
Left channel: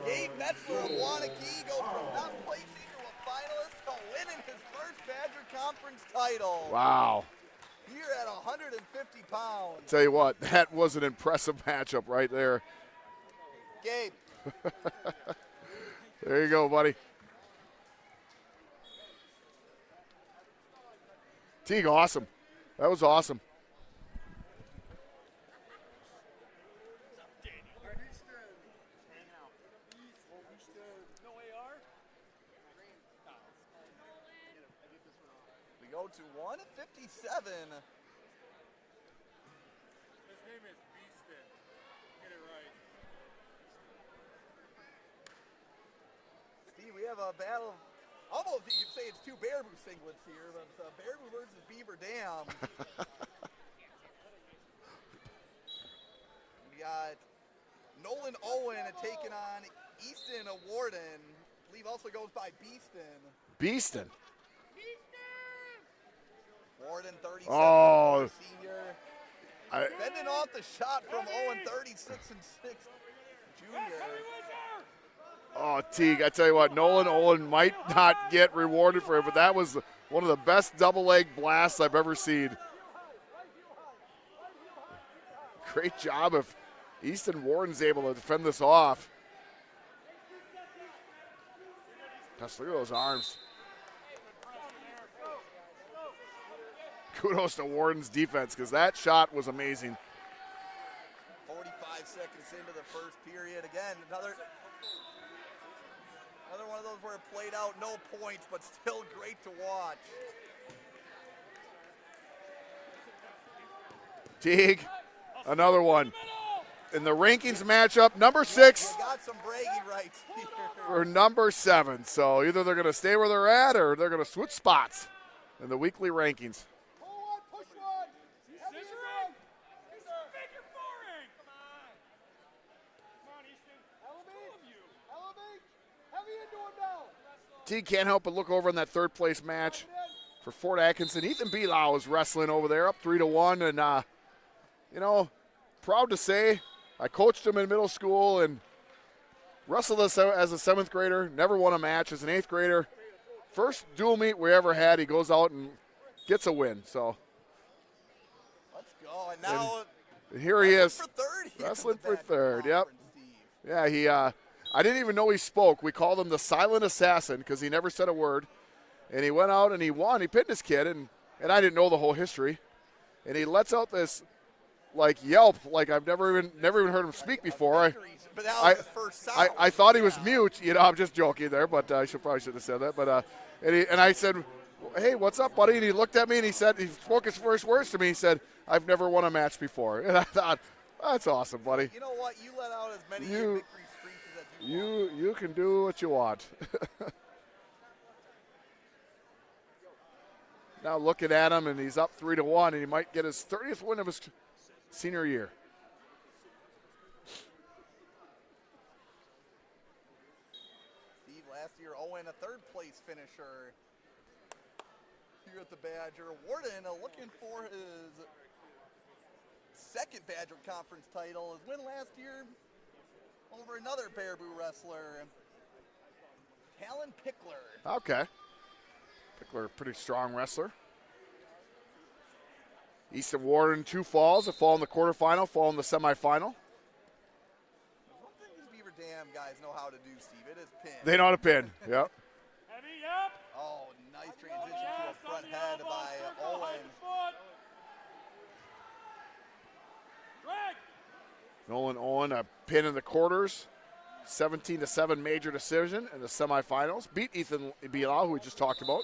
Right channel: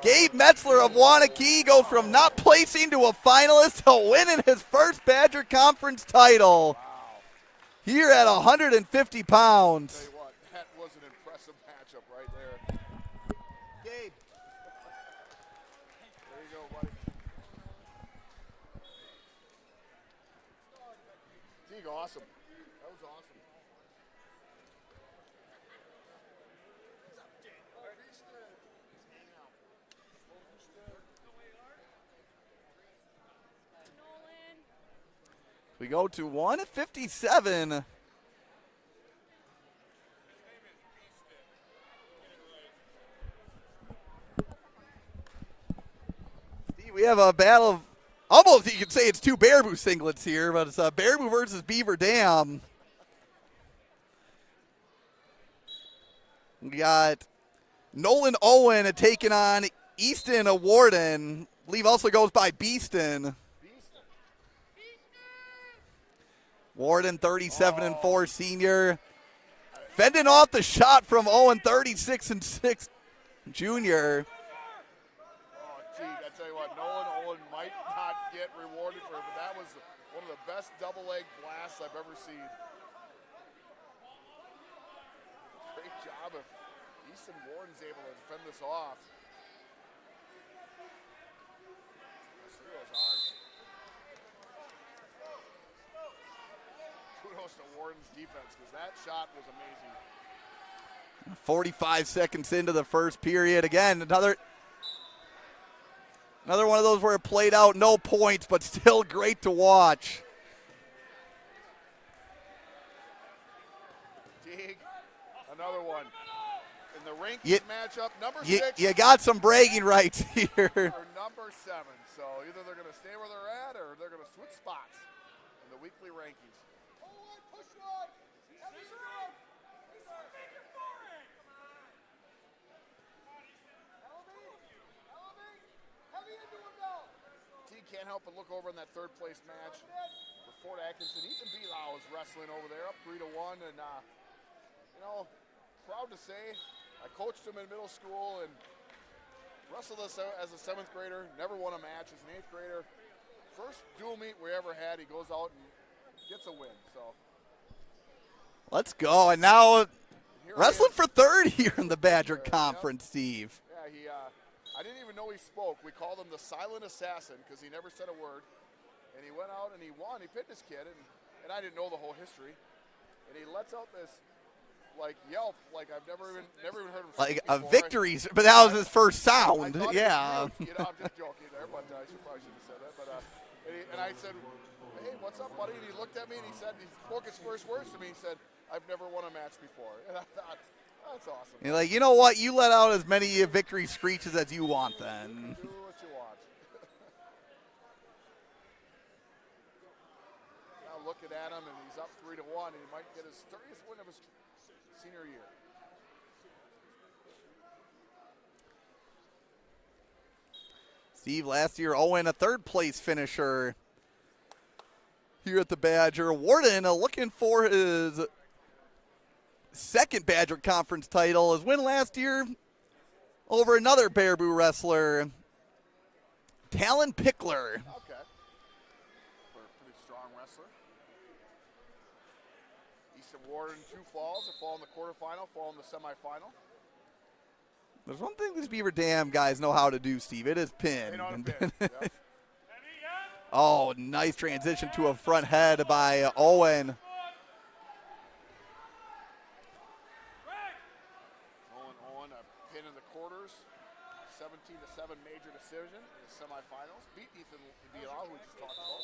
Gabe Metzler of Waunakee goes from not placing to a finalist to winning his first Badger Conference title. Wow. Here at 150 pounds. Tell you what, that was an impressive matchup right there. Gabe. There you go, buddy. Teague, awesome. That was awesome. We go to 157. We have a battle of, almost you could say it's two Baraboo singlets here, but it's Baraboo versus Beaver Dam. We got Nolan Owen taking on Easton Warden. I believe also goes by Beeston. Beeston. Warden, 37-4 senior. Fending off the shot from Owen, 36-6 junior. Oh, Teague, I tell you what, Nolan Owen might not get rewarded for it, but that was one of the best double leg blasts I've ever seen. Great job if Easton Warden's able to defend this off. Gosh, look at those arms. Kudos to Warden's defense because that shot was amazing. 45 seconds into the first period. Again, another one of those where it played out, no points, but still great to watch. Teague, another one. In the rankings matchup, number 6. You got some bragging rights here. Or number 7. So either they're going to stay where they're at or they're going to switch spots in the weekly rankings. Teague can't help but look over in that third place match for Fort Atkinson. Ethan Belau is wrestling over there, up 3-1, and you know, proud to say I coached him in middle school and wrestled as a 7th grader. Never won a match as an 8th grader. First dual meet we ever had. He goes out and gets a win. So let's go. And now here he is for third here in the Badger third, Conference, Steve. Yeah, he. I didn't even know he spoke. We called him the silent assassin because he never said a word. And he went out and he won. He pinned his kid, and I didn't know the whole history. And he lets out this like yelp, like I've never even heard him speak before. Victory, but that was his first sound. I thought he was mute. You know, I'm just joking there, but I probably should have said that. But and I said, "Hey, what's up, buddy?" And he looked at me and he spoke his first words to me. He said, "I've never won a match before." And I thought, that's awesome, buddy. Like, you know what? You let out as many victory screeches as you want. You can do what you want. Now looking at him, and he's up 3-1, and he might get his 30th win of his senior year. Steve, last year, Owen, a third-place finisher here at the Badger. Warden looking for his second Badger Conference title. His win last year over another Baraboo wrestler, Talon Pickler. Okay. Pickler, a pretty strong wrestler. Easton Warden, 2 falls. A fall in the quarterfinal, fall in the semifinal. There's one thing these Beaver Dam guys know how to do, Steve. It is pin. They know how to pin. Yep. Oh, nice transition to a front head by Owen. Nolan Owen, a pin in the quarters. 17-7 major decision in the semifinals. Beat Ethan Belau, who we just talked about.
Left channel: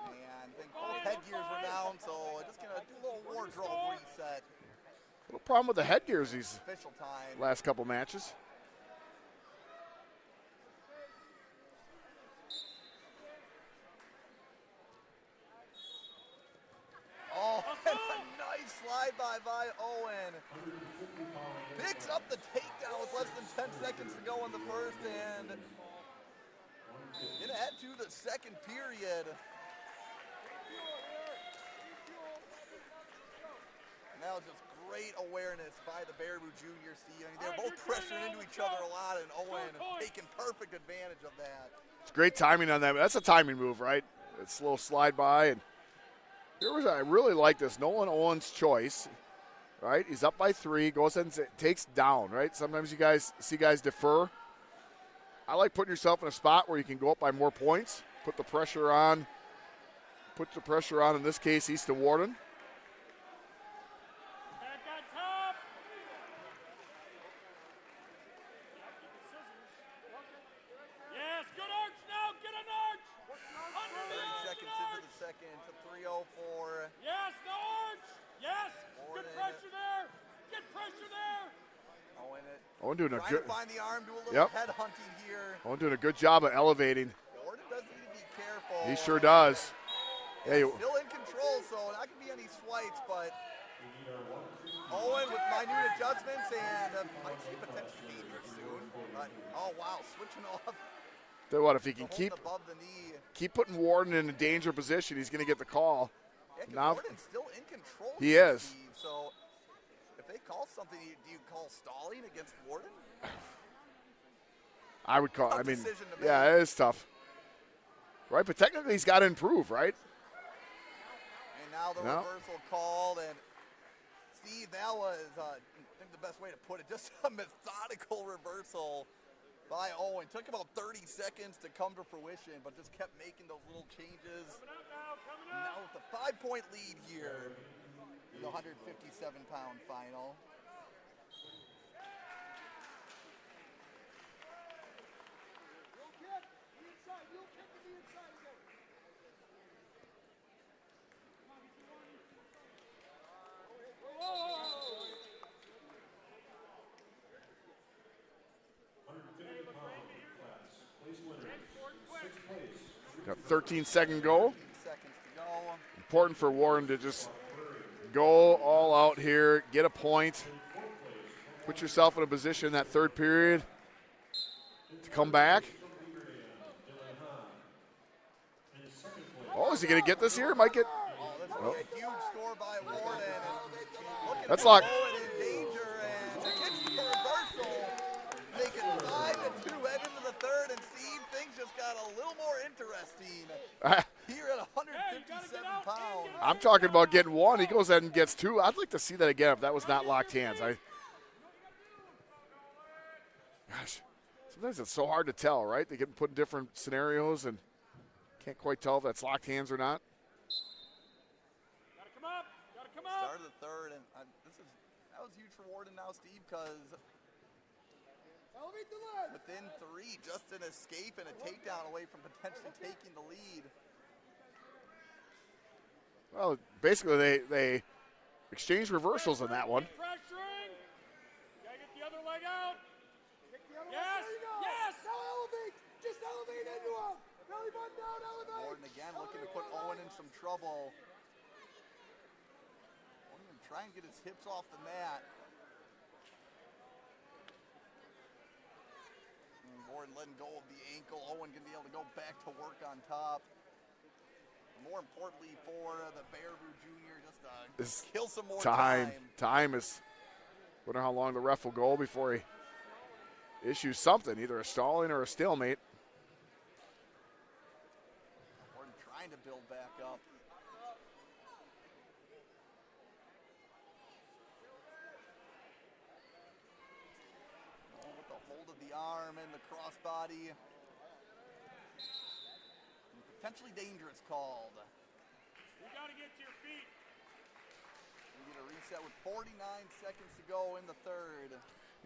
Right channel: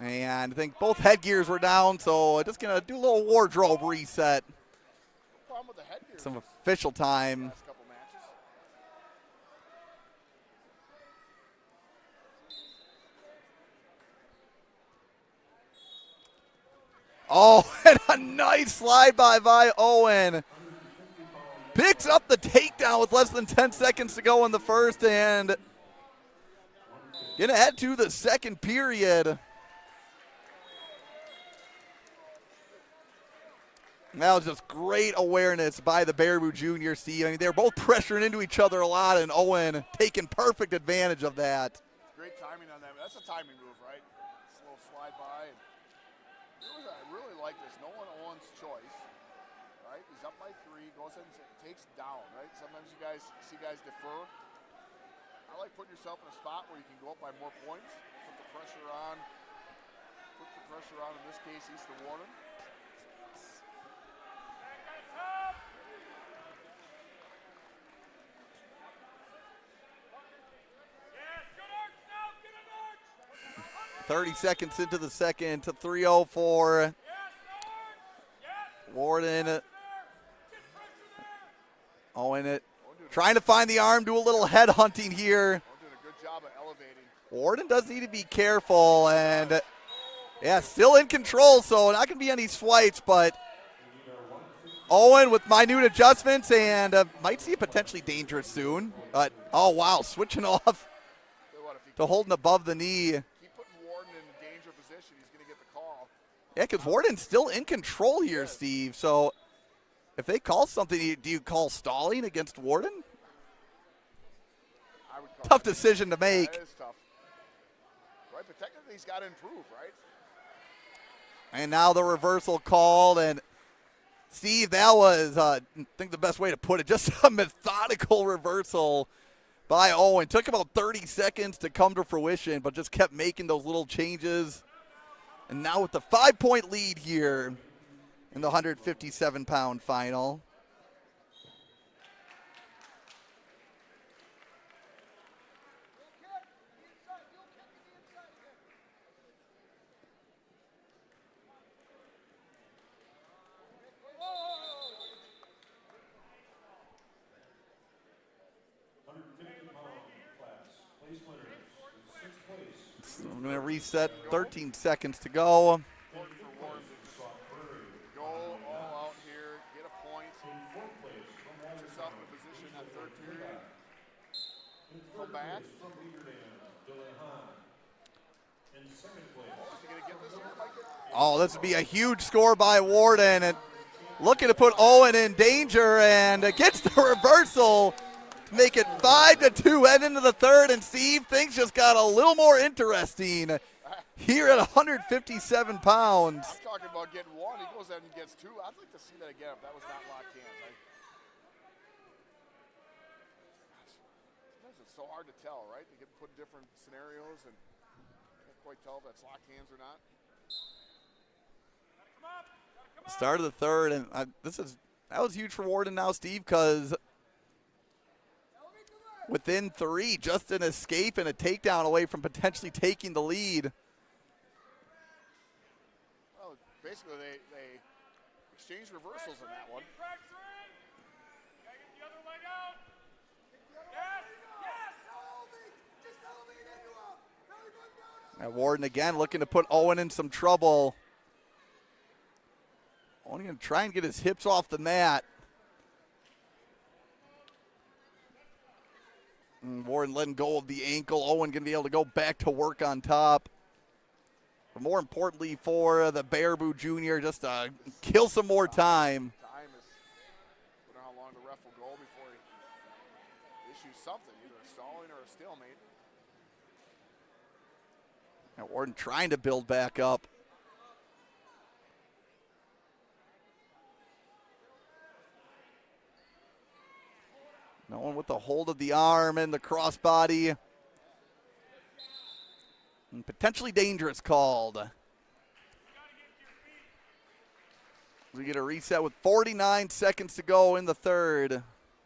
And I think both headgears were down, so just going to do a little wardrobe reset. problem with the headgears Some these official time. last couple matches. Oh, and a nice slide by Owen. Picks up the takedown with less than 10 seconds to go in the first, and gonna head to the second period. That was just great awareness by the Baraboo Junior, Steve. I mean, they're both pressuring into each other a lot, and Owen taking perfect advantage of that. It's great timing on that. That's a timing move, right? It's a little slide by, and I really like this. Nolan Owen's choice, right? He's up by 3, goes and takes down, right? Sometimes you guys see guys defer. I like putting yourself in a spot where you can go up by more points, put the pressure on. In this case, East to Warden. Yes, good arch now. Get an arch. 30 seconds into the second to 3:04. Yes, no arch. Yes. Warden, Pressure there. Get pressure there. Owen Owen doing trying to find the arm, do a little head hunting here. Owen doing a good job of elevating. Warden does need to be careful. He sure does. Yeah, Hey, still in control, so not going to be any swipes, but Owen with minute adjustments and might see it potentially dangerous soon. But, oh, wow, switching off Tell you what, if he to can holding above the knee. keep putting Warden in a danger position, he's going to get the call. Yeah, because Now- Warden's still in control He here, is. Steve. So if they call something, do you call stalling against Warden? I would call Tough decision to Yeah, make. it is tough. Right, but technically he's got to improve, right? And now the reversal called, and Steve, that was, I think the best way to put it, just a methodical reversal by Owen. Took about 30 seconds to come to fruition, but just kept making those little changes. And now with the 5-point lead here in the 157-pound final. You know, 13-second goal. 13 seconds to go. Important for Warren to just go all out here, get a point, put yourself in a position in that third period to come back. Oh, is he going to get this here? Might get. Oh, this would be a huge score by Warden. And looking to That's put not- Owen in danger, and gets the reversal to make it 5-2 head into the third. And Steve, things just got a little more interesting here at 157 pounds. I'm talking about getting one. He goes ahead and gets 2. I'd like to see that again if that was not locked hands. Gosh, sometimes it's so hard to tell, right? They get put in different scenarios and can't quite tell if that's locked hands or not. Start of the third, and that was huge for Warden now, Steve, because within 3, just an escape and a takedown away from potentially taking the lead. Well, basically they exchanged reversals on that one. Pressuring. Gotta get the other leg out. Yes. Yes. Just elevate into him. Belly button down, And Warden again looking to put Owen in some trouble. Owen going to try and get his hips off the mat. And Warden letting go of the ankle. Owen going to be able to go back to work on top. But more importantly for the Baraboo Jr., just to kill some more time. Time is. Wonder how long the ref will go before he issues something, either a stalling or a stalemate. And Warden trying to build back up. No one with the hold of the arm and the crossbody. And potentially dangerous called. We get a reset with 49 seconds to go in the third.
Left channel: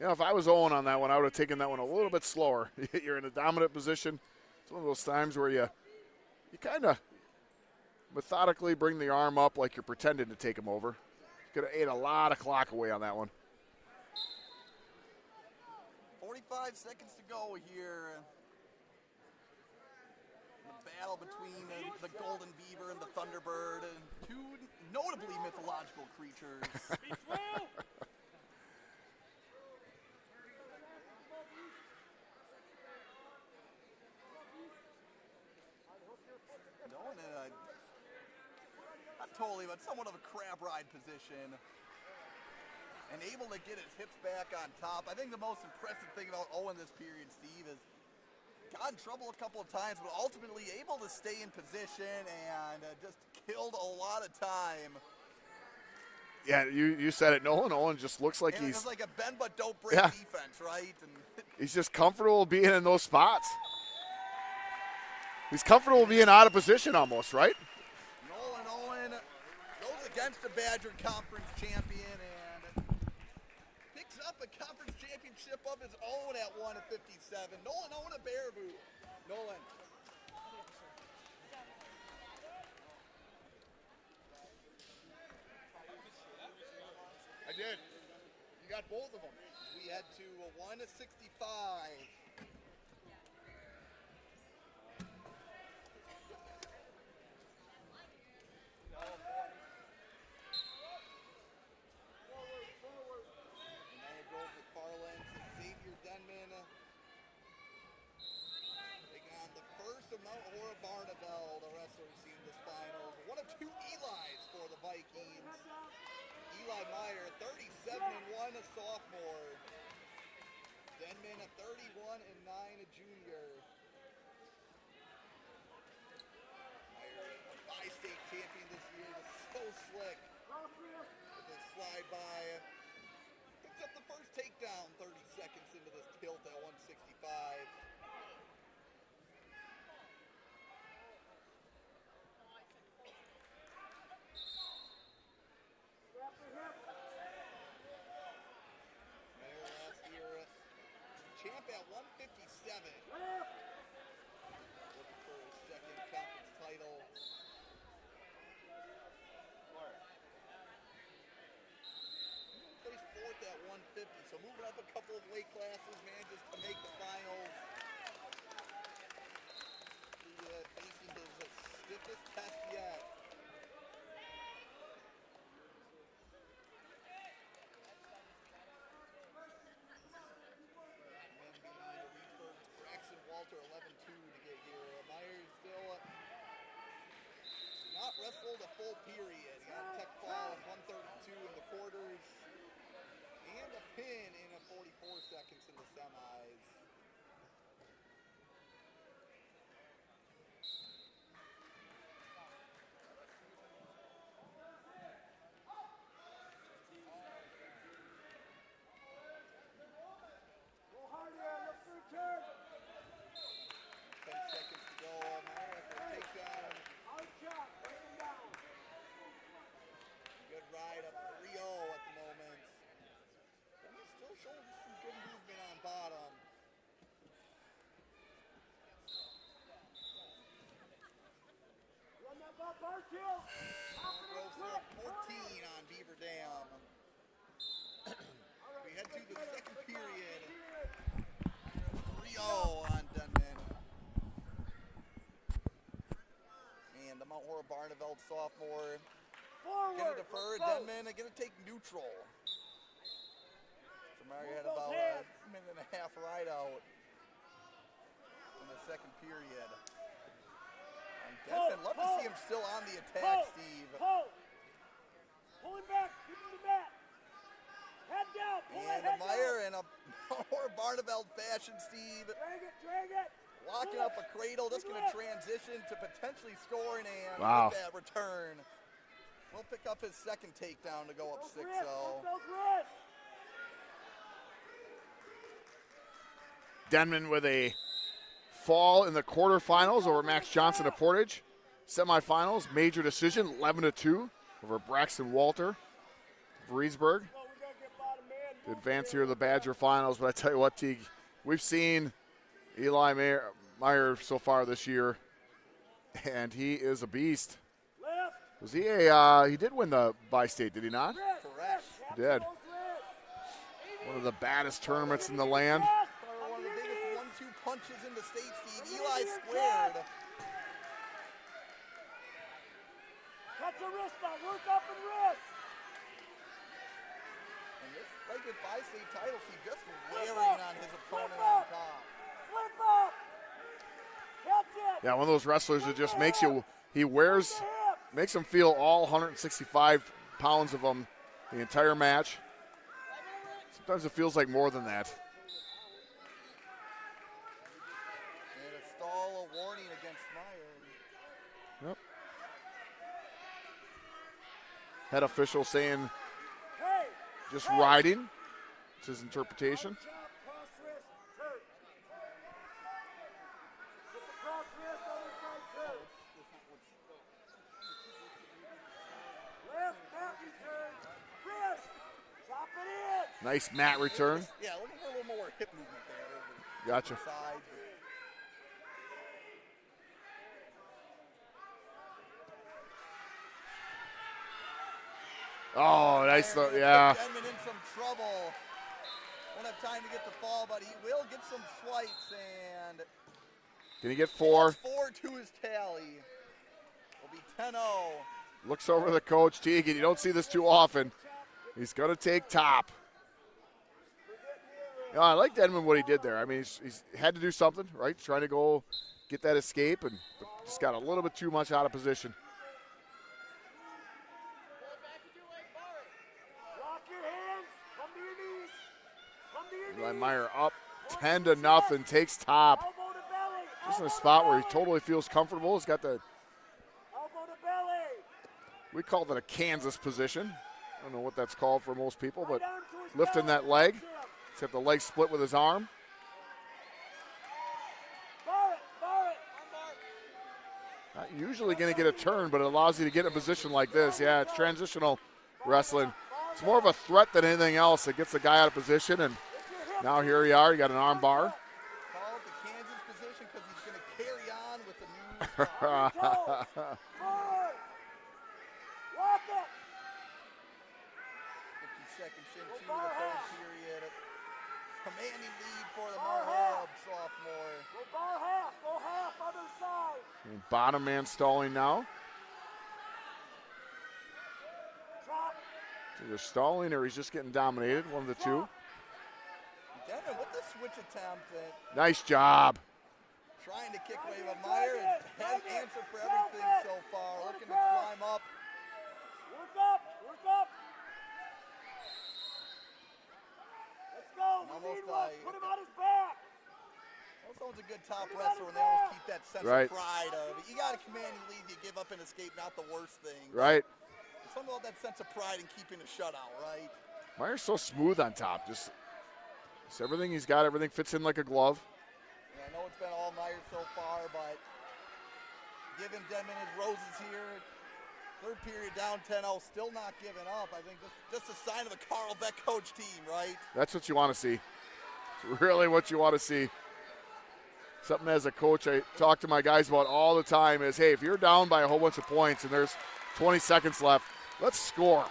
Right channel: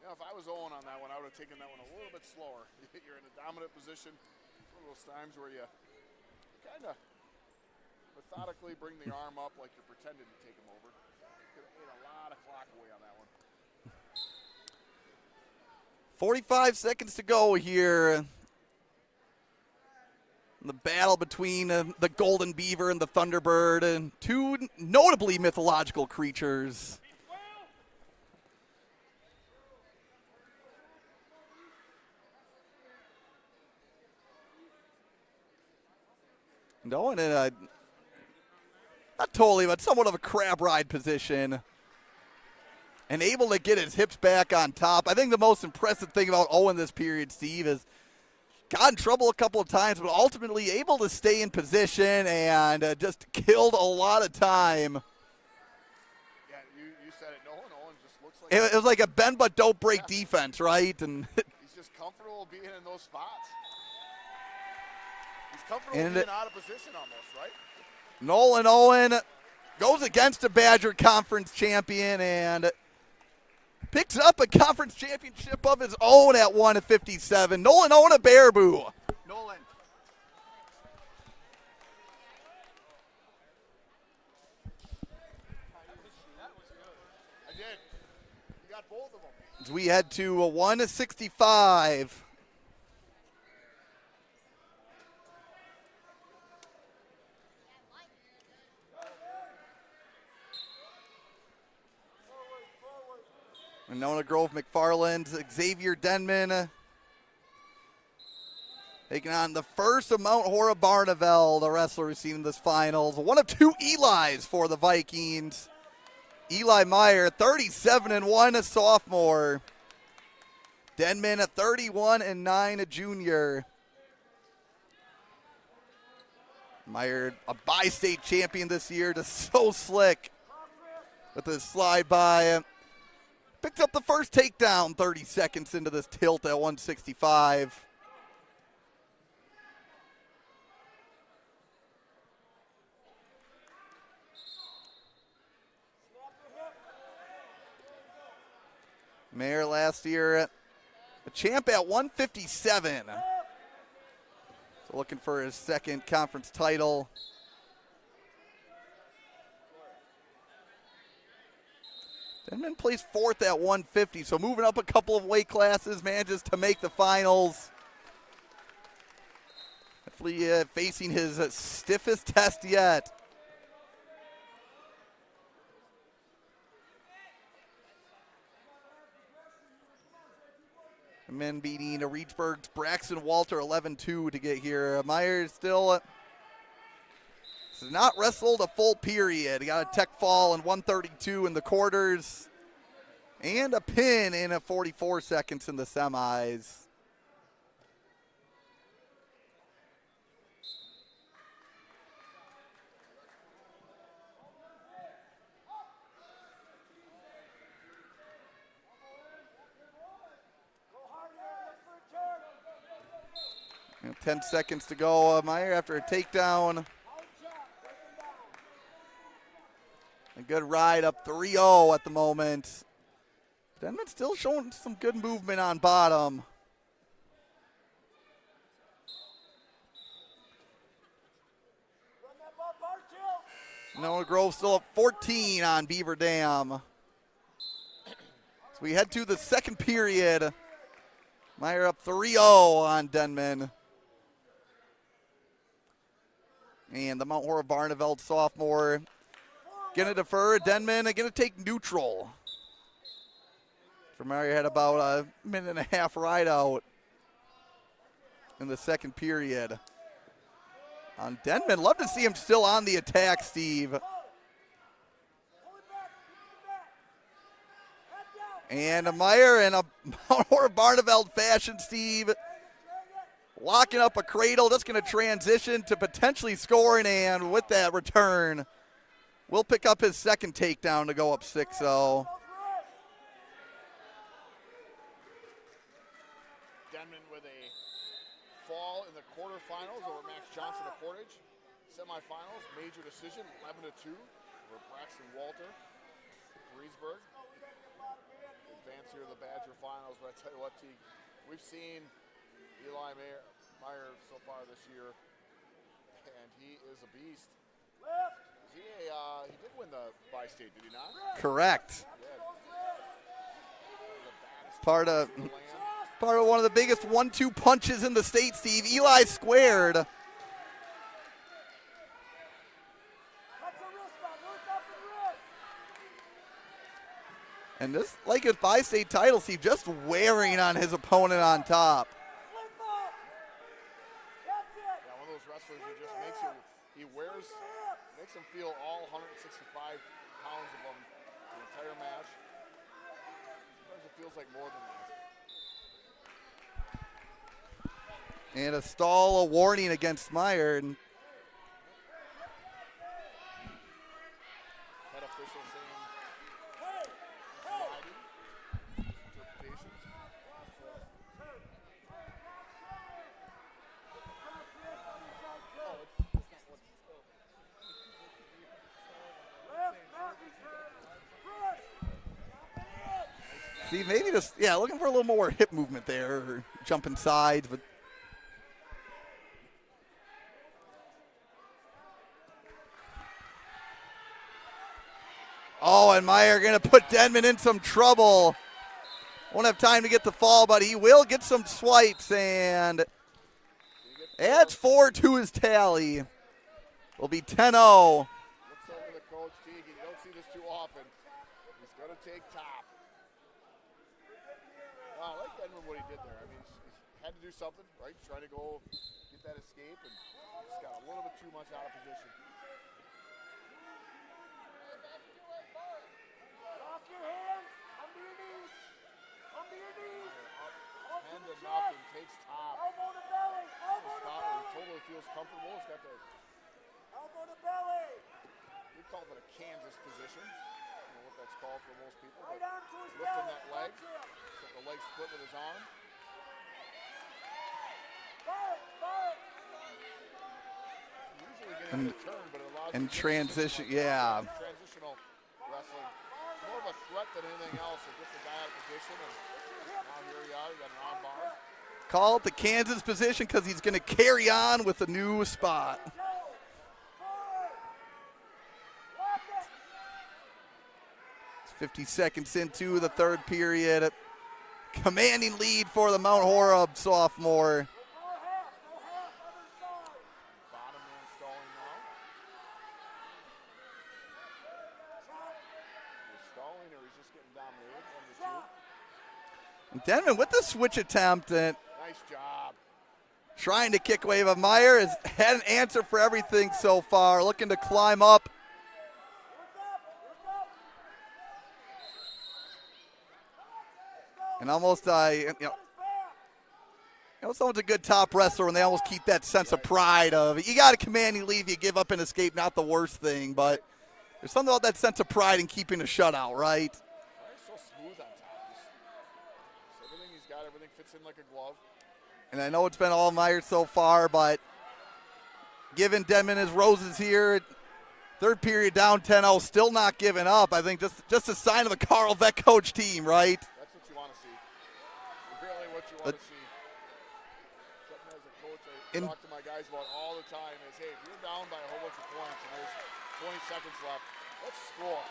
You know, if I was Owen on that one, I would have taken that one a little bit slower. You're in a dominant position. It's one of those times where you kind of methodically bring the arm up like you're pretending to take him over. Could have ate a lot of clock away on that one. 45 seconds to go here. The battle between the Golden Beaver and the Thunderbird, and two notably mythological creatures. Going in a, not totally, but somewhat of a crab ride position. And able to get his hips back on top. I think the most impressive thing about Owen this period, Steve, is got in trouble a couple of times, but ultimately able to stay in position and just killed a lot of time. Yeah, you said it, Nolan. Owen just looks like it was like a bend but don't break defense, right? And he's just comfortable being in those spots. He's comfortable being out of position almost, right? Nolan Owen goes against a Badger Conference champion and picks up a conference championship of his own at 1:57. Nolan Owen, a Baraboo. Nolan. I did. You got both of them. As we head to 1:65. Nona Grove McFarland, Xavier Denman taking on the first of Mount Hora Barneveld, the wrestler we've seen in this finals. One of two Eli's for the Vikings. Eli Meyer, 37-1, a sophomore. Denman, a 31-9, a junior. Meyer, a bi-state champion this year, just so slick with his slide by. Picked up the first takedown 30 seconds into this tilt at 165. Mayer last year, a champ at 157. So looking for his second conference title. Denman placed fourth at 150, so moving up a couple of weight classes, manages to make the finals. Definitely facing his stiffest test yet. Men beating Reedsburg's Braxton Walter 11-2 to get here. Meyer still has not wrestled a full period. He got a tech fall in 132 in the quarters and a pin in 44 seconds in the semis. And 10 seconds to go. Meyer after a takedown. A good ride up 3-0 at the moment. Denman still showing some good movement on bottom. Noah Grove still up 14 on Beaver Dam. So we head to the second period. Meyer up 3-0 on Denman. And the Mount Hora Barneveld sophomore gonna defer. Denman gonna take neutral. Meyer had about a minute and a half ride out in the second period. On Denman, love to see him still on the attack, Steve. And Meyer in a Mount Hora Barneveld fashion, Steve. Locking up a cradle, just going to transition to potentially scoring, and with that return, will pick up his second takedown to go up 6-0. Denman with a fall in the quarterfinals over Max Johnson of Portage. Semifinals, major decision, 11-2 over Braxton Walter of Reedsburg. To advance here to the Badger finals, but I tell you what, Teague, we've seen Eli Meyer so far this year, and he is a beast. Was he he did win the bi-state, did he not? Correct. He did. One of the baddest Part tournaments of- in the land. Part of one of the biggest 1-2 punches in the state, Steve. Eli squared. Catch a wrist now. Work up and wrist. And this, like his bi-state title, Steve, just wearing on his opponent on top. Slip up. Catch it. Yeah, one of those wrestlers that just makes you, makes him feel all 165 pounds of him the entire match. Sometimes it feels like more than that. And a stall, a warning against Meyer. And Yep. Head official saying just riding. It's his interpretation. Nice mat See, maybe return. just, yeah, looking for a little more hip movement there, or jumping sides. But and Meyer going to put Denman in some trouble. Won't have time to get the fall, but he will get some swipes, and Can he get 4? adds 4 to his tally. Will be 10-0. Looks over the coach, Teagan. You don't see this too often. He's going to take top. You know, I like Denman what he did there. I mean, he's had to do something, right? Trying to go get that escape, and just got a little bit too much out of position. Eli Meyer up 10-0, takes top. Just in a spot where he totally feels comfortable. He's got the, we called it a Kansas position. I don't know what that's called for most people, but lifting that leg. He's got the leg split with his arm. Not usually going to get a turn, but it allows you to get in a position like this. Yeah, it's transitional wrestling. It's more of a threat than anything else. It gets the guy out of position, and now here you are. You got an arm bar. Call it the Kansas position because he's going to carry on with a new spot. 50 seconds into the third period. Commanding lead for the Mount Horeb sophomore. And bottom man stalling now. Either stalling or he's just getting dominated, one of the two. Denman with the switch attempt. And nice job. Trying to kick away, but Meyer has had an answer for everything so far. Looking to climb up. And almost, someone's a good top wrestler when they almost keep that sense of pride of, you got a commanding lead, you give up and escape, not the worst thing. But there's something about that sense of pride in keeping a shutout, right? Meyer's so smooth on top. Just everything he's got, everything fits in like a glove. And I know it's been all Meyer so far, but giving Denman his roses here. Third period down 10-0, still not giving up. I think just a sign of a Carl Vec coach team, right? That's what you want to see. Really what you want to see. Something as a coach I talk to my guys about all the time is, hey, if you're down by a whole bunch of points and there's 20 seconds left, let's score.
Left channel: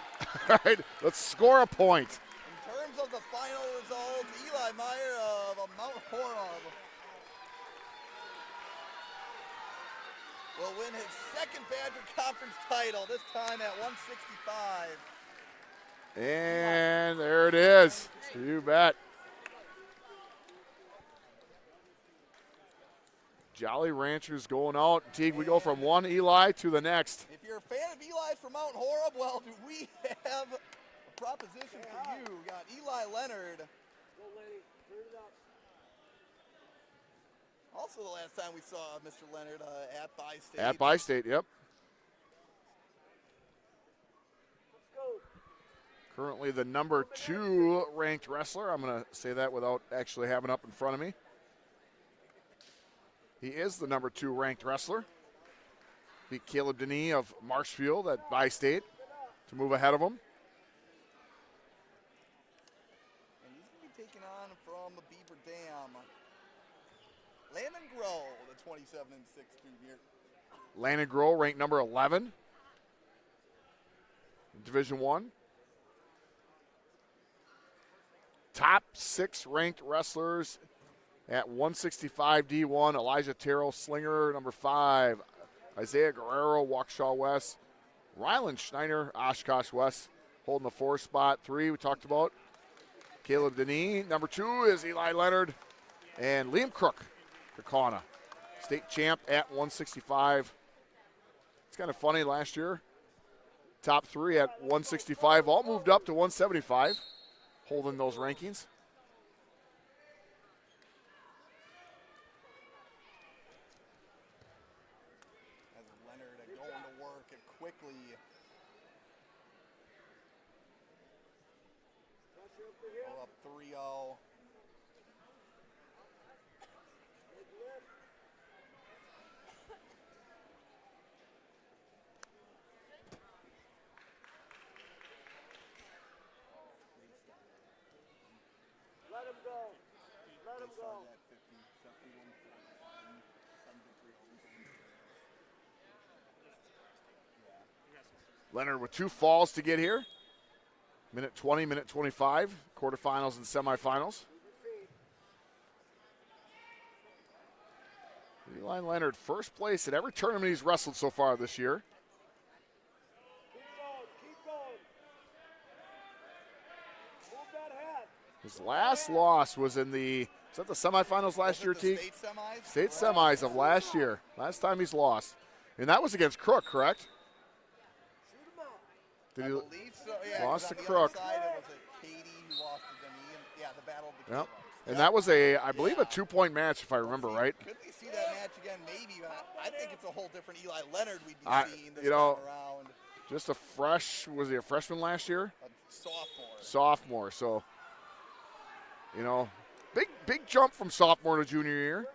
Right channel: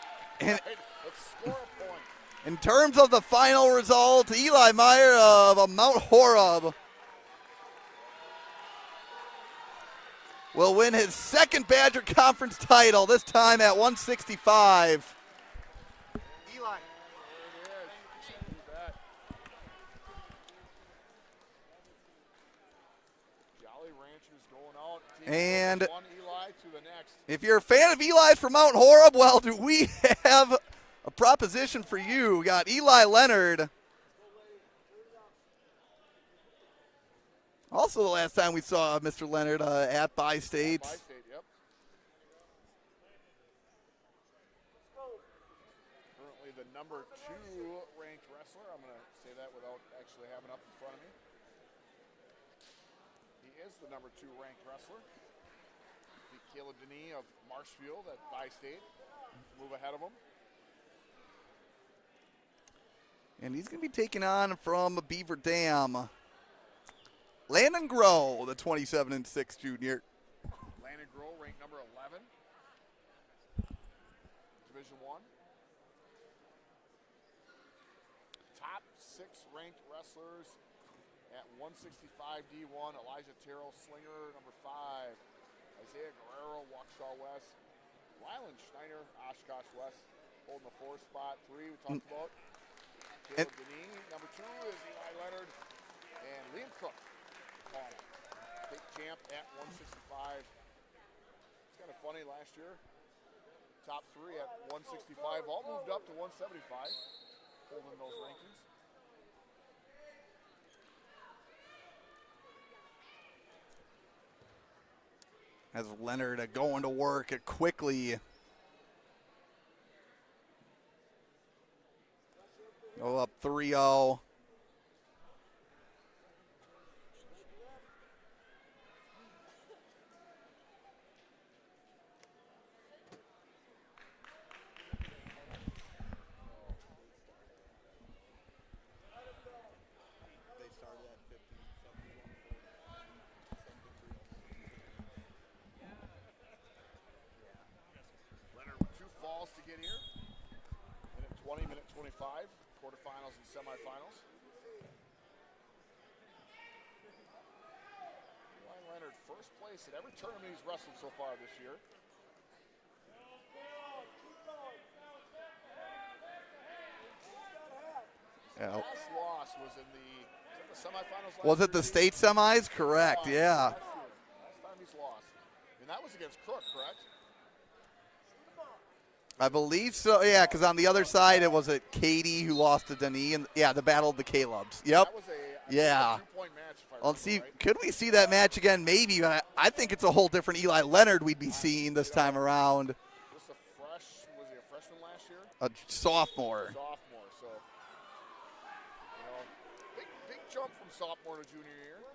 Right? Let's score a point. In terms of the final result, Eli Meyer of Mount Horeb will win his second Badger Conference title, this time at 165. And there it is. You bet. Jolly Ranchers going out. Team, we go from one Eli to the next. If you're a fan of Eli's from Mount Horeb, well, do we have a proposition for you. We got Eli Leonard. Also the last time we saw Mr. Leonard at Bi-State. At Bi-State, yep. Currently the number 2 ranked wrestler. I'm going to say that without actually having it up in front of me. He is the number 2 ranked wrestler. Beat Caleb Denis of Marshfield at Bi-State to move ahead of him. And he's going to be taking on from Beaver Dam, Landon Groh, the 27-6 junior. Landon Groh ranked number 11. Division I. Top 6 ranked wrestlers at 165 D1, Elijah Terrell, Slinger, number 5. Isaiah Guerrero, Waukesha West. Rylan Schneider, Oshkosh West, holding the 4 spot. 3 we talked about. Caleb Denis. Number 2 is Eli Leonard. And Liam Crook, Kakana. State champ at 165. It's kind of funny, last year, top 3 at 165 all moved up to 175, holding those rankings. As Leonard going to work quickly. Go up 3-0. Leonard with 2 falls to get here. Minute 20, minute 25, quarterfinals and semifinals. Eli Leonard, first place at every tournament he's wrestled so far this year. His last loss was in the, is that the semifinals last year? Was it the T? state semis? State Correct, semis yeah. of last year. Last time he's lost. And that was against Crook, correct? I believe so, yeah, because on the other side it was Katie who lost to Denis, and yeah, the battle of the Calebs. Yep. That was I believe, a 2-point match, if I remember right. Could we see that match again? Maybe, but I think it's a whole different Eli Leonard we'd be seeing this time around. Just was he a freshman last year? A sophomore. Sophomore, so, big jump from sophomore to junior year.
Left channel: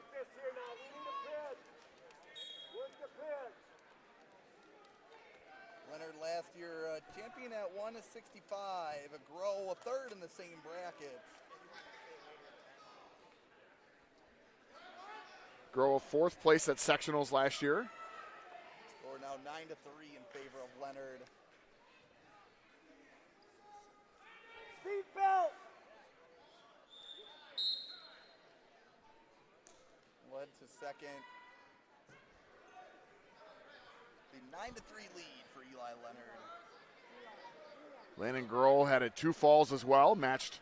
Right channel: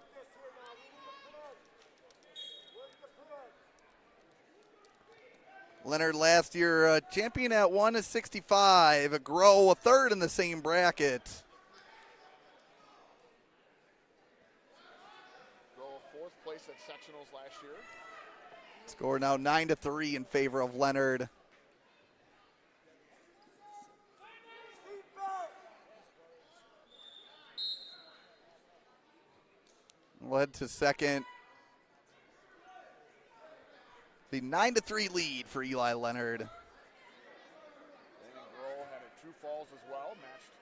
Leonard last year champion at 165, Grow a 3rd in the same bracket. Grow a 4th place at sectionals last year. Score now 9-3 in favor of Leonard. Led to second. The 9-3 lead for Eli Leonard. Landon Grohl had 2 falls as well, matched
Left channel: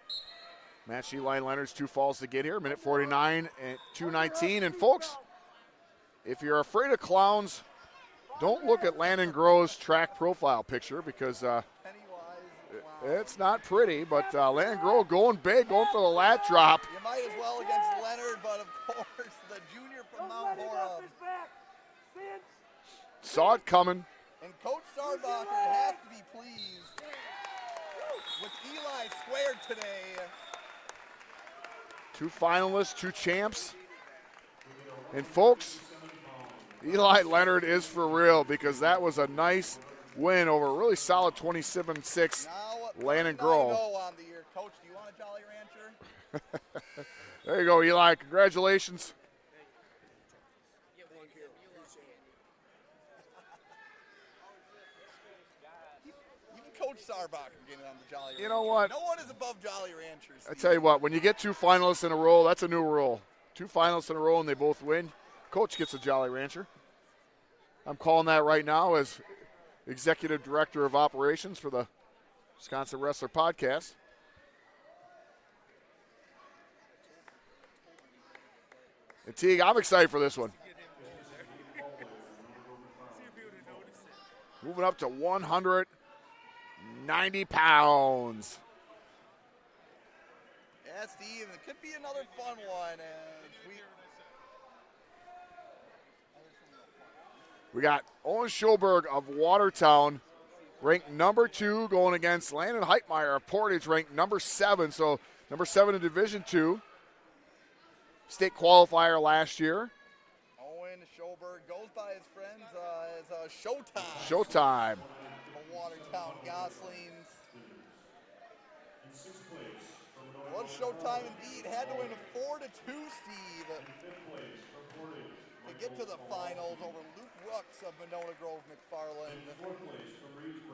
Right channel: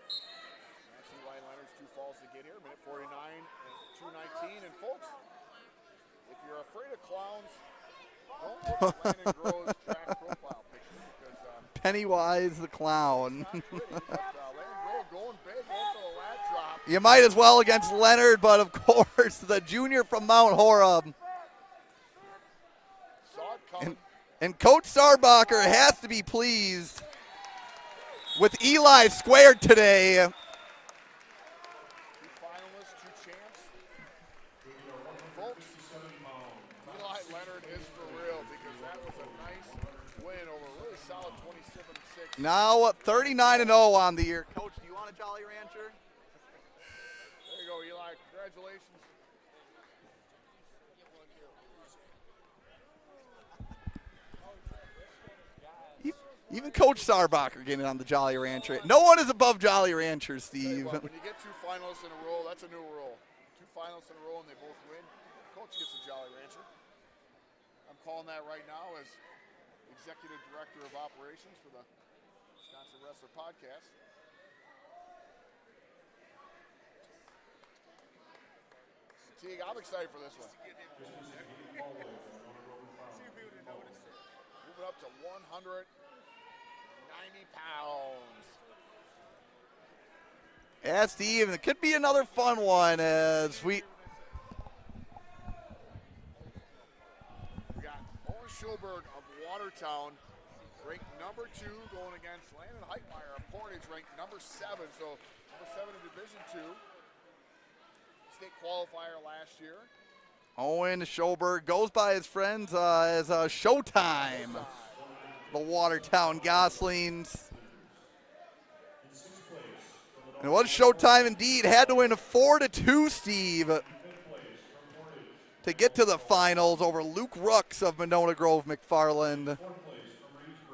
Eli Leonard's 2 falls to get here. Minute 49 and 2:19. And folks, if you're afraid of clowns, don't look at Landon Grohl's track profile picture, because Pennywise the clown. It's not pretty, but Landon Grohl going big, going for the lat drop. You might as well against Leonard, but of course the junior from Mount Horeb saw it coming. And Coach Sarbacher has to be pleased with Eli squared today. 2 finalists, 2 champs. And folks, Eli Leonard is for real, because that was a nice win over a really solid 27-6. Now 39-0 on the year. Coach, do you want a Jolly Rancher? There you go, Eli. Congratulations. Even Coach Sarbacher getting on the Jolly You know Rancher. what? No one is above Jolly Ranchers, Steve. I tell you what, when you get 2 finalists in a row, that's a new rule. 2 finalists in a row and they both win, Coach gets a Jolly Rancher. I'm calling that right now as Executive Director of Operations for the Wisconsin Wrestler Podcast. And Teague, I'm excited for this one. Moving up to 190 pounds. Yeah, Steve, it could be another fun one as we got Owen Schulberg of Watertown, ranked number 2, going against Landon Heitmeyer of Portage, ranked number 7. So number 7 in Division II. State qualifier last year. Owen Schulberg goes by his friends as Showtime. Showtime. The Watertown Goslings. And it was Showtime indeed. Had to win a 4-2, Steve, to get to the finals over Luke Rooks of Monona Grove McFarland.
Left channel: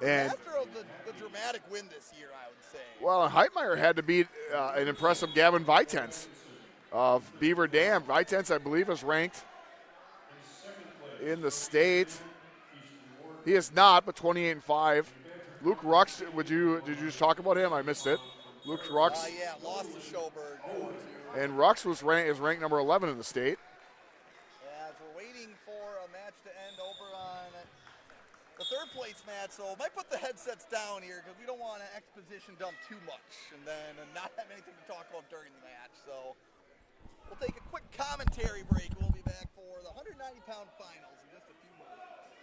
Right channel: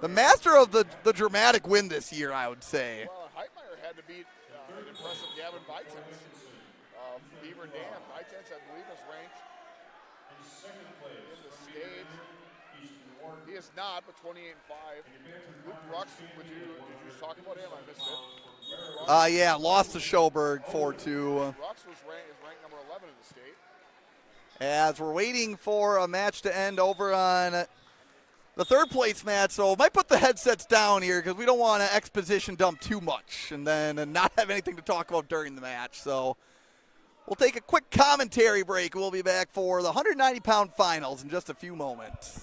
The And- master of the dramatic win this year, I would say. Well, Heitmeyer had to beat an impressive Gavin Vitens of Beaver Dam. Vitens, I believe, is ranked in the state. He is not, but 28-5. Luke Rux, did you just talk about him? I missed it. Luke Rux. Yeah, lost to Schoberg 4-2. And Rux is ranked number 11 in the state. As we're waiting for a match to end over on the third place match, so might put the headsets down here because we don't want to exposition dump too much and then not have anything to talk about during the match. So we'll take a quick commentary break and we'll be back for the 190-pound finals in just a few moments.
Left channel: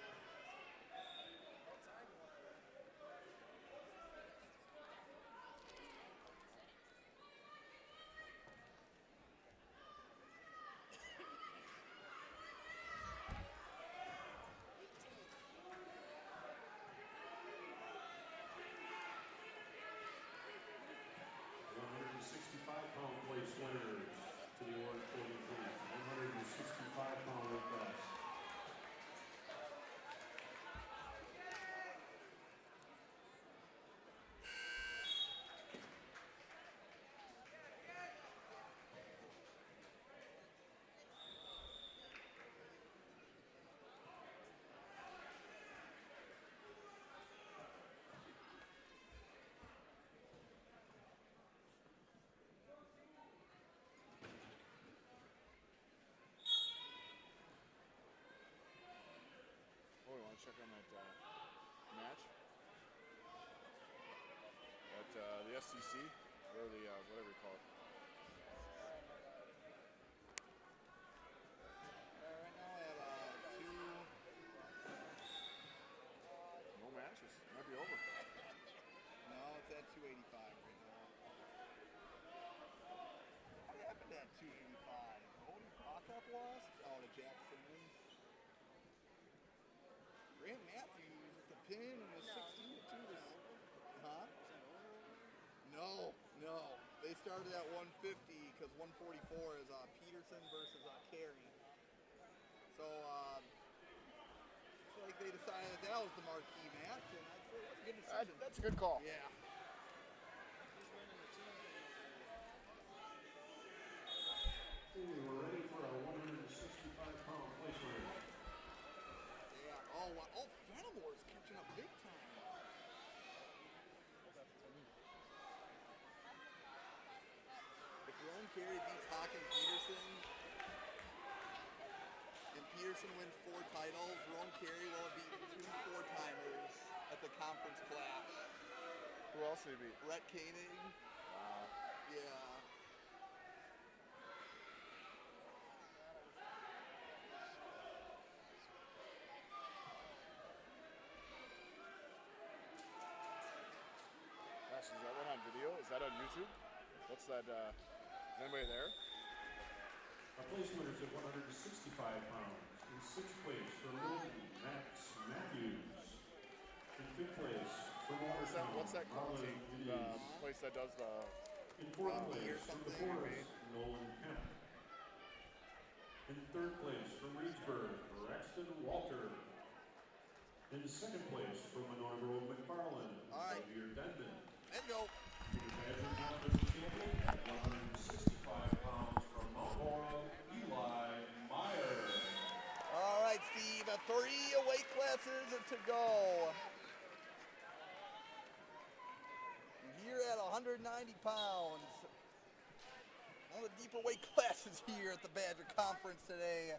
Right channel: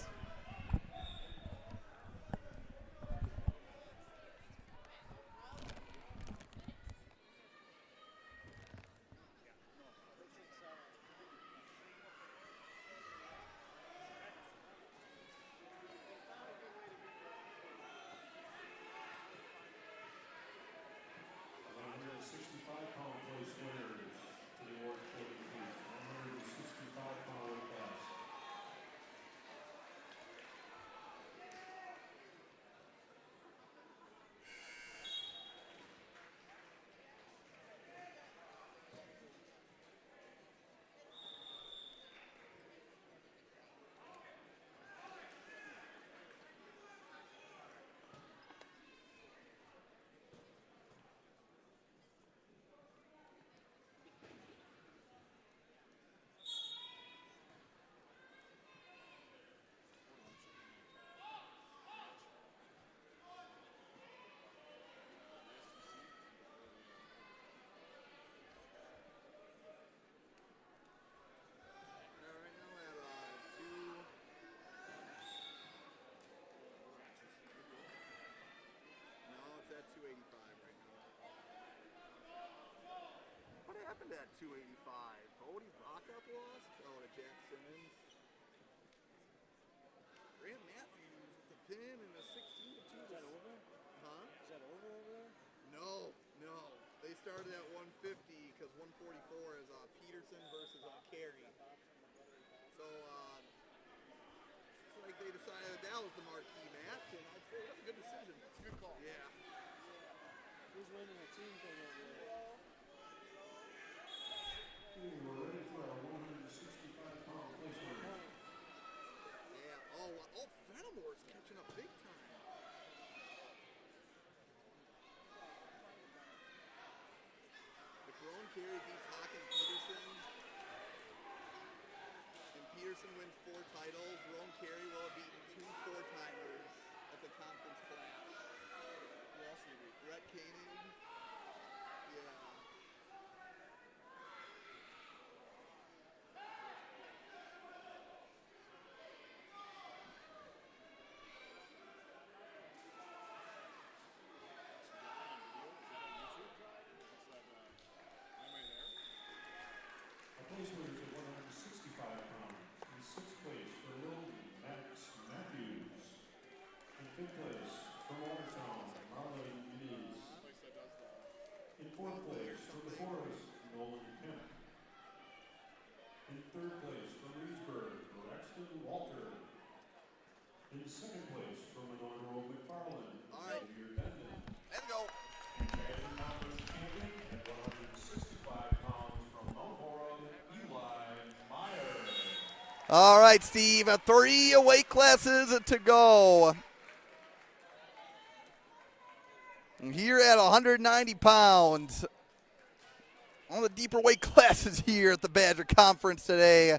At 285. Cody Backup lost? Oh, to Jack Simmons. Grant Matthews with the pin and the 16-2 to over. Huh? Is that over there? No. They started at 150 because 144 is Peterson versus Carey. So, it's like they decided that was the marquee match, and I'd say that's a good decision. That's a good call. Yeah. Who's winning the team thing over there? We're ready for our 165-pound place order. Yeah. Oh, Fenimore's catching up big time. If Rowan Carey beats Hawk and Peterson, and Peterson wins 4 titles, Rowan Carey will have beaten 2 4-timers at the conference clash. Who else they beat? Rhett Koenig. Yeah. Is that one on video? Is that on YouTube? What's that? Is anybody there? Our place winners at 165 pounds. In 6th place for Logan, Max Matthews. In 5th place for What's that called? Marley The Ruiz. place that does the. In 4th place for the Forest, Nolan Kemp. In 3rd place for Reedsburg, Braxton Walter. In 2nd place for Monroe McFarland, All right. Xavier Bendon. Let's go. Pageant Conference champion at 165 pounds from Mount Morrow, Eli Meyer. All right, Steve, 3 weight classes to go. And here at 190 pounds, all the deeper weight classes here at the Badger Conference today.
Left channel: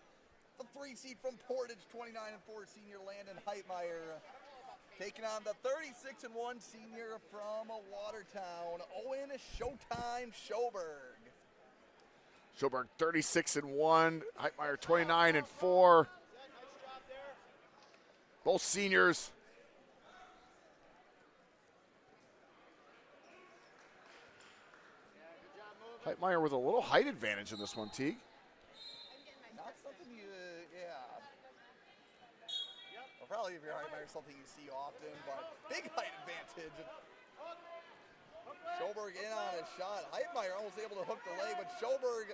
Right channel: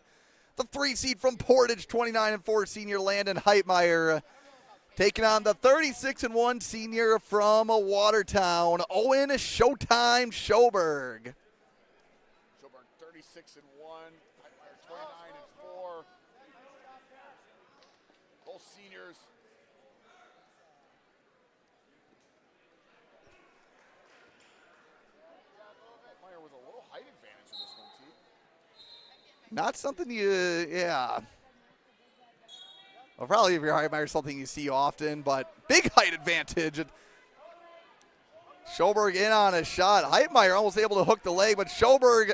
The 3 seed from Portage, 29-4 senior Landon Heitmeyer, taking on the 36-1 senior from Watertown, Owen Showtime Schoberg. Schoberg 36-1. Heitmeyer 29-4. Both seniors. Heitmeyer with a little height advantage in this one, Teague. Not something yeah. Well, probably if you're Heitmeyer, something you see often, but big height advantage. And Schoberg in on a shot. Heitmeyer almost able to hook the leg, but Schoberg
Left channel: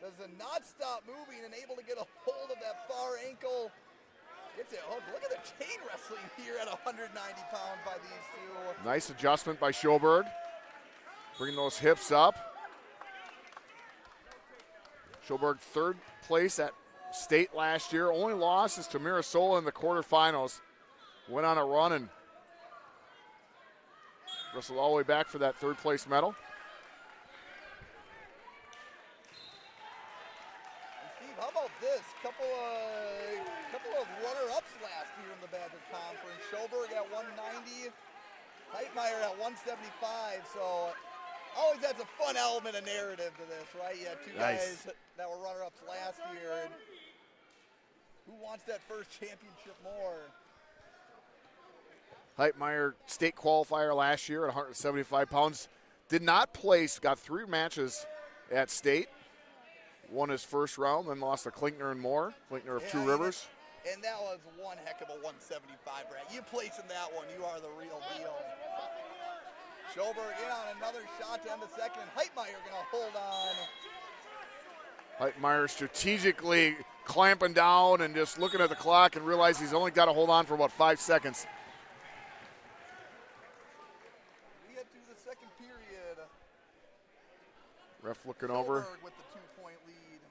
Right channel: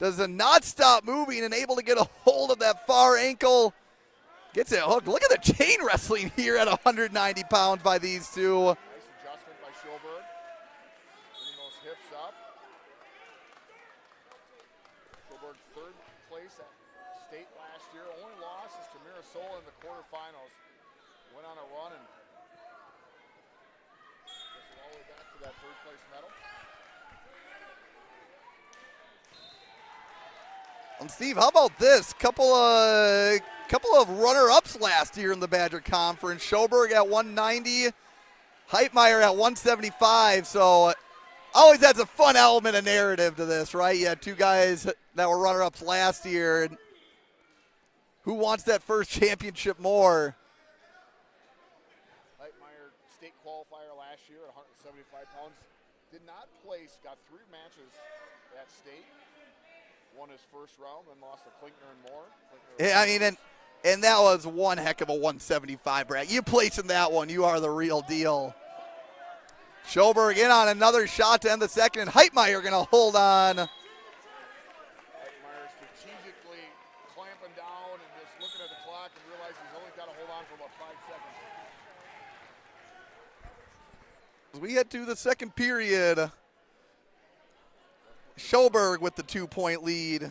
does not stop moving and able to get a hold of that far ankle. Gets it hooked. Look at the chain wrestling here at 190 pounds by these two. Nice adjustment by Schoberg. Bringing those hips up. Schoberg third place at state last year. Only loss is to Mirasola in the quarterfinals. Went on a run and wrestled all the way back for that third place medal. And Steve, how about this? Couple of runner-ups last year in the Badger Conference. Schoberg at 190, Heitmeyer at 175. So always adds a fun element of narrative to this, right? You had two guys that were runner-ups last year. And who wants that first championship more? Heitmeyer, state qualifier last year at 175 pounds. Did not place, got 3 matches at state. Won his first round, then lost to Klinkner and Moore. Klinkner of Two Rivers. And that was one heck of a 175, Brad. You place in that one, you are the real deal. Schoberg in on another shot to end the second, and Heitmeyer going to hold on. Heitmeyer strategically clamping down and just looking at the clock and realize he's only got to hold on for about 5 seconds. As we head to the second period, Ref looking Schoberg over. with the 2-point lead.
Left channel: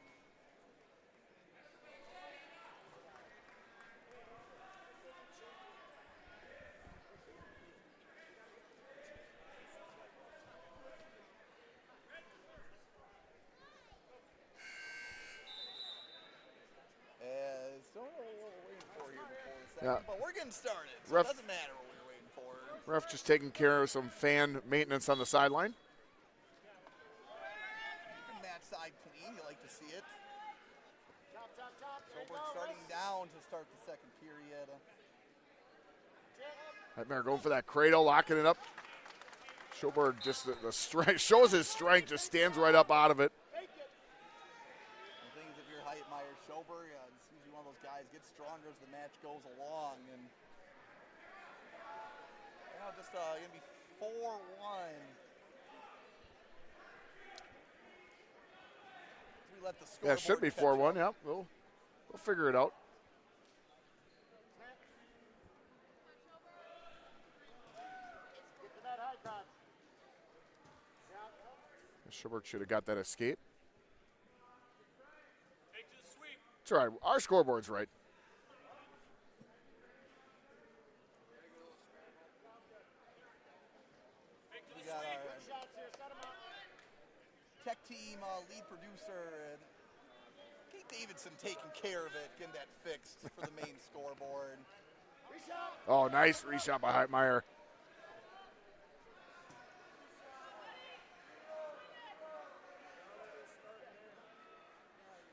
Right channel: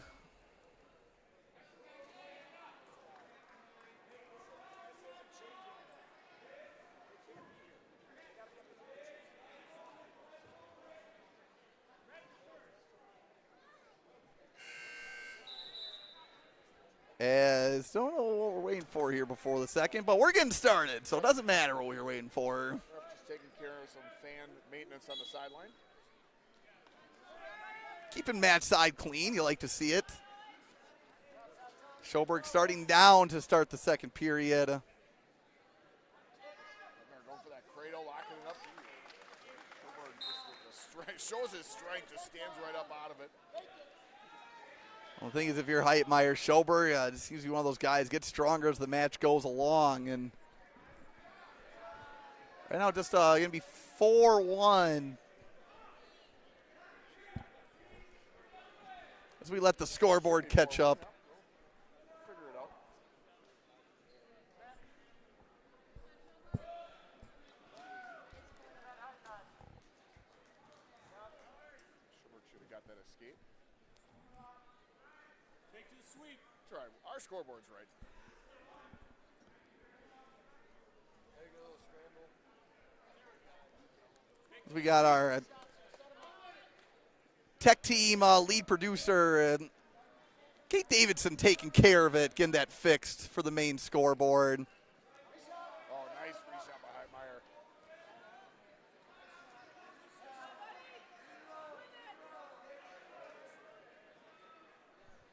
As don't know what we're waiting for here before the second, but we're getting started, so it doesn't matter what we were waiting for. Ref just taking care of some fan maintenance on the sideline. Keeping match side clean, you like to see it. Schoberg starting down to start the second period. Heitmeyer going for that cradle, locking it up. Schoberg just the strength, shows his strength, just stands right up out of it. Well, the thing is, if you're Heitmeyer, Schoberg just seems to be one of those guys, gets stronger as the match goes along. And right now, just going to be 4-1. As we let the scoreboard catch up. Yep, we'll figure it out. Schoberg should have got that escape. Take to the sweep. It's all right. Our scoreboard's right. We got our tech team lead producer, Kate Davidson, taking care of it, getting that fixed for the main scoreboard. Oh, nice reshot by Heitmeyer.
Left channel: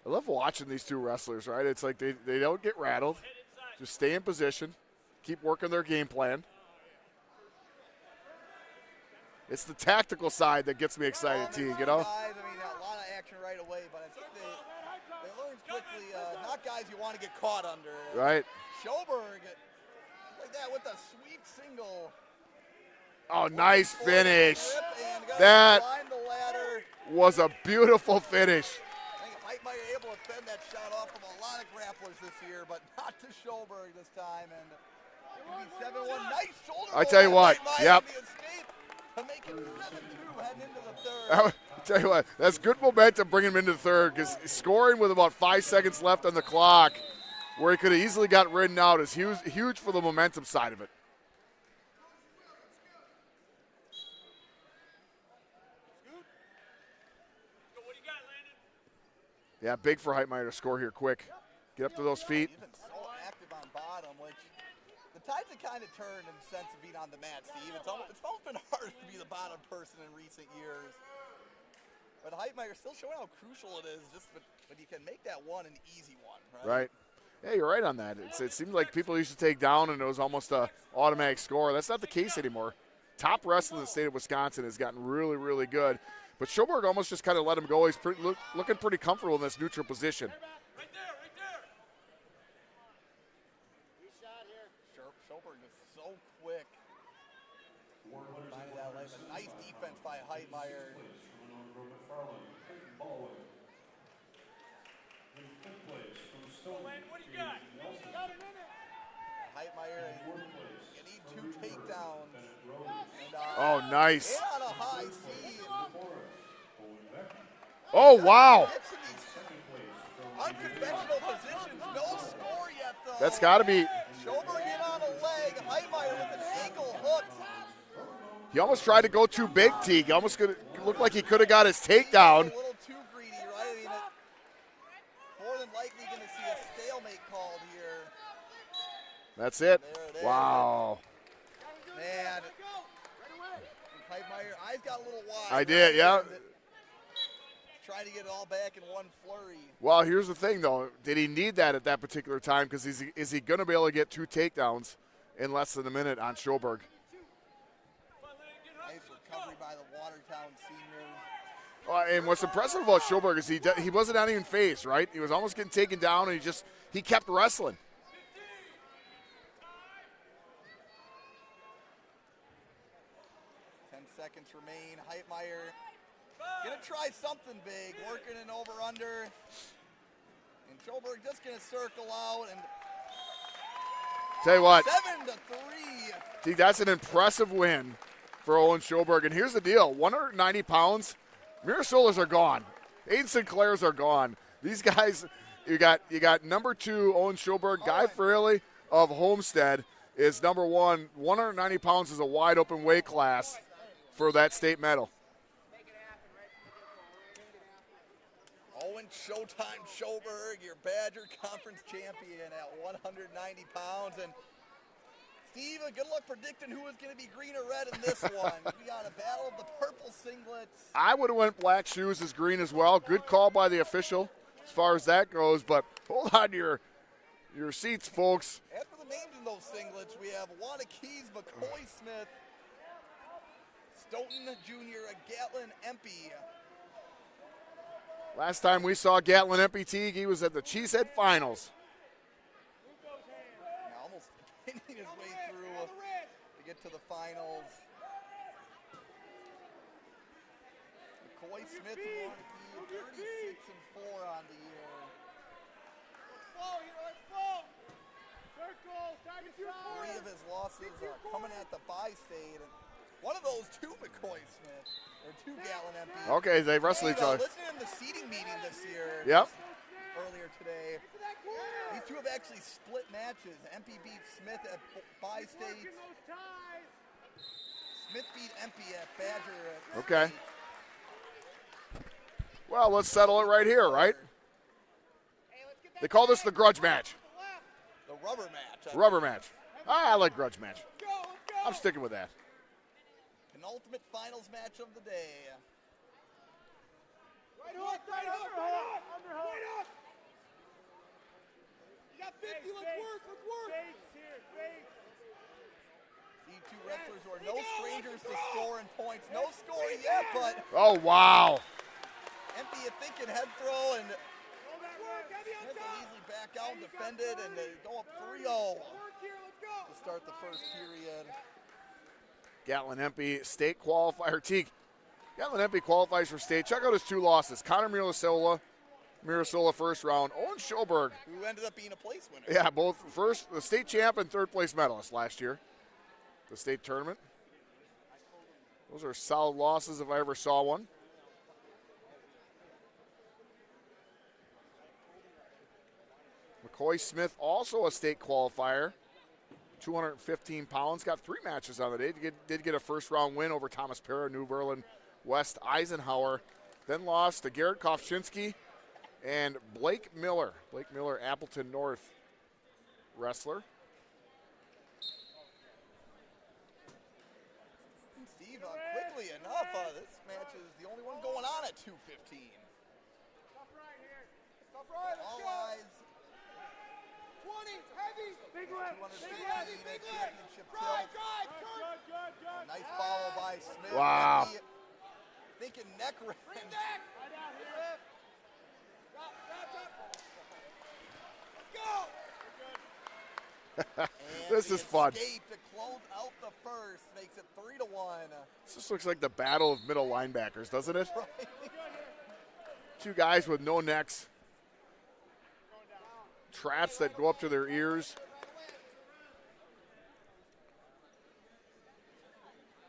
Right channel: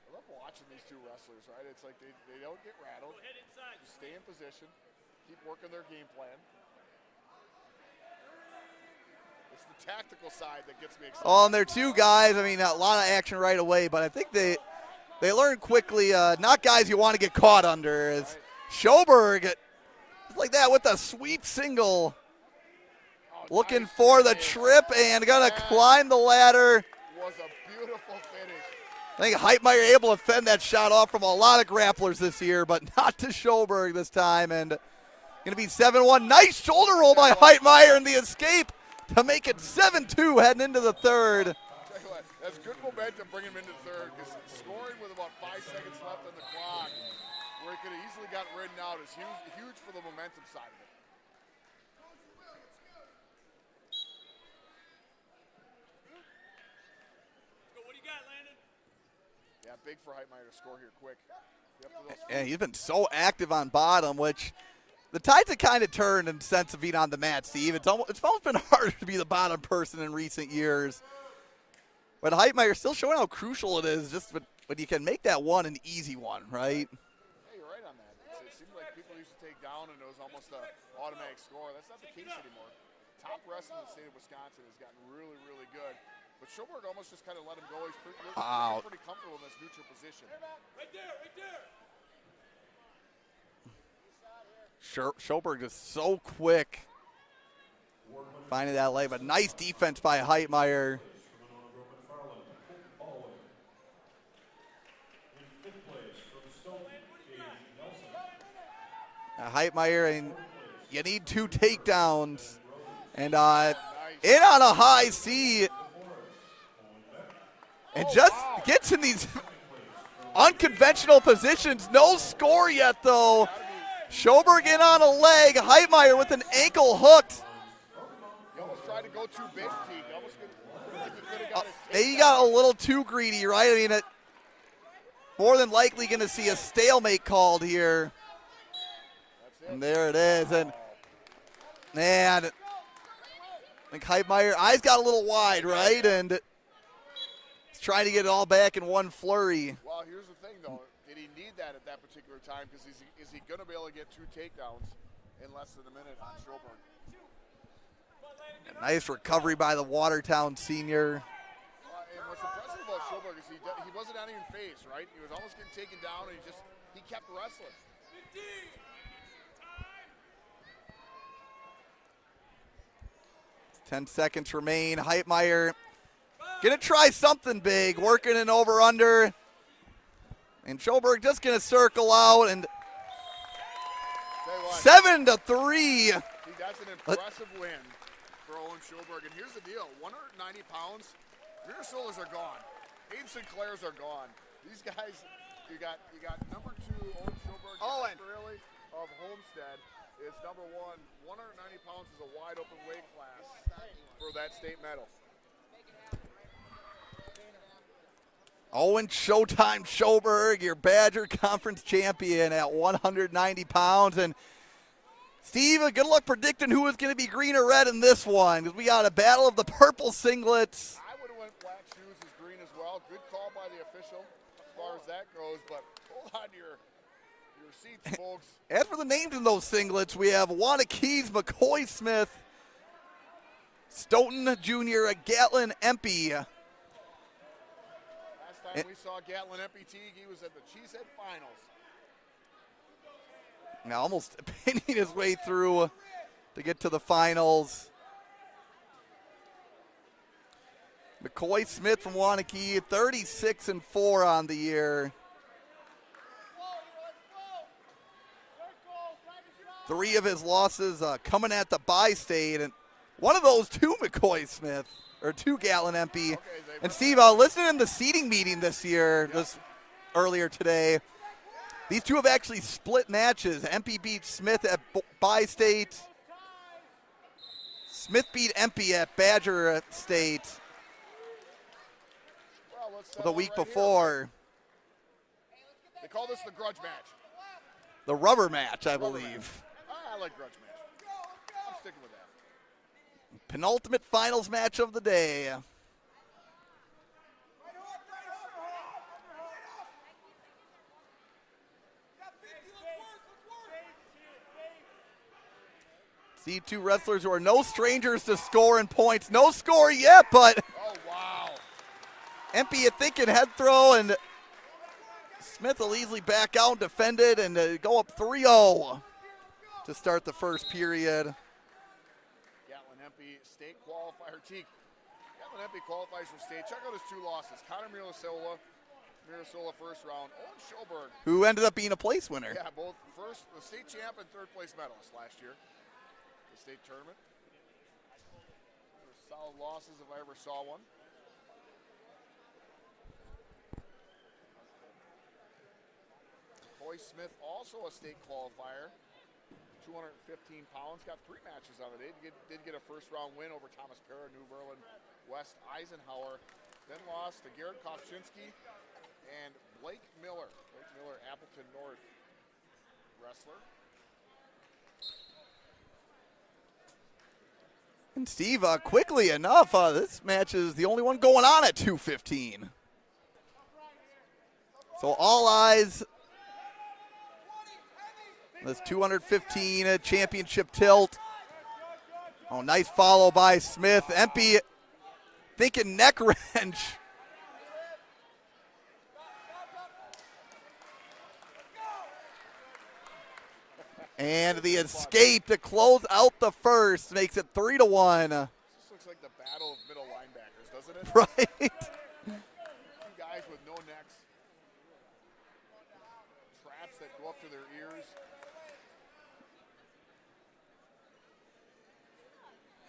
I love watching these two wrestlers, right? It's like they don't get rattled. Just stay in position. Keep working their game plan. It's the tactical side that gets me excited. Oh, and they're two guys, I mean, a lot of action right away, but I think they learn quickly, not guys you want to get caught under. Right. Schoberg, like that with a sweep single. Oh, looking nice for finish. the trip and going to climb the ladder. Was a beautiful finish. I think Heitmeyer able to fend that shot off from a lot of grapplers this year, but not to Schoberg this time. And going to be 7-1. Nice shoulder roll by Heitmeyer on the escape to make it 7-2 heading into the third. I'll tell you what, that's good momentum bringing him into the third, because scoring with about 5 seconds left on the clock, where he could have easily got ridden out, is huge for the momentum side of it. Yeah, big for Heitmeyer to score here quick. Get up to those feet. Man, he's been so active on bottom, which the tides have kind of turned in sense of being on the mat, Steve. It's almost been harder to be the bottom person in recent years. But Heitmeyer still showing how crucial it is, just when you can make that one an easy one, right? Yeah, you're right on that. It seemed like people used to take down and it was almost an automatic score. That's not the case anymore. Top wrestler in the state of Wisconsin has gotten really, really good. But Schoberg almost just kind of let him go. He's looking pretty comfortable in this neutral position. Schoberg is so quick finding that leg, but nice defense by Heitmeyer. Heitmeyer, and you need 2 takedowns. And Oh, nice. in on a high C. Oh, just wow. Gets in these unconventional positions. No score yet, though. That's got to be. Schoberg in on a leg. Heitmeyer with an ankle hooked. He almost tried to go too big, Teague. Almost looked like he could have got his takedown. He got a little too greedy, right? I mean, more than likely going to see a stalemate called here. That's it. And there it is. Wow. And man, I think Heitmeyer, eyes got a little wide, right? Yeah. And he's trying to get it all back in one flurry. Well, here's the thing, though. Did he need that at that particular time? Because is he going to be able to get 2 takedowns in less than a minute on Schoberg? Nice recovery by the Watertown senior. And what's impressive about Schoberg is he wasn't on even phased, right? He was almost getting taken down, and he kept wrestling. 10 seconds remain. Heitmeyer gonna try something big, working an over-under. And Schoberg just gonna circle out, and Tell you what, 7-3. see, that's an impressive win for Owen Schoberg. And here's the deal: 190 pounds. Mirasolas are gone. Aiden Sinclair's are gone. These guys, you got number 2 Owen Schoberg. Guy Fraley of Homestead is number 1. 190 pounds is a wide open weight class for that state medal. Owen Showtime Schoberg, your Badger Conference champion at 190 pounds. And Steve, good luck predicting who is going to be green or red in this one. We got a battle of the purple singlets. I would have went black shoes as green as well. Good call by the official as far as that goes, but hold on to your seats, folks. As for the names in those singlets, we have Wanakees, McCoy Smith, Stoughton Jr., Gatlin Empey. Last time we saw Gatlin Empey, Teague, he was at the Cheesehead Finals. Now almost pinning his way through to get to the finals. McCoy Smith from Wanakee, 36-4 on the year. 3 of his losses coming at the bi-state, and one of those 2 McCoy Smith, or 2 Gatlin Empey. Okay, they And wrestled Steve, each other. listening in the seating meeting this year, earlier today, these 2 have actually split matches. Empey beat Smith at bi-state. Smith beat Empey at Badger State. Well, let's settle it right here, right? They call this the grudge match. The rubber match, I Rubber believe. match. I like grudge match. I'm sticking with that. Penultimate finals match of the day. Right hook, right hook, right hook, right hook. You got 50, let's work. See 2 wrestlers who are no strangers to scoring points. No score yet, but Oh, wow. Empey, you thinking head throw, and Smith will easily back out and defend it and go up 3-0 to start the first period. Gatlin Empey, state qualifier. Teague, Gatlin Empey qualifies for state. Check out his 2 losses. Connor Mirasola first round. Owen Schoberg. Who ended up being a place winner. Yeah, both the state champ and 3rd place medalist last year. The state tournament. Those are solid losses if I ever saw one. McCoy Smith, also a state qualifier. 215 pounds, got 3 matches on the day. Did get a first-round win over Thomas Parra, New Berlin, West Eisenhower. Then lost to Garrett Kovchinsky and Blake Miller. Blake Miller, Appleton North wrestler. And Steve, quickly enough, this match is the only one going on at 2:15. So all eyes. This 215 championship tilt. Oh, nice follow by Smith. Wow. Empey thinking neck wrench. And This the is fun. escape to close out the first makes it 3-1. This just looks like the battle of middle linebackers, doesn't it? Right? 2 guys with no necks. Traps that go up to their ears.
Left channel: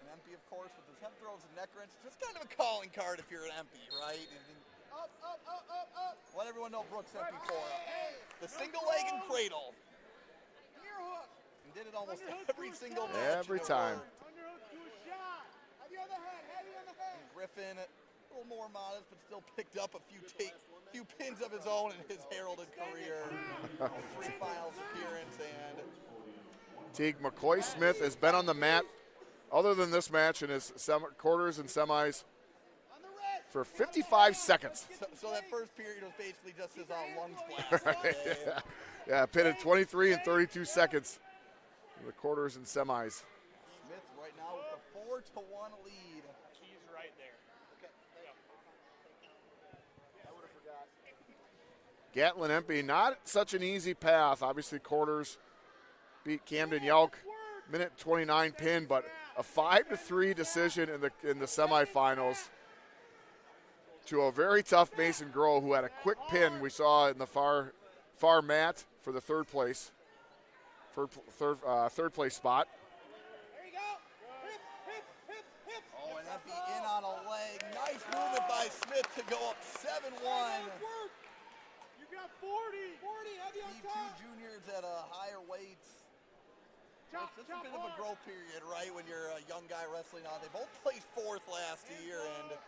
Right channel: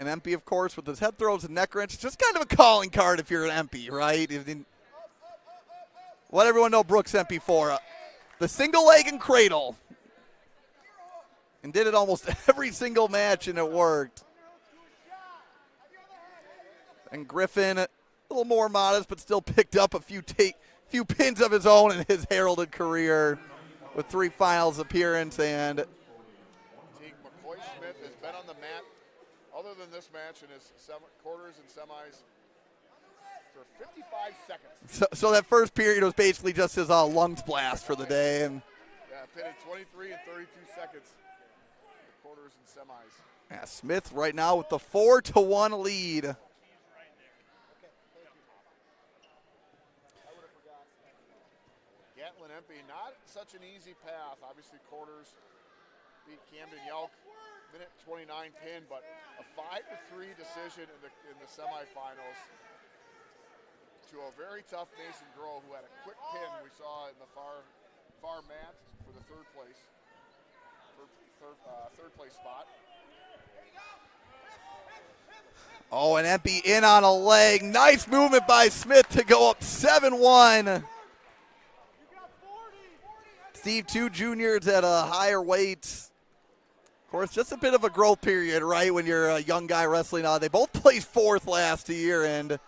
And Empey, of course, with his head throws and neck wrench, just kind of a calling card if you're an Empey, right? Let everyone know Brooks Empey for the single leg and cradle. And did it almost every single match, and it worked. And Griffin, a little more modest, but still picked up a few pins of his own in his heralded career with 3 finals appearance. And Teague McCoy Smith has been on the mat, other than this match, in his quarters and semis for 55 seconds. So that first period was basically just his lungs blast for the day. And yeah, pitted 23 and 32 seconds in the quarters and semis. yeah, Smith right now with the 4-1 lead. Gatlin Empey, not such an easy path. Obviously, quarters beat Camden Yelk, minute 29 pin, but a 5-3 decision in the semifinals to a very tough Mason Groh, who had a quick pin we saw in the far mat for the third place spot. Oh, and Empey in on a leg. Nice movement by Smith to go up 7-1. Steve, 2 juniors at a higher weight. Of course, just a bit of a growth period, right, when you're a young guy wrestling. They both placed 4th last year, and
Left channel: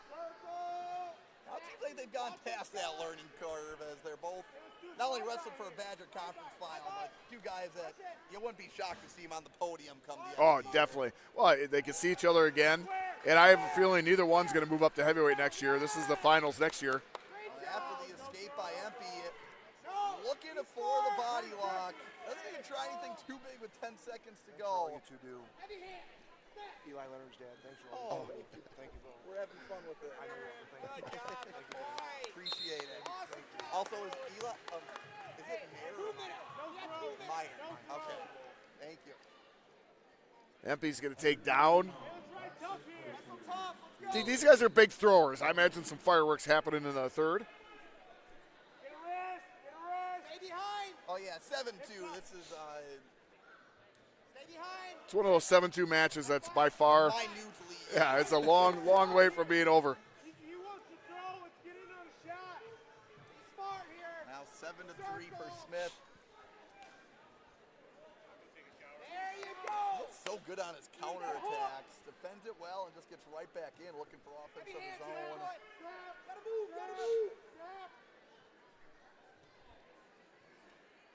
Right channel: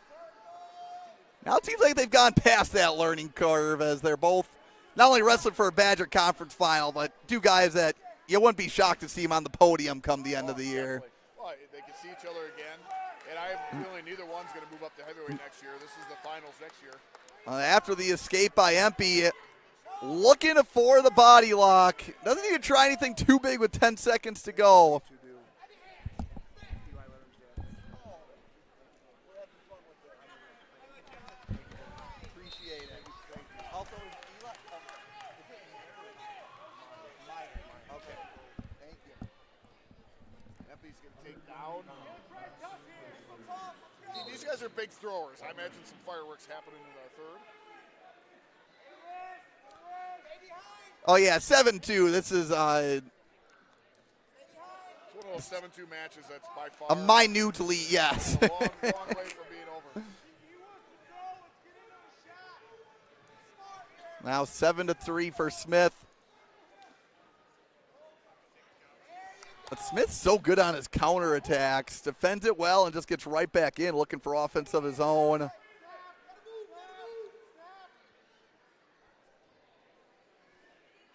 now it seems like they've gone past that learning curve as they're both not only wrestling for a Badger Conference final, but 2 guys that you wouldn't be shocked to see them on the podium come the end of the year. Definitely. Well, they can see each other again, and I have a feeling neither one's going to move up to heavyweight next year. This is the finals next year. After the escape by Empey, looking for the body lock. Doesn't need to try anything too big with 10 seconds to go. Appreciate it. Also, is Eli, is it Mayer or Meyer? Okay. Thank you. Empey's going to take down. See, these guys are big throwers. I imagine some fireworks happening in the third. Oh, yeah, 7-2. This is It's one of those 7-2 matches that's by far a minute lead, yes. Yeah, it's a long, long way from being over. Now 7-3 for Smith. But Smith's so good on his counterattacks. Defends it well and just gets right back in, looking for offense of his own.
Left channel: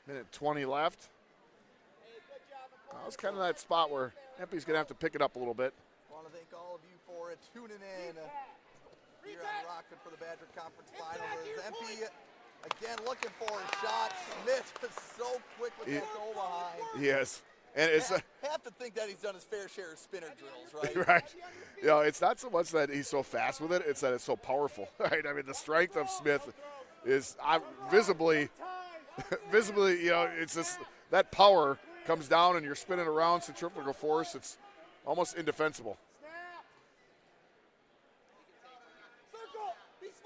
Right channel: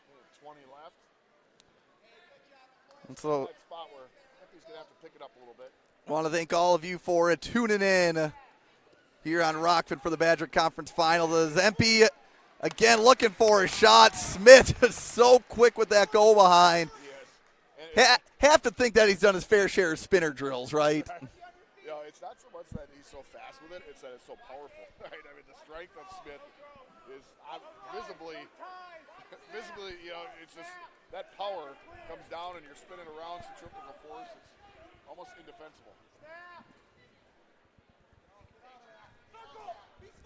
Minute 20 left. It's kind of that spot where Empey's going to have to pick it up a little bit. I want to thank all of you for tuning in here on Rokfin for the Badger Conference Final. As Empey again looking for a shot. Smith is so quick with that go behind. Yes. And it's have to think that he's done his fair share of spinner drills, right? Right. You know, it's not so much that he's so fast with it, it's that it's so powerful. Right? I mean, the strength of Smith is visibly, you know, it's just that power comes down and you're spinning around centrifugal force. It's almost indefensible.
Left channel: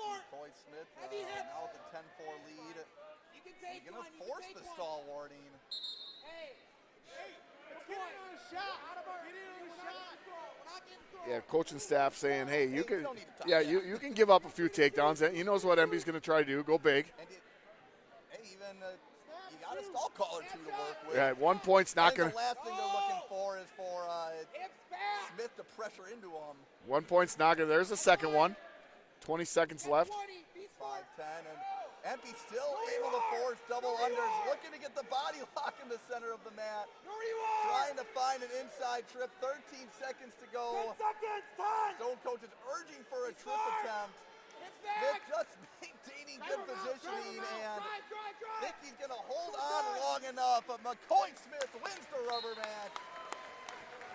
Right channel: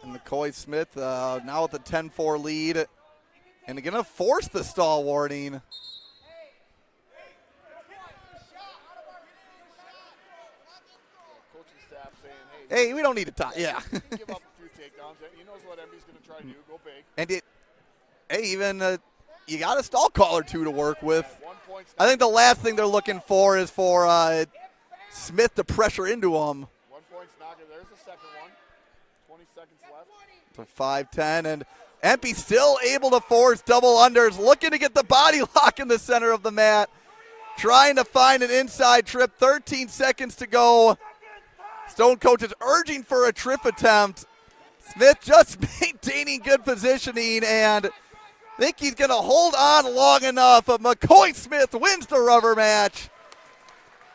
And McCoy Smith now with a 10-4 lead. And going to force the stall warning. Yeah, coaching staff saying, hey, we don't need to talk. Yeah. You can give up a few takedowns. He knows what Empey's going to try to do. Go big. And you got a stall call or 2 to work with. Right, 1 point's not I think the last thing they're looking for is for Smith to pressure into him. 1 point's not going to. There's the second one. 20 seconds left. For 5-10, and Empey still able to force double unders, looking to get the body lock in the center of the mat. Trying to find an inside trip, 13 seconds to go. Stone Coach is urging for a trip attempt. Smith just maintaining good positioning, and I think he's going to hold on long enough. McCoy Smith wins the rubber match.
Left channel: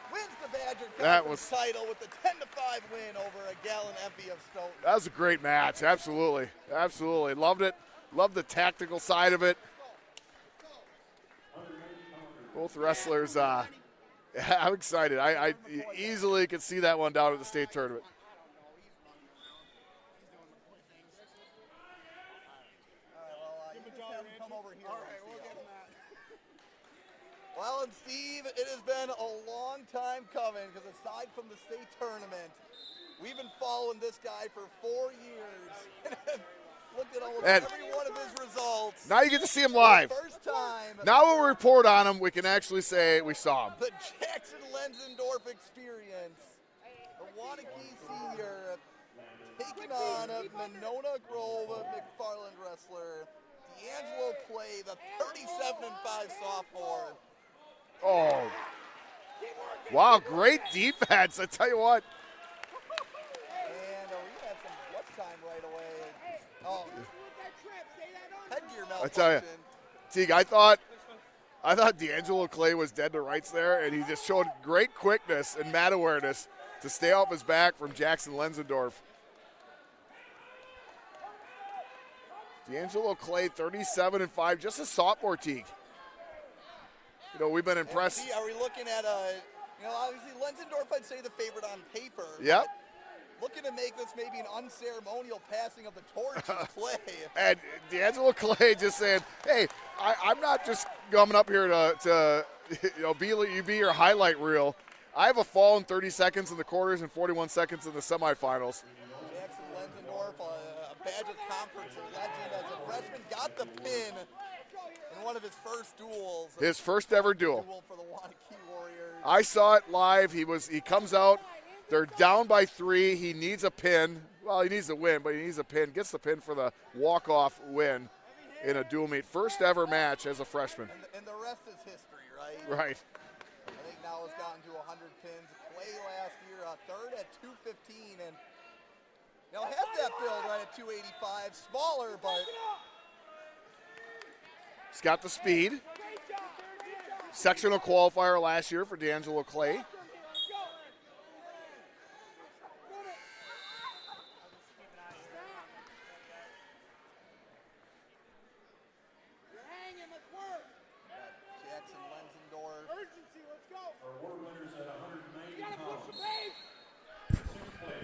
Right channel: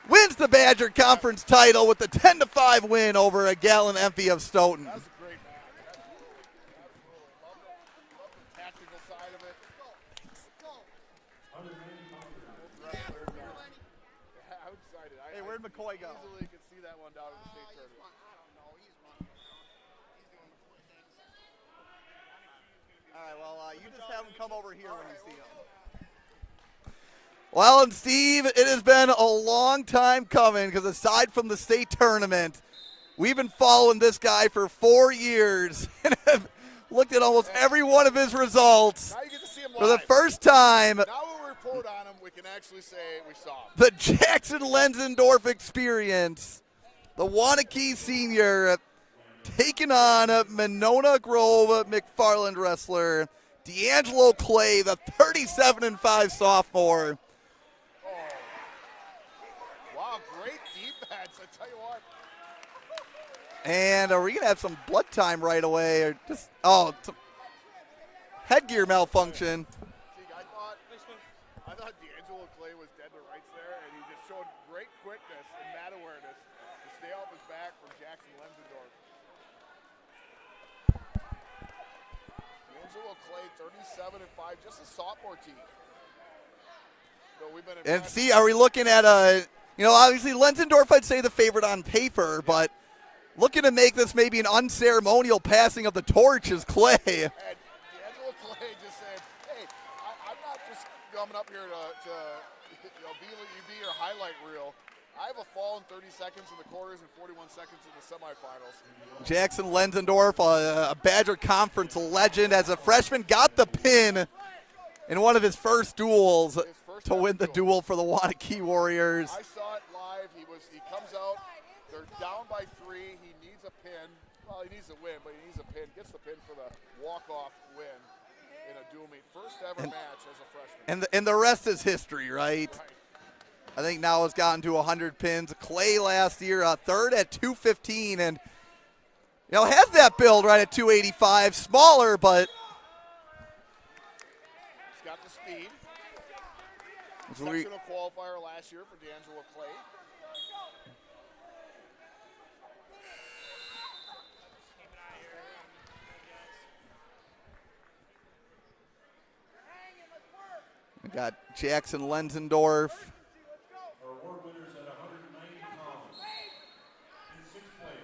Wins the Badger Conference title with the 10-5 win over a Gatlin Empey of Stoughton. That was a great match. Absolutely. Absolutely. Loved it. Loved the tactical side of it. Both wrestlers, I'm excited. I easily could see that one down at the state tournament. All right, well, you just have him come over here when you see him. Well, and Steve, it has been a long time coming because aside from the state tournament, we've been following this guy for 4 years and have looked at almost every one of his results. Now you get to see him For live. the first time. Now when we report on him, we can actually say we saw him. The Jackson Lenzendorf experience. The Wanakee senior taking on Monona Grove McFarland wrestler D'Angelo Clay, the 37-5 sophomore. Oh, wow, great defense. I tell you what. And are we going to have some blood time right away? Or just, some headgear malfunction. Teague, I thought D'Angelo Clay was dead to rights there, and he just showed great quickness and mat awareness to stay off his back from Jackson Lenzendorf. D'Angelo Clay, 37-5, just a sophomore, Teague. You know, we've been impressed. And see, are we looking at obviously Lenzendorf, I'd say the favorite on paper, Yep. but looking to make this maybe an unceremonial passing of the torch is Clay. And D'Angelo Clay just saying, hey, I'm not just coming up here to be your highlight reel. I have a fall in 30 seconds in the quarters and 41 seconds in the semifinals. Jackson Lenzendorf, a Badger Conference legend, as a freshman, got the pin in one of his first duels. His first to ever win the duel for the Wanakee Warriors. I saw it live. He comes out. They're down by 3. He needs a pin. Well, he needs a win, but he needs a pin. Gets the pin for the walk-off win in a dual meet. First ever match as a freshman. And the rest is history, right? Right. I think now has gotten to 100 pins. Clay last year, third at 215, and has that build right at 285. Smaller, but he's got the speed. Sectional qualifier last year for D'Angelo Clay. we got Jackson Lenzendorf. Our award winners at 190 pounds. Sixth place.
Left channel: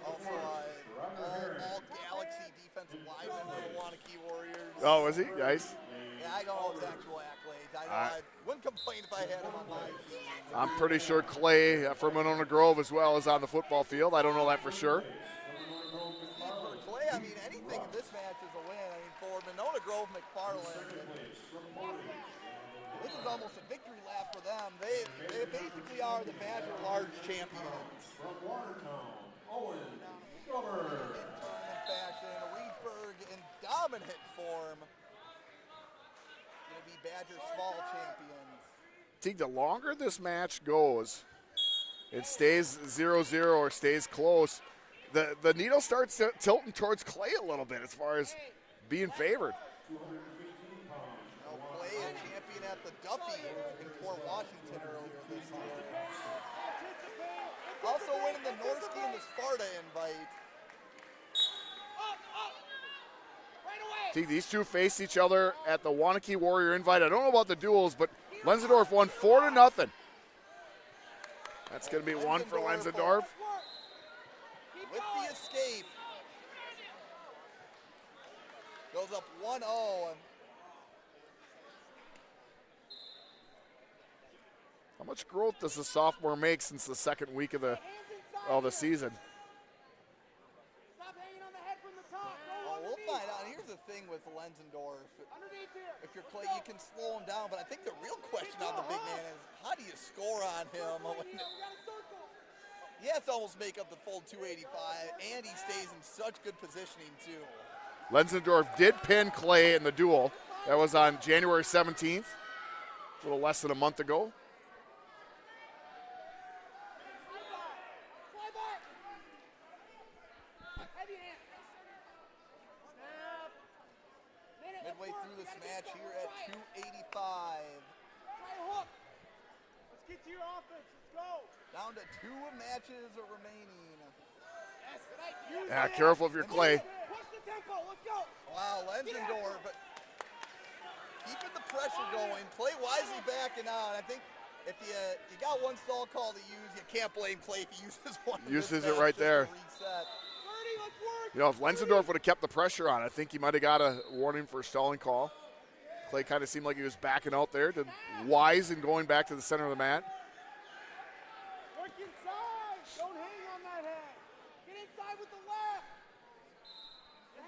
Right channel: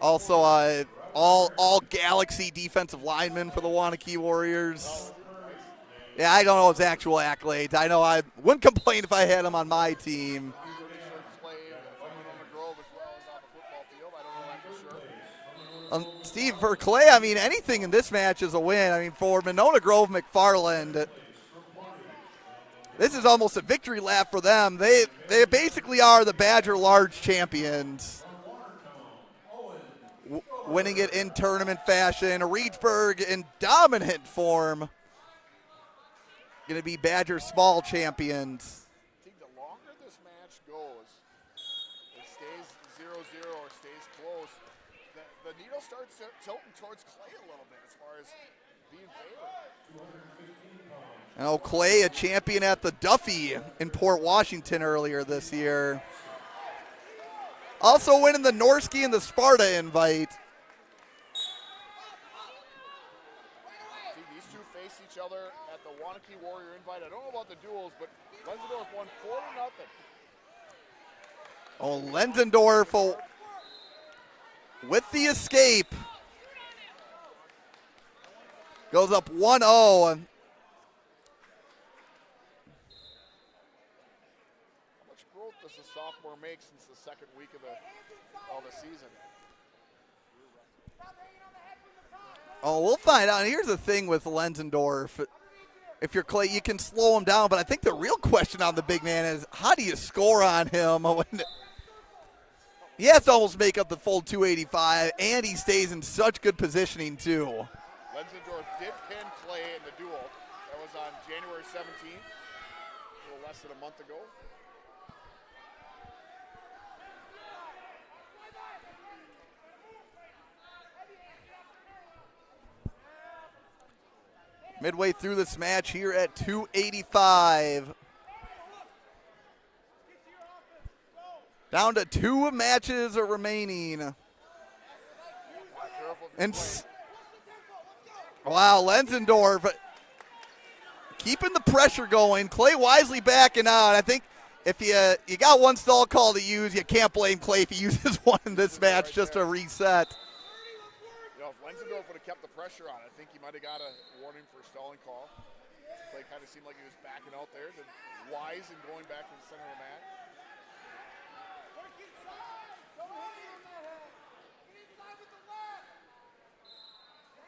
Also, all Galaxy defensive lineman for the Wanakee Warriors. Oh, is he? Nice. Yeah, I don't know his actual accolades. I know I wouldn't complain if I had him on my team. I'm pretty sure Clay from Monona Grove as well is on the football field. I don't know that for sure. Steve, for Clay, I mean, anything in this match is a win. I mean, for Monona Grove McFarland, this is almost a victory lap for them. They basically are the Badger Large champions. Winning it in tournament fashion. Reedsburg in dominant form. Going to be Badger Small champions. I think the longer this match goes, it stays 0-0 or stays close, the needle starts tilting towards Clay a little bit as far as being favored. Clay, a champion at the Duffy in Port Washington earlier this year. Also winning the Norski and the Sparta invite. See, these two face each other at the Wanakee Warrior invite. I don't know about the duels, but Lenzendorf won 4-0. That's gonna be Lenzendorf with the escape. Goes up 1-0. How much growth does the sophomore make since the second week of the season? Oh, we'll find out. And here's the thing with Lenzendorf. If you're Clay, you can slow him down, but I think the real question on the big man is how do you score on him? He has to almost make up the full 285, and he stays in such good positioning, too. Lenzendorf did pin Clay in the duel. That was on January 17th, a little less than a month ago. Midway through this match here at 285. Down to 2 matches remaining. Yeah, careful if you're Clay. Wow, Lenzendorf keeping the pressure going. Clay wisely backing out. I think if you got one stall call to use, you can't blame Clay if he uses one in this match right just there. to reset. You know, if Lenzendorf would have kept the pressure on, I think he might have got a warning for a stalling call. Clay kind of seemed like he was backing out there. Wise and going back to the center of the mat. Work inside. Don't hang on that head. Get inside with the left.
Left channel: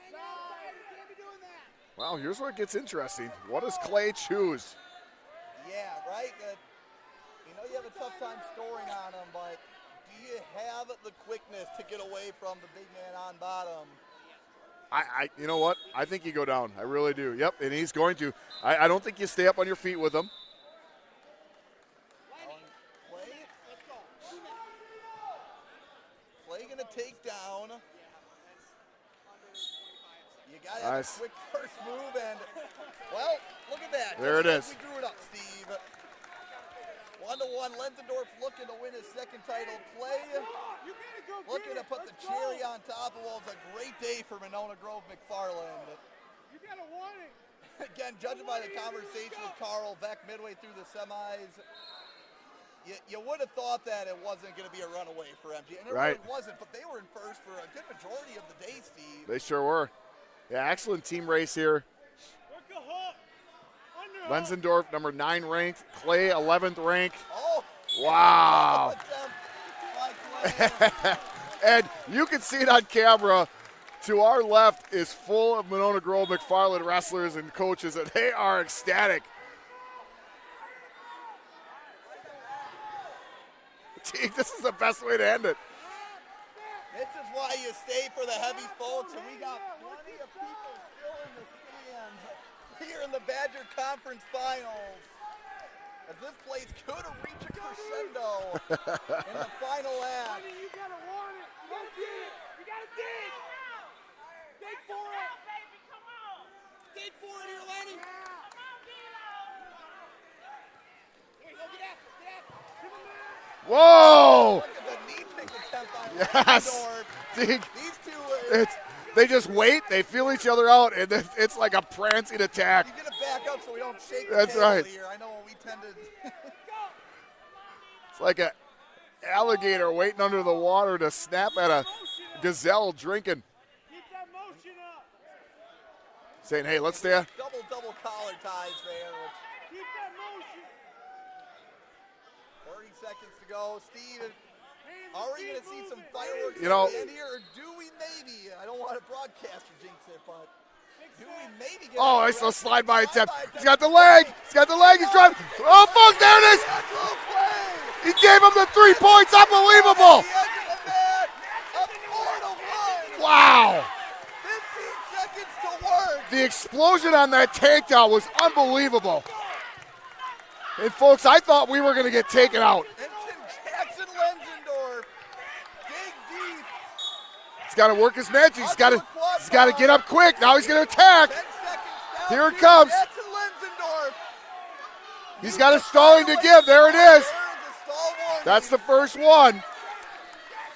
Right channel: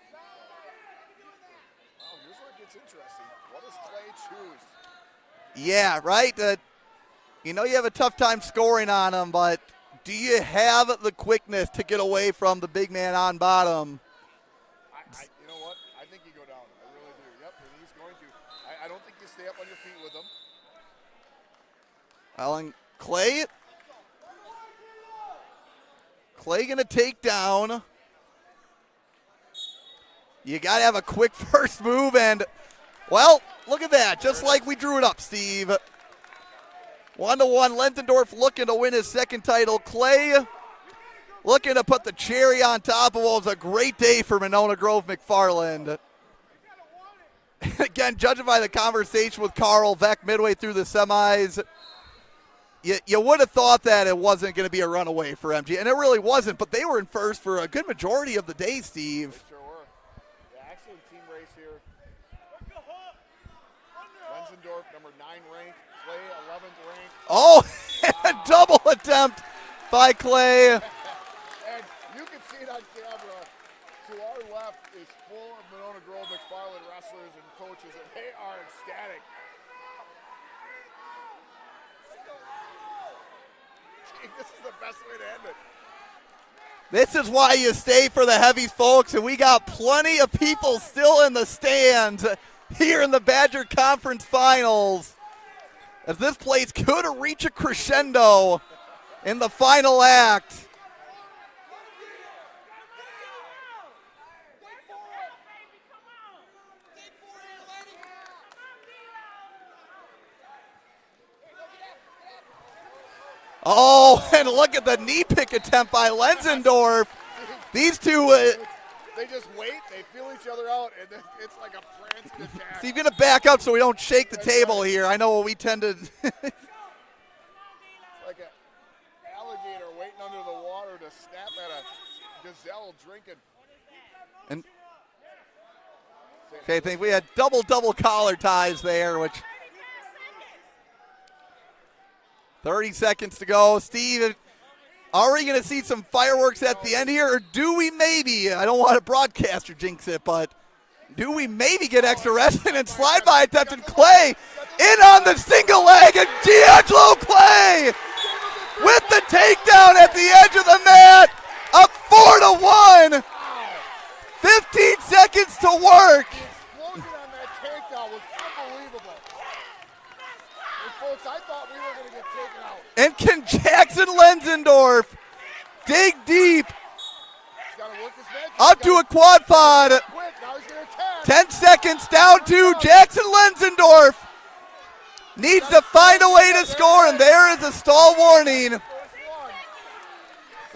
Inside. You can't be doing that. Well, here's where it gets interesting. What does Clay choose? Yeah, right. You know you have a tough time scoring on him, but do you have the quickness to get away from the big man on bottom? You know what? I think you go down. I really do. Yep, and he's going to. I don't think you stay up on your feet with him. Alan Clay going to take down. You got to have a quick first move, and, well, look at that. There Just it like is. we drew it up, Steve. 1-1, Lenzendorf looking to win his second title. Clay looking to put the cherry on top of what was a great day for Monona Grove McFarland. Again, judging by the conversation with Carl Veck midway through the semis, you would have thought that it wasn't going to be a runaway for MG, and it really wasn't, but they were in first for a good majority of the day, Steve. They sure were. Yeah, excellent team race here. Lenzendorf, number 9 ranked. Clay, 11th ranked. Oh, wow. Double attempt by Clay. And you can see it on camera. To our left is full of Monona Grove McFarland wrestlers and coaches, and they are ecstatic. Gee, this is the best way to end it. This is why you stay for the heavies, folks, and we got plenty of people still in the stands here in the Badger Conference Finals, as this place could reach a crescendo in the final act. Oh, and look at the knee pick attempt by Lenzendorf. These two, they just wait, they feel each other out, and it's like a prancing attack. you're going to back up so we don't shake the That's table right. here. I know what we tend to. It's like an alligator waiting under the water to snap at a gazelle drinking. And saying, hey, I let's think we had double collar ties there, which 30 seconds to go. Steve, are we going to see some fireworks at the end here, or do we maybe, I don't want to broadcaster jinx it, but do we maybe get extra rest and slide by attempt got to the Clay leg. He's got the leg. in on the single leg, and D'Angelo Clay He gave him the 3 with points. the takedown at the edge of the mat, up 4-1. Wow. 15 seconds to work. The explosion on that takedown was unbelievable. And folks, I thought we were going to get taken out. And can Jackson Lenzendorf dig deep? He's got to work his magic. Up to a quad He's got to pod. get up quick. Now he's going to attack. 10 seconds down Here it to comes. Jackson Lenzendorf. Needs gotta to find a stall way again. to There it score, is. and there is a stall That's warning. the first one.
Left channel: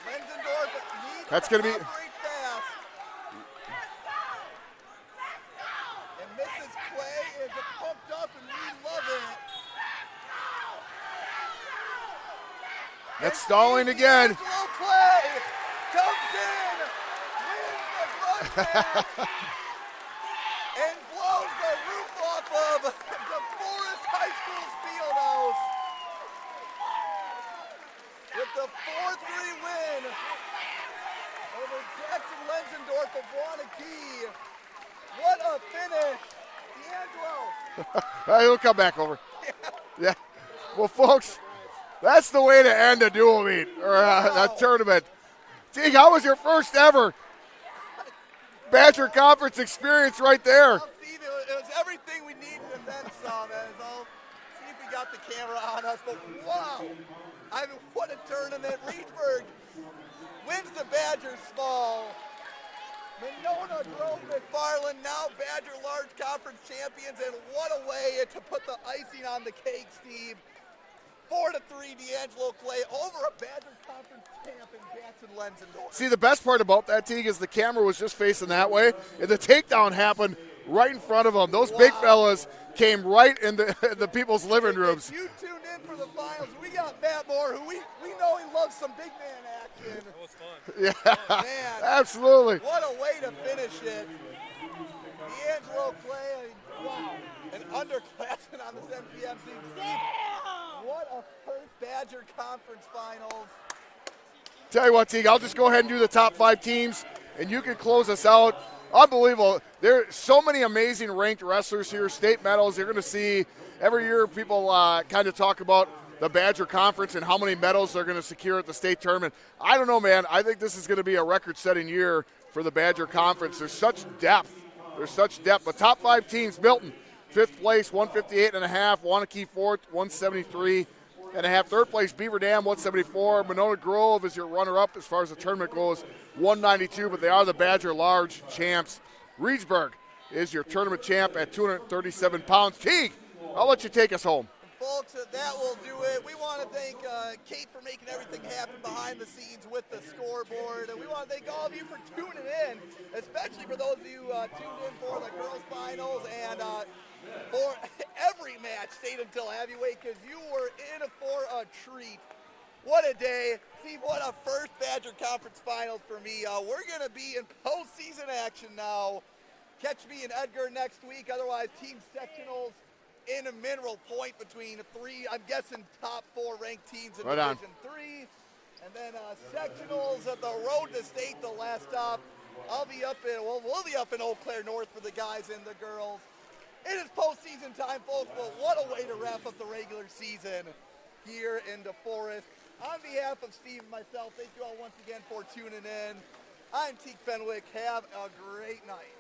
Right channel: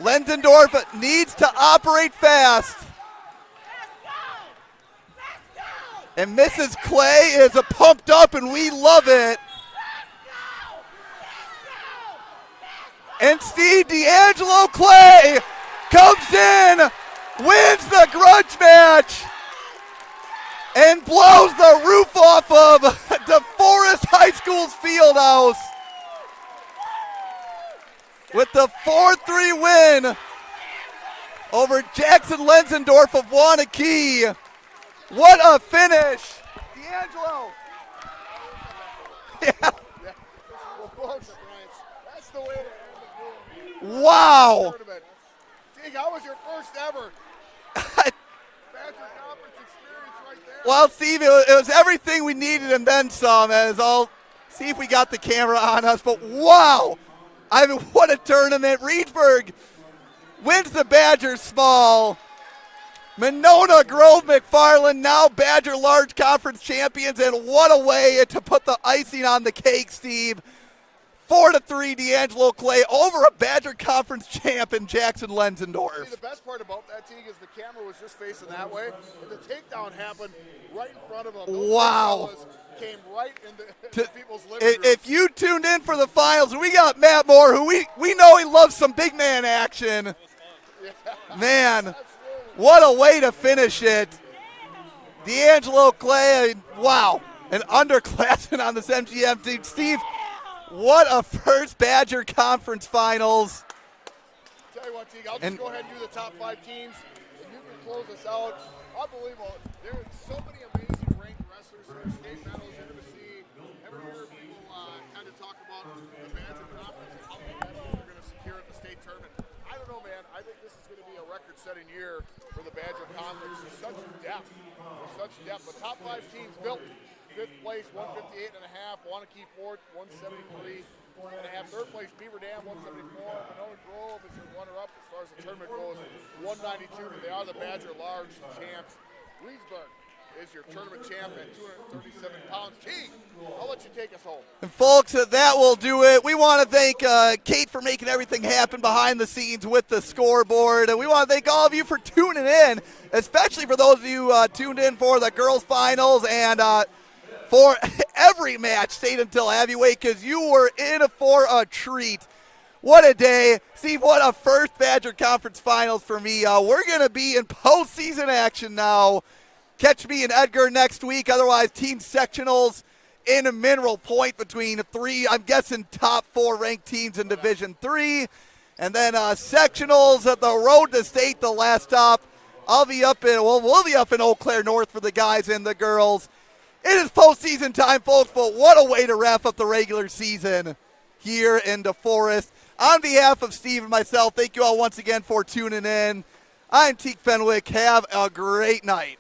Lenzendorf needs That's to gonna be- operate fast. And Mrs. Clay is pumped up, and we love it. And stalling Steve again. D'Angelo Clay comes in, wins the grudge match, and blows the roof off of DeForest High School's field house with the 4-3 win over Jackson Lenzendorf of Wanakee. What a finish. D'Angelo. He'll come back over. Yeah. Yeah. Well, folks, that's the way to end a dual meet or Wow. a tournament. Teague, how was your first ever Badger Conference experience right there? Well, Steve, it was everything we needed and then some. As I'll see if we got the camera on us. But wow, I mean, what a tournament! Reedsburg wins the Badgers small. Monona Grove McFarland now Badger Large Conference champions, and what a way to put the icing on the cake, Steve. 4-3 D'Angelo Clay over a Badger Conference champ in Jackson Lenzendorf. See, the best part about that, Teague, is the camera was just facing that way, and the takedown happened right in front of them. Those big fellas came right into the people's living rooms. If you tuned in for the finals, we got Matt Moore, who we know he loves some big man action. Yeah, Man, absolutely. what a way to finish it. D'Angelo Clay, wow. an underclassman on this MGM team. Steve, what a first Badger Conference Finals. Tell you what, Teague, I'll just go ahead and do the top 5 teams, and you can close us out. Unbelievable. There are so many amazing ranked wrestlers here, state medals. You're going to see every year people kind of talk about the Badger Conference and how many medals they're going to secure at the state tournament. I don't know, man. I think this is going to be a record-setting year for the Badger Conference. There's such depth. But top 5 teams, Milton, 5th place, 158.5. Wanakee 4th, 173.5. Third place, Beaver Dam, 174. Monona Grove is your runner-up as far as the tournament goes, 192, but they are the Badger Large champs. Reedsburg is your tournament champ at 237 pounds. Teague, I'll let you take us home. And folks, that will do it. We want to thank Kate for making everything happen behind the scenes with the scoreboard. And we want to thank all of you for tuning in, especially for those of you tuned in for the girls' finals and for every match, stayed until heavyweight, because you were in for a treat. What a day. Steve, what a first Badger Conference Finals for me. We're going to be in postseason action now. Catch me and Edgar next week. Otherwise, team sectionals in a Mineral Point between 3, I'm guessing, top 4 ranked teams in Division 3. And then sectionals at the road to state, the last stop. We'll be up in Eau Claire North for the guys and the girls. It is postseason time, folks, but what a way to wrap up the regular season here in DeForest. On behalf of Steve and myself, thank you all once again for tuning in. I'm Teague Fenwick. Have a great night.